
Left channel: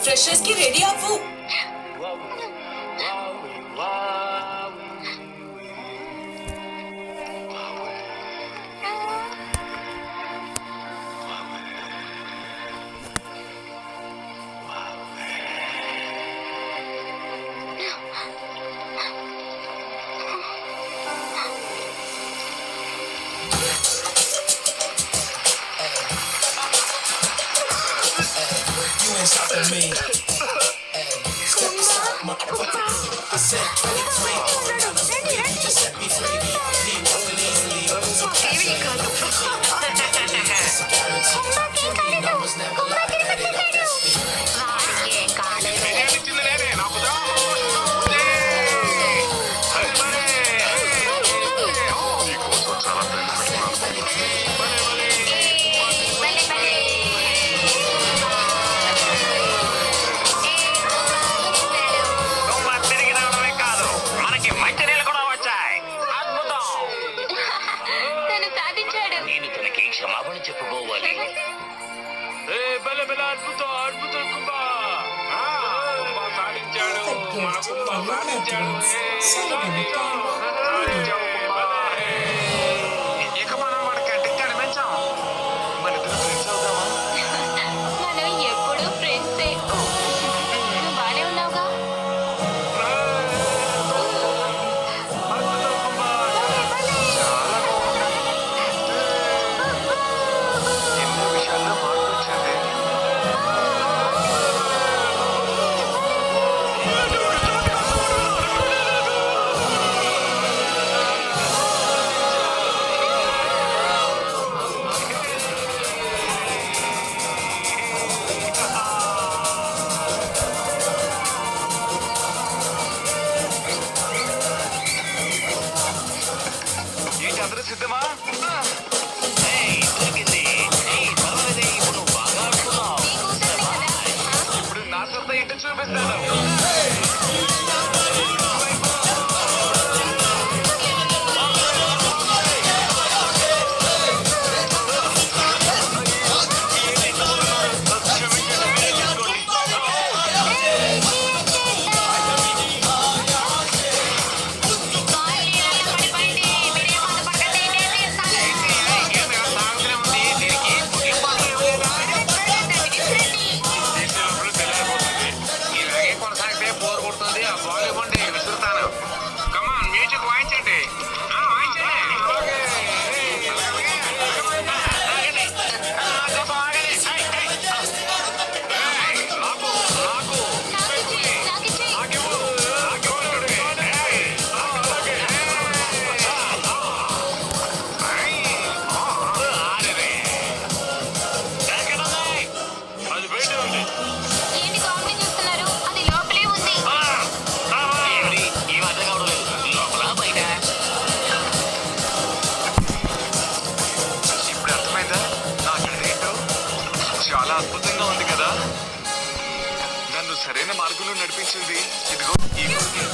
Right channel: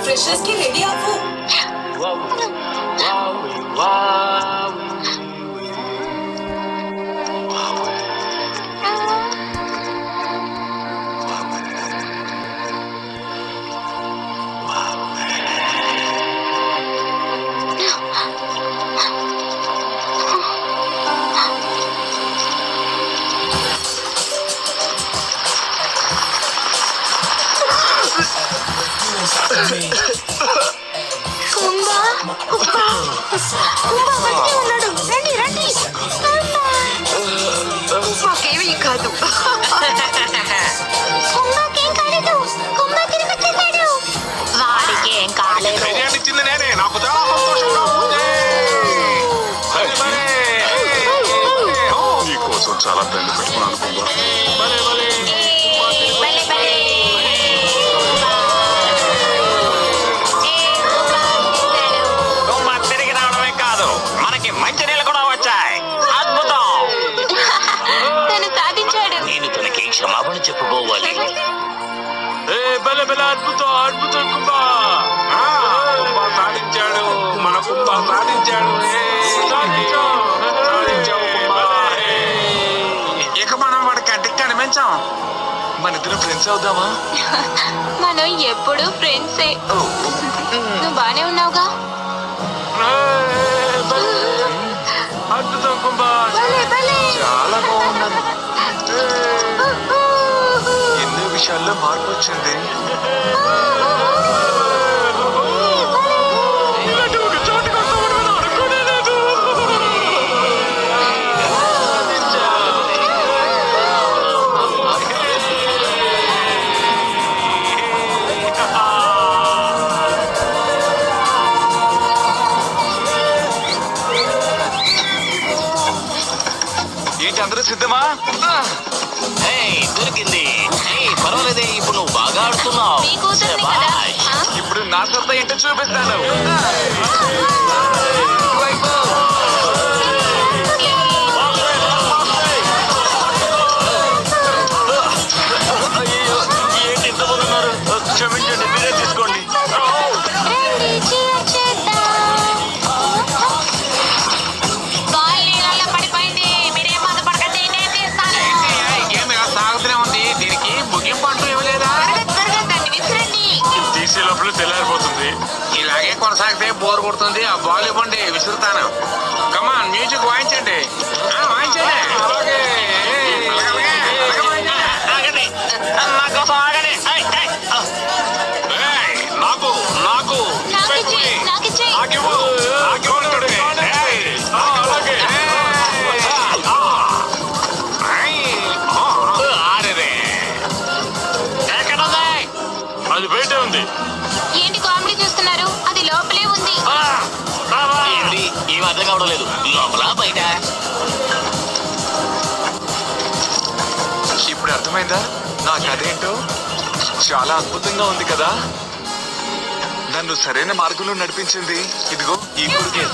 ఫ్రెషర్స్ కి రెడీ అవ్వు. మాకేమీ కాదు. వాడికి ఏం కాలేదు. ఇచ్చింది నేనే. నాకు చాలా సంతోషంగా ఉంది. నీకోసం చాలా పెద్ద పెట్టుకున్నాను కుంభ. భలే, భలే. గుమ్మక్క క్షమాపణ చెప్పుకోవాలి. భలే భలే అద్భుతం అద్భుతం కుంభా. కుంభా సాధించాడు, మన కుంభా సాధించాడు. ఇక మనం వాడి కంటికి కనిపించాం. మన ఇద్దరు ఫ్రెండ్స్ అవుదామా? మనం ఎప్పుడు ఫ్రెండ్సే. నువ్వు బానే ఉన్నావుగా? అద్భుతం కుంభా, చాలా బాగున్నాను. ఎన్నో విషయాల్లో మార్పు వచ్చింది. ఏంటి అందరూ సిద్ధమా? దొరికింది. పర్వాలేదే, ఇప్పుడు నువ్వు బాగా ఆడుతున్నావు. మీ కూతుర్ని కదా? ఇప్పుడు నా సత్తా ఏంటో చూపిస్తాను. ఏంటి ఇంతమంది ఉన్నారు? క్షమించండి, మీరే తీసుకోండి. బాల్ నీళ్ళలో పడిపోయింది. మీరేం బాధపడకండి, నేను తీస్తాను. సాగుతూనే ఉంది. దీనికి ముగింపు అంటూ ఇవ్వలేదా? త్వరగా దాన్ని విసిరండి. తీసే లోపల తెల్లారిపోతుంది. ఇలాగే కొనసాగితే బోర్ కొడుతుంది. ఆ బాల్ ఇవ్వండి, విసురుతాను. కమాన్, మ్యూజిక్ వాయించండి. వాయించండి. ఆగండి. నా కోసం ఆగండి. నాకు నాకు నాకిచ్చేయ్, నాకిచ్చేయ్. నాకివ్వు. నాకివ్వండి. అలాగే. ఆరేరే. ఎక్కడుంది? అది బయట ఉంది. ఏంటి కామెడీ చూస్తున్నారు? అది లోపలే ఉంది. ఏంటి ఈ మధ్య కావడం లేదు. లోపల బయట. ఇప్పుడు అర్థమైందా నా కథ ఏంటో? చాలా అద్భుతంగా ఉంది కదా. నన్ను సరైన మార్గంలో నడిపించింది ఇదిగో ఈ గుడికే.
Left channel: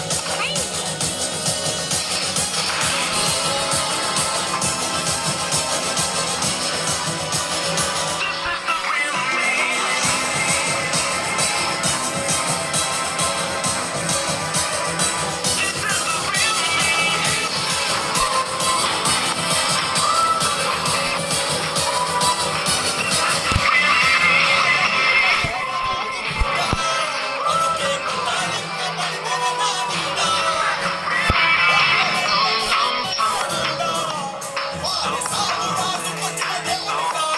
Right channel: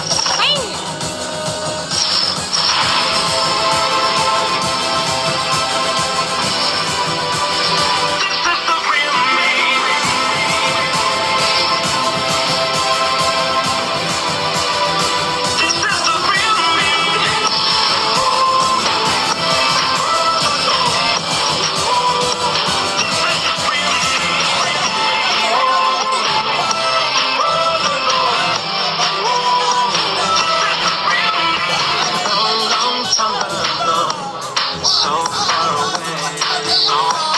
So far away.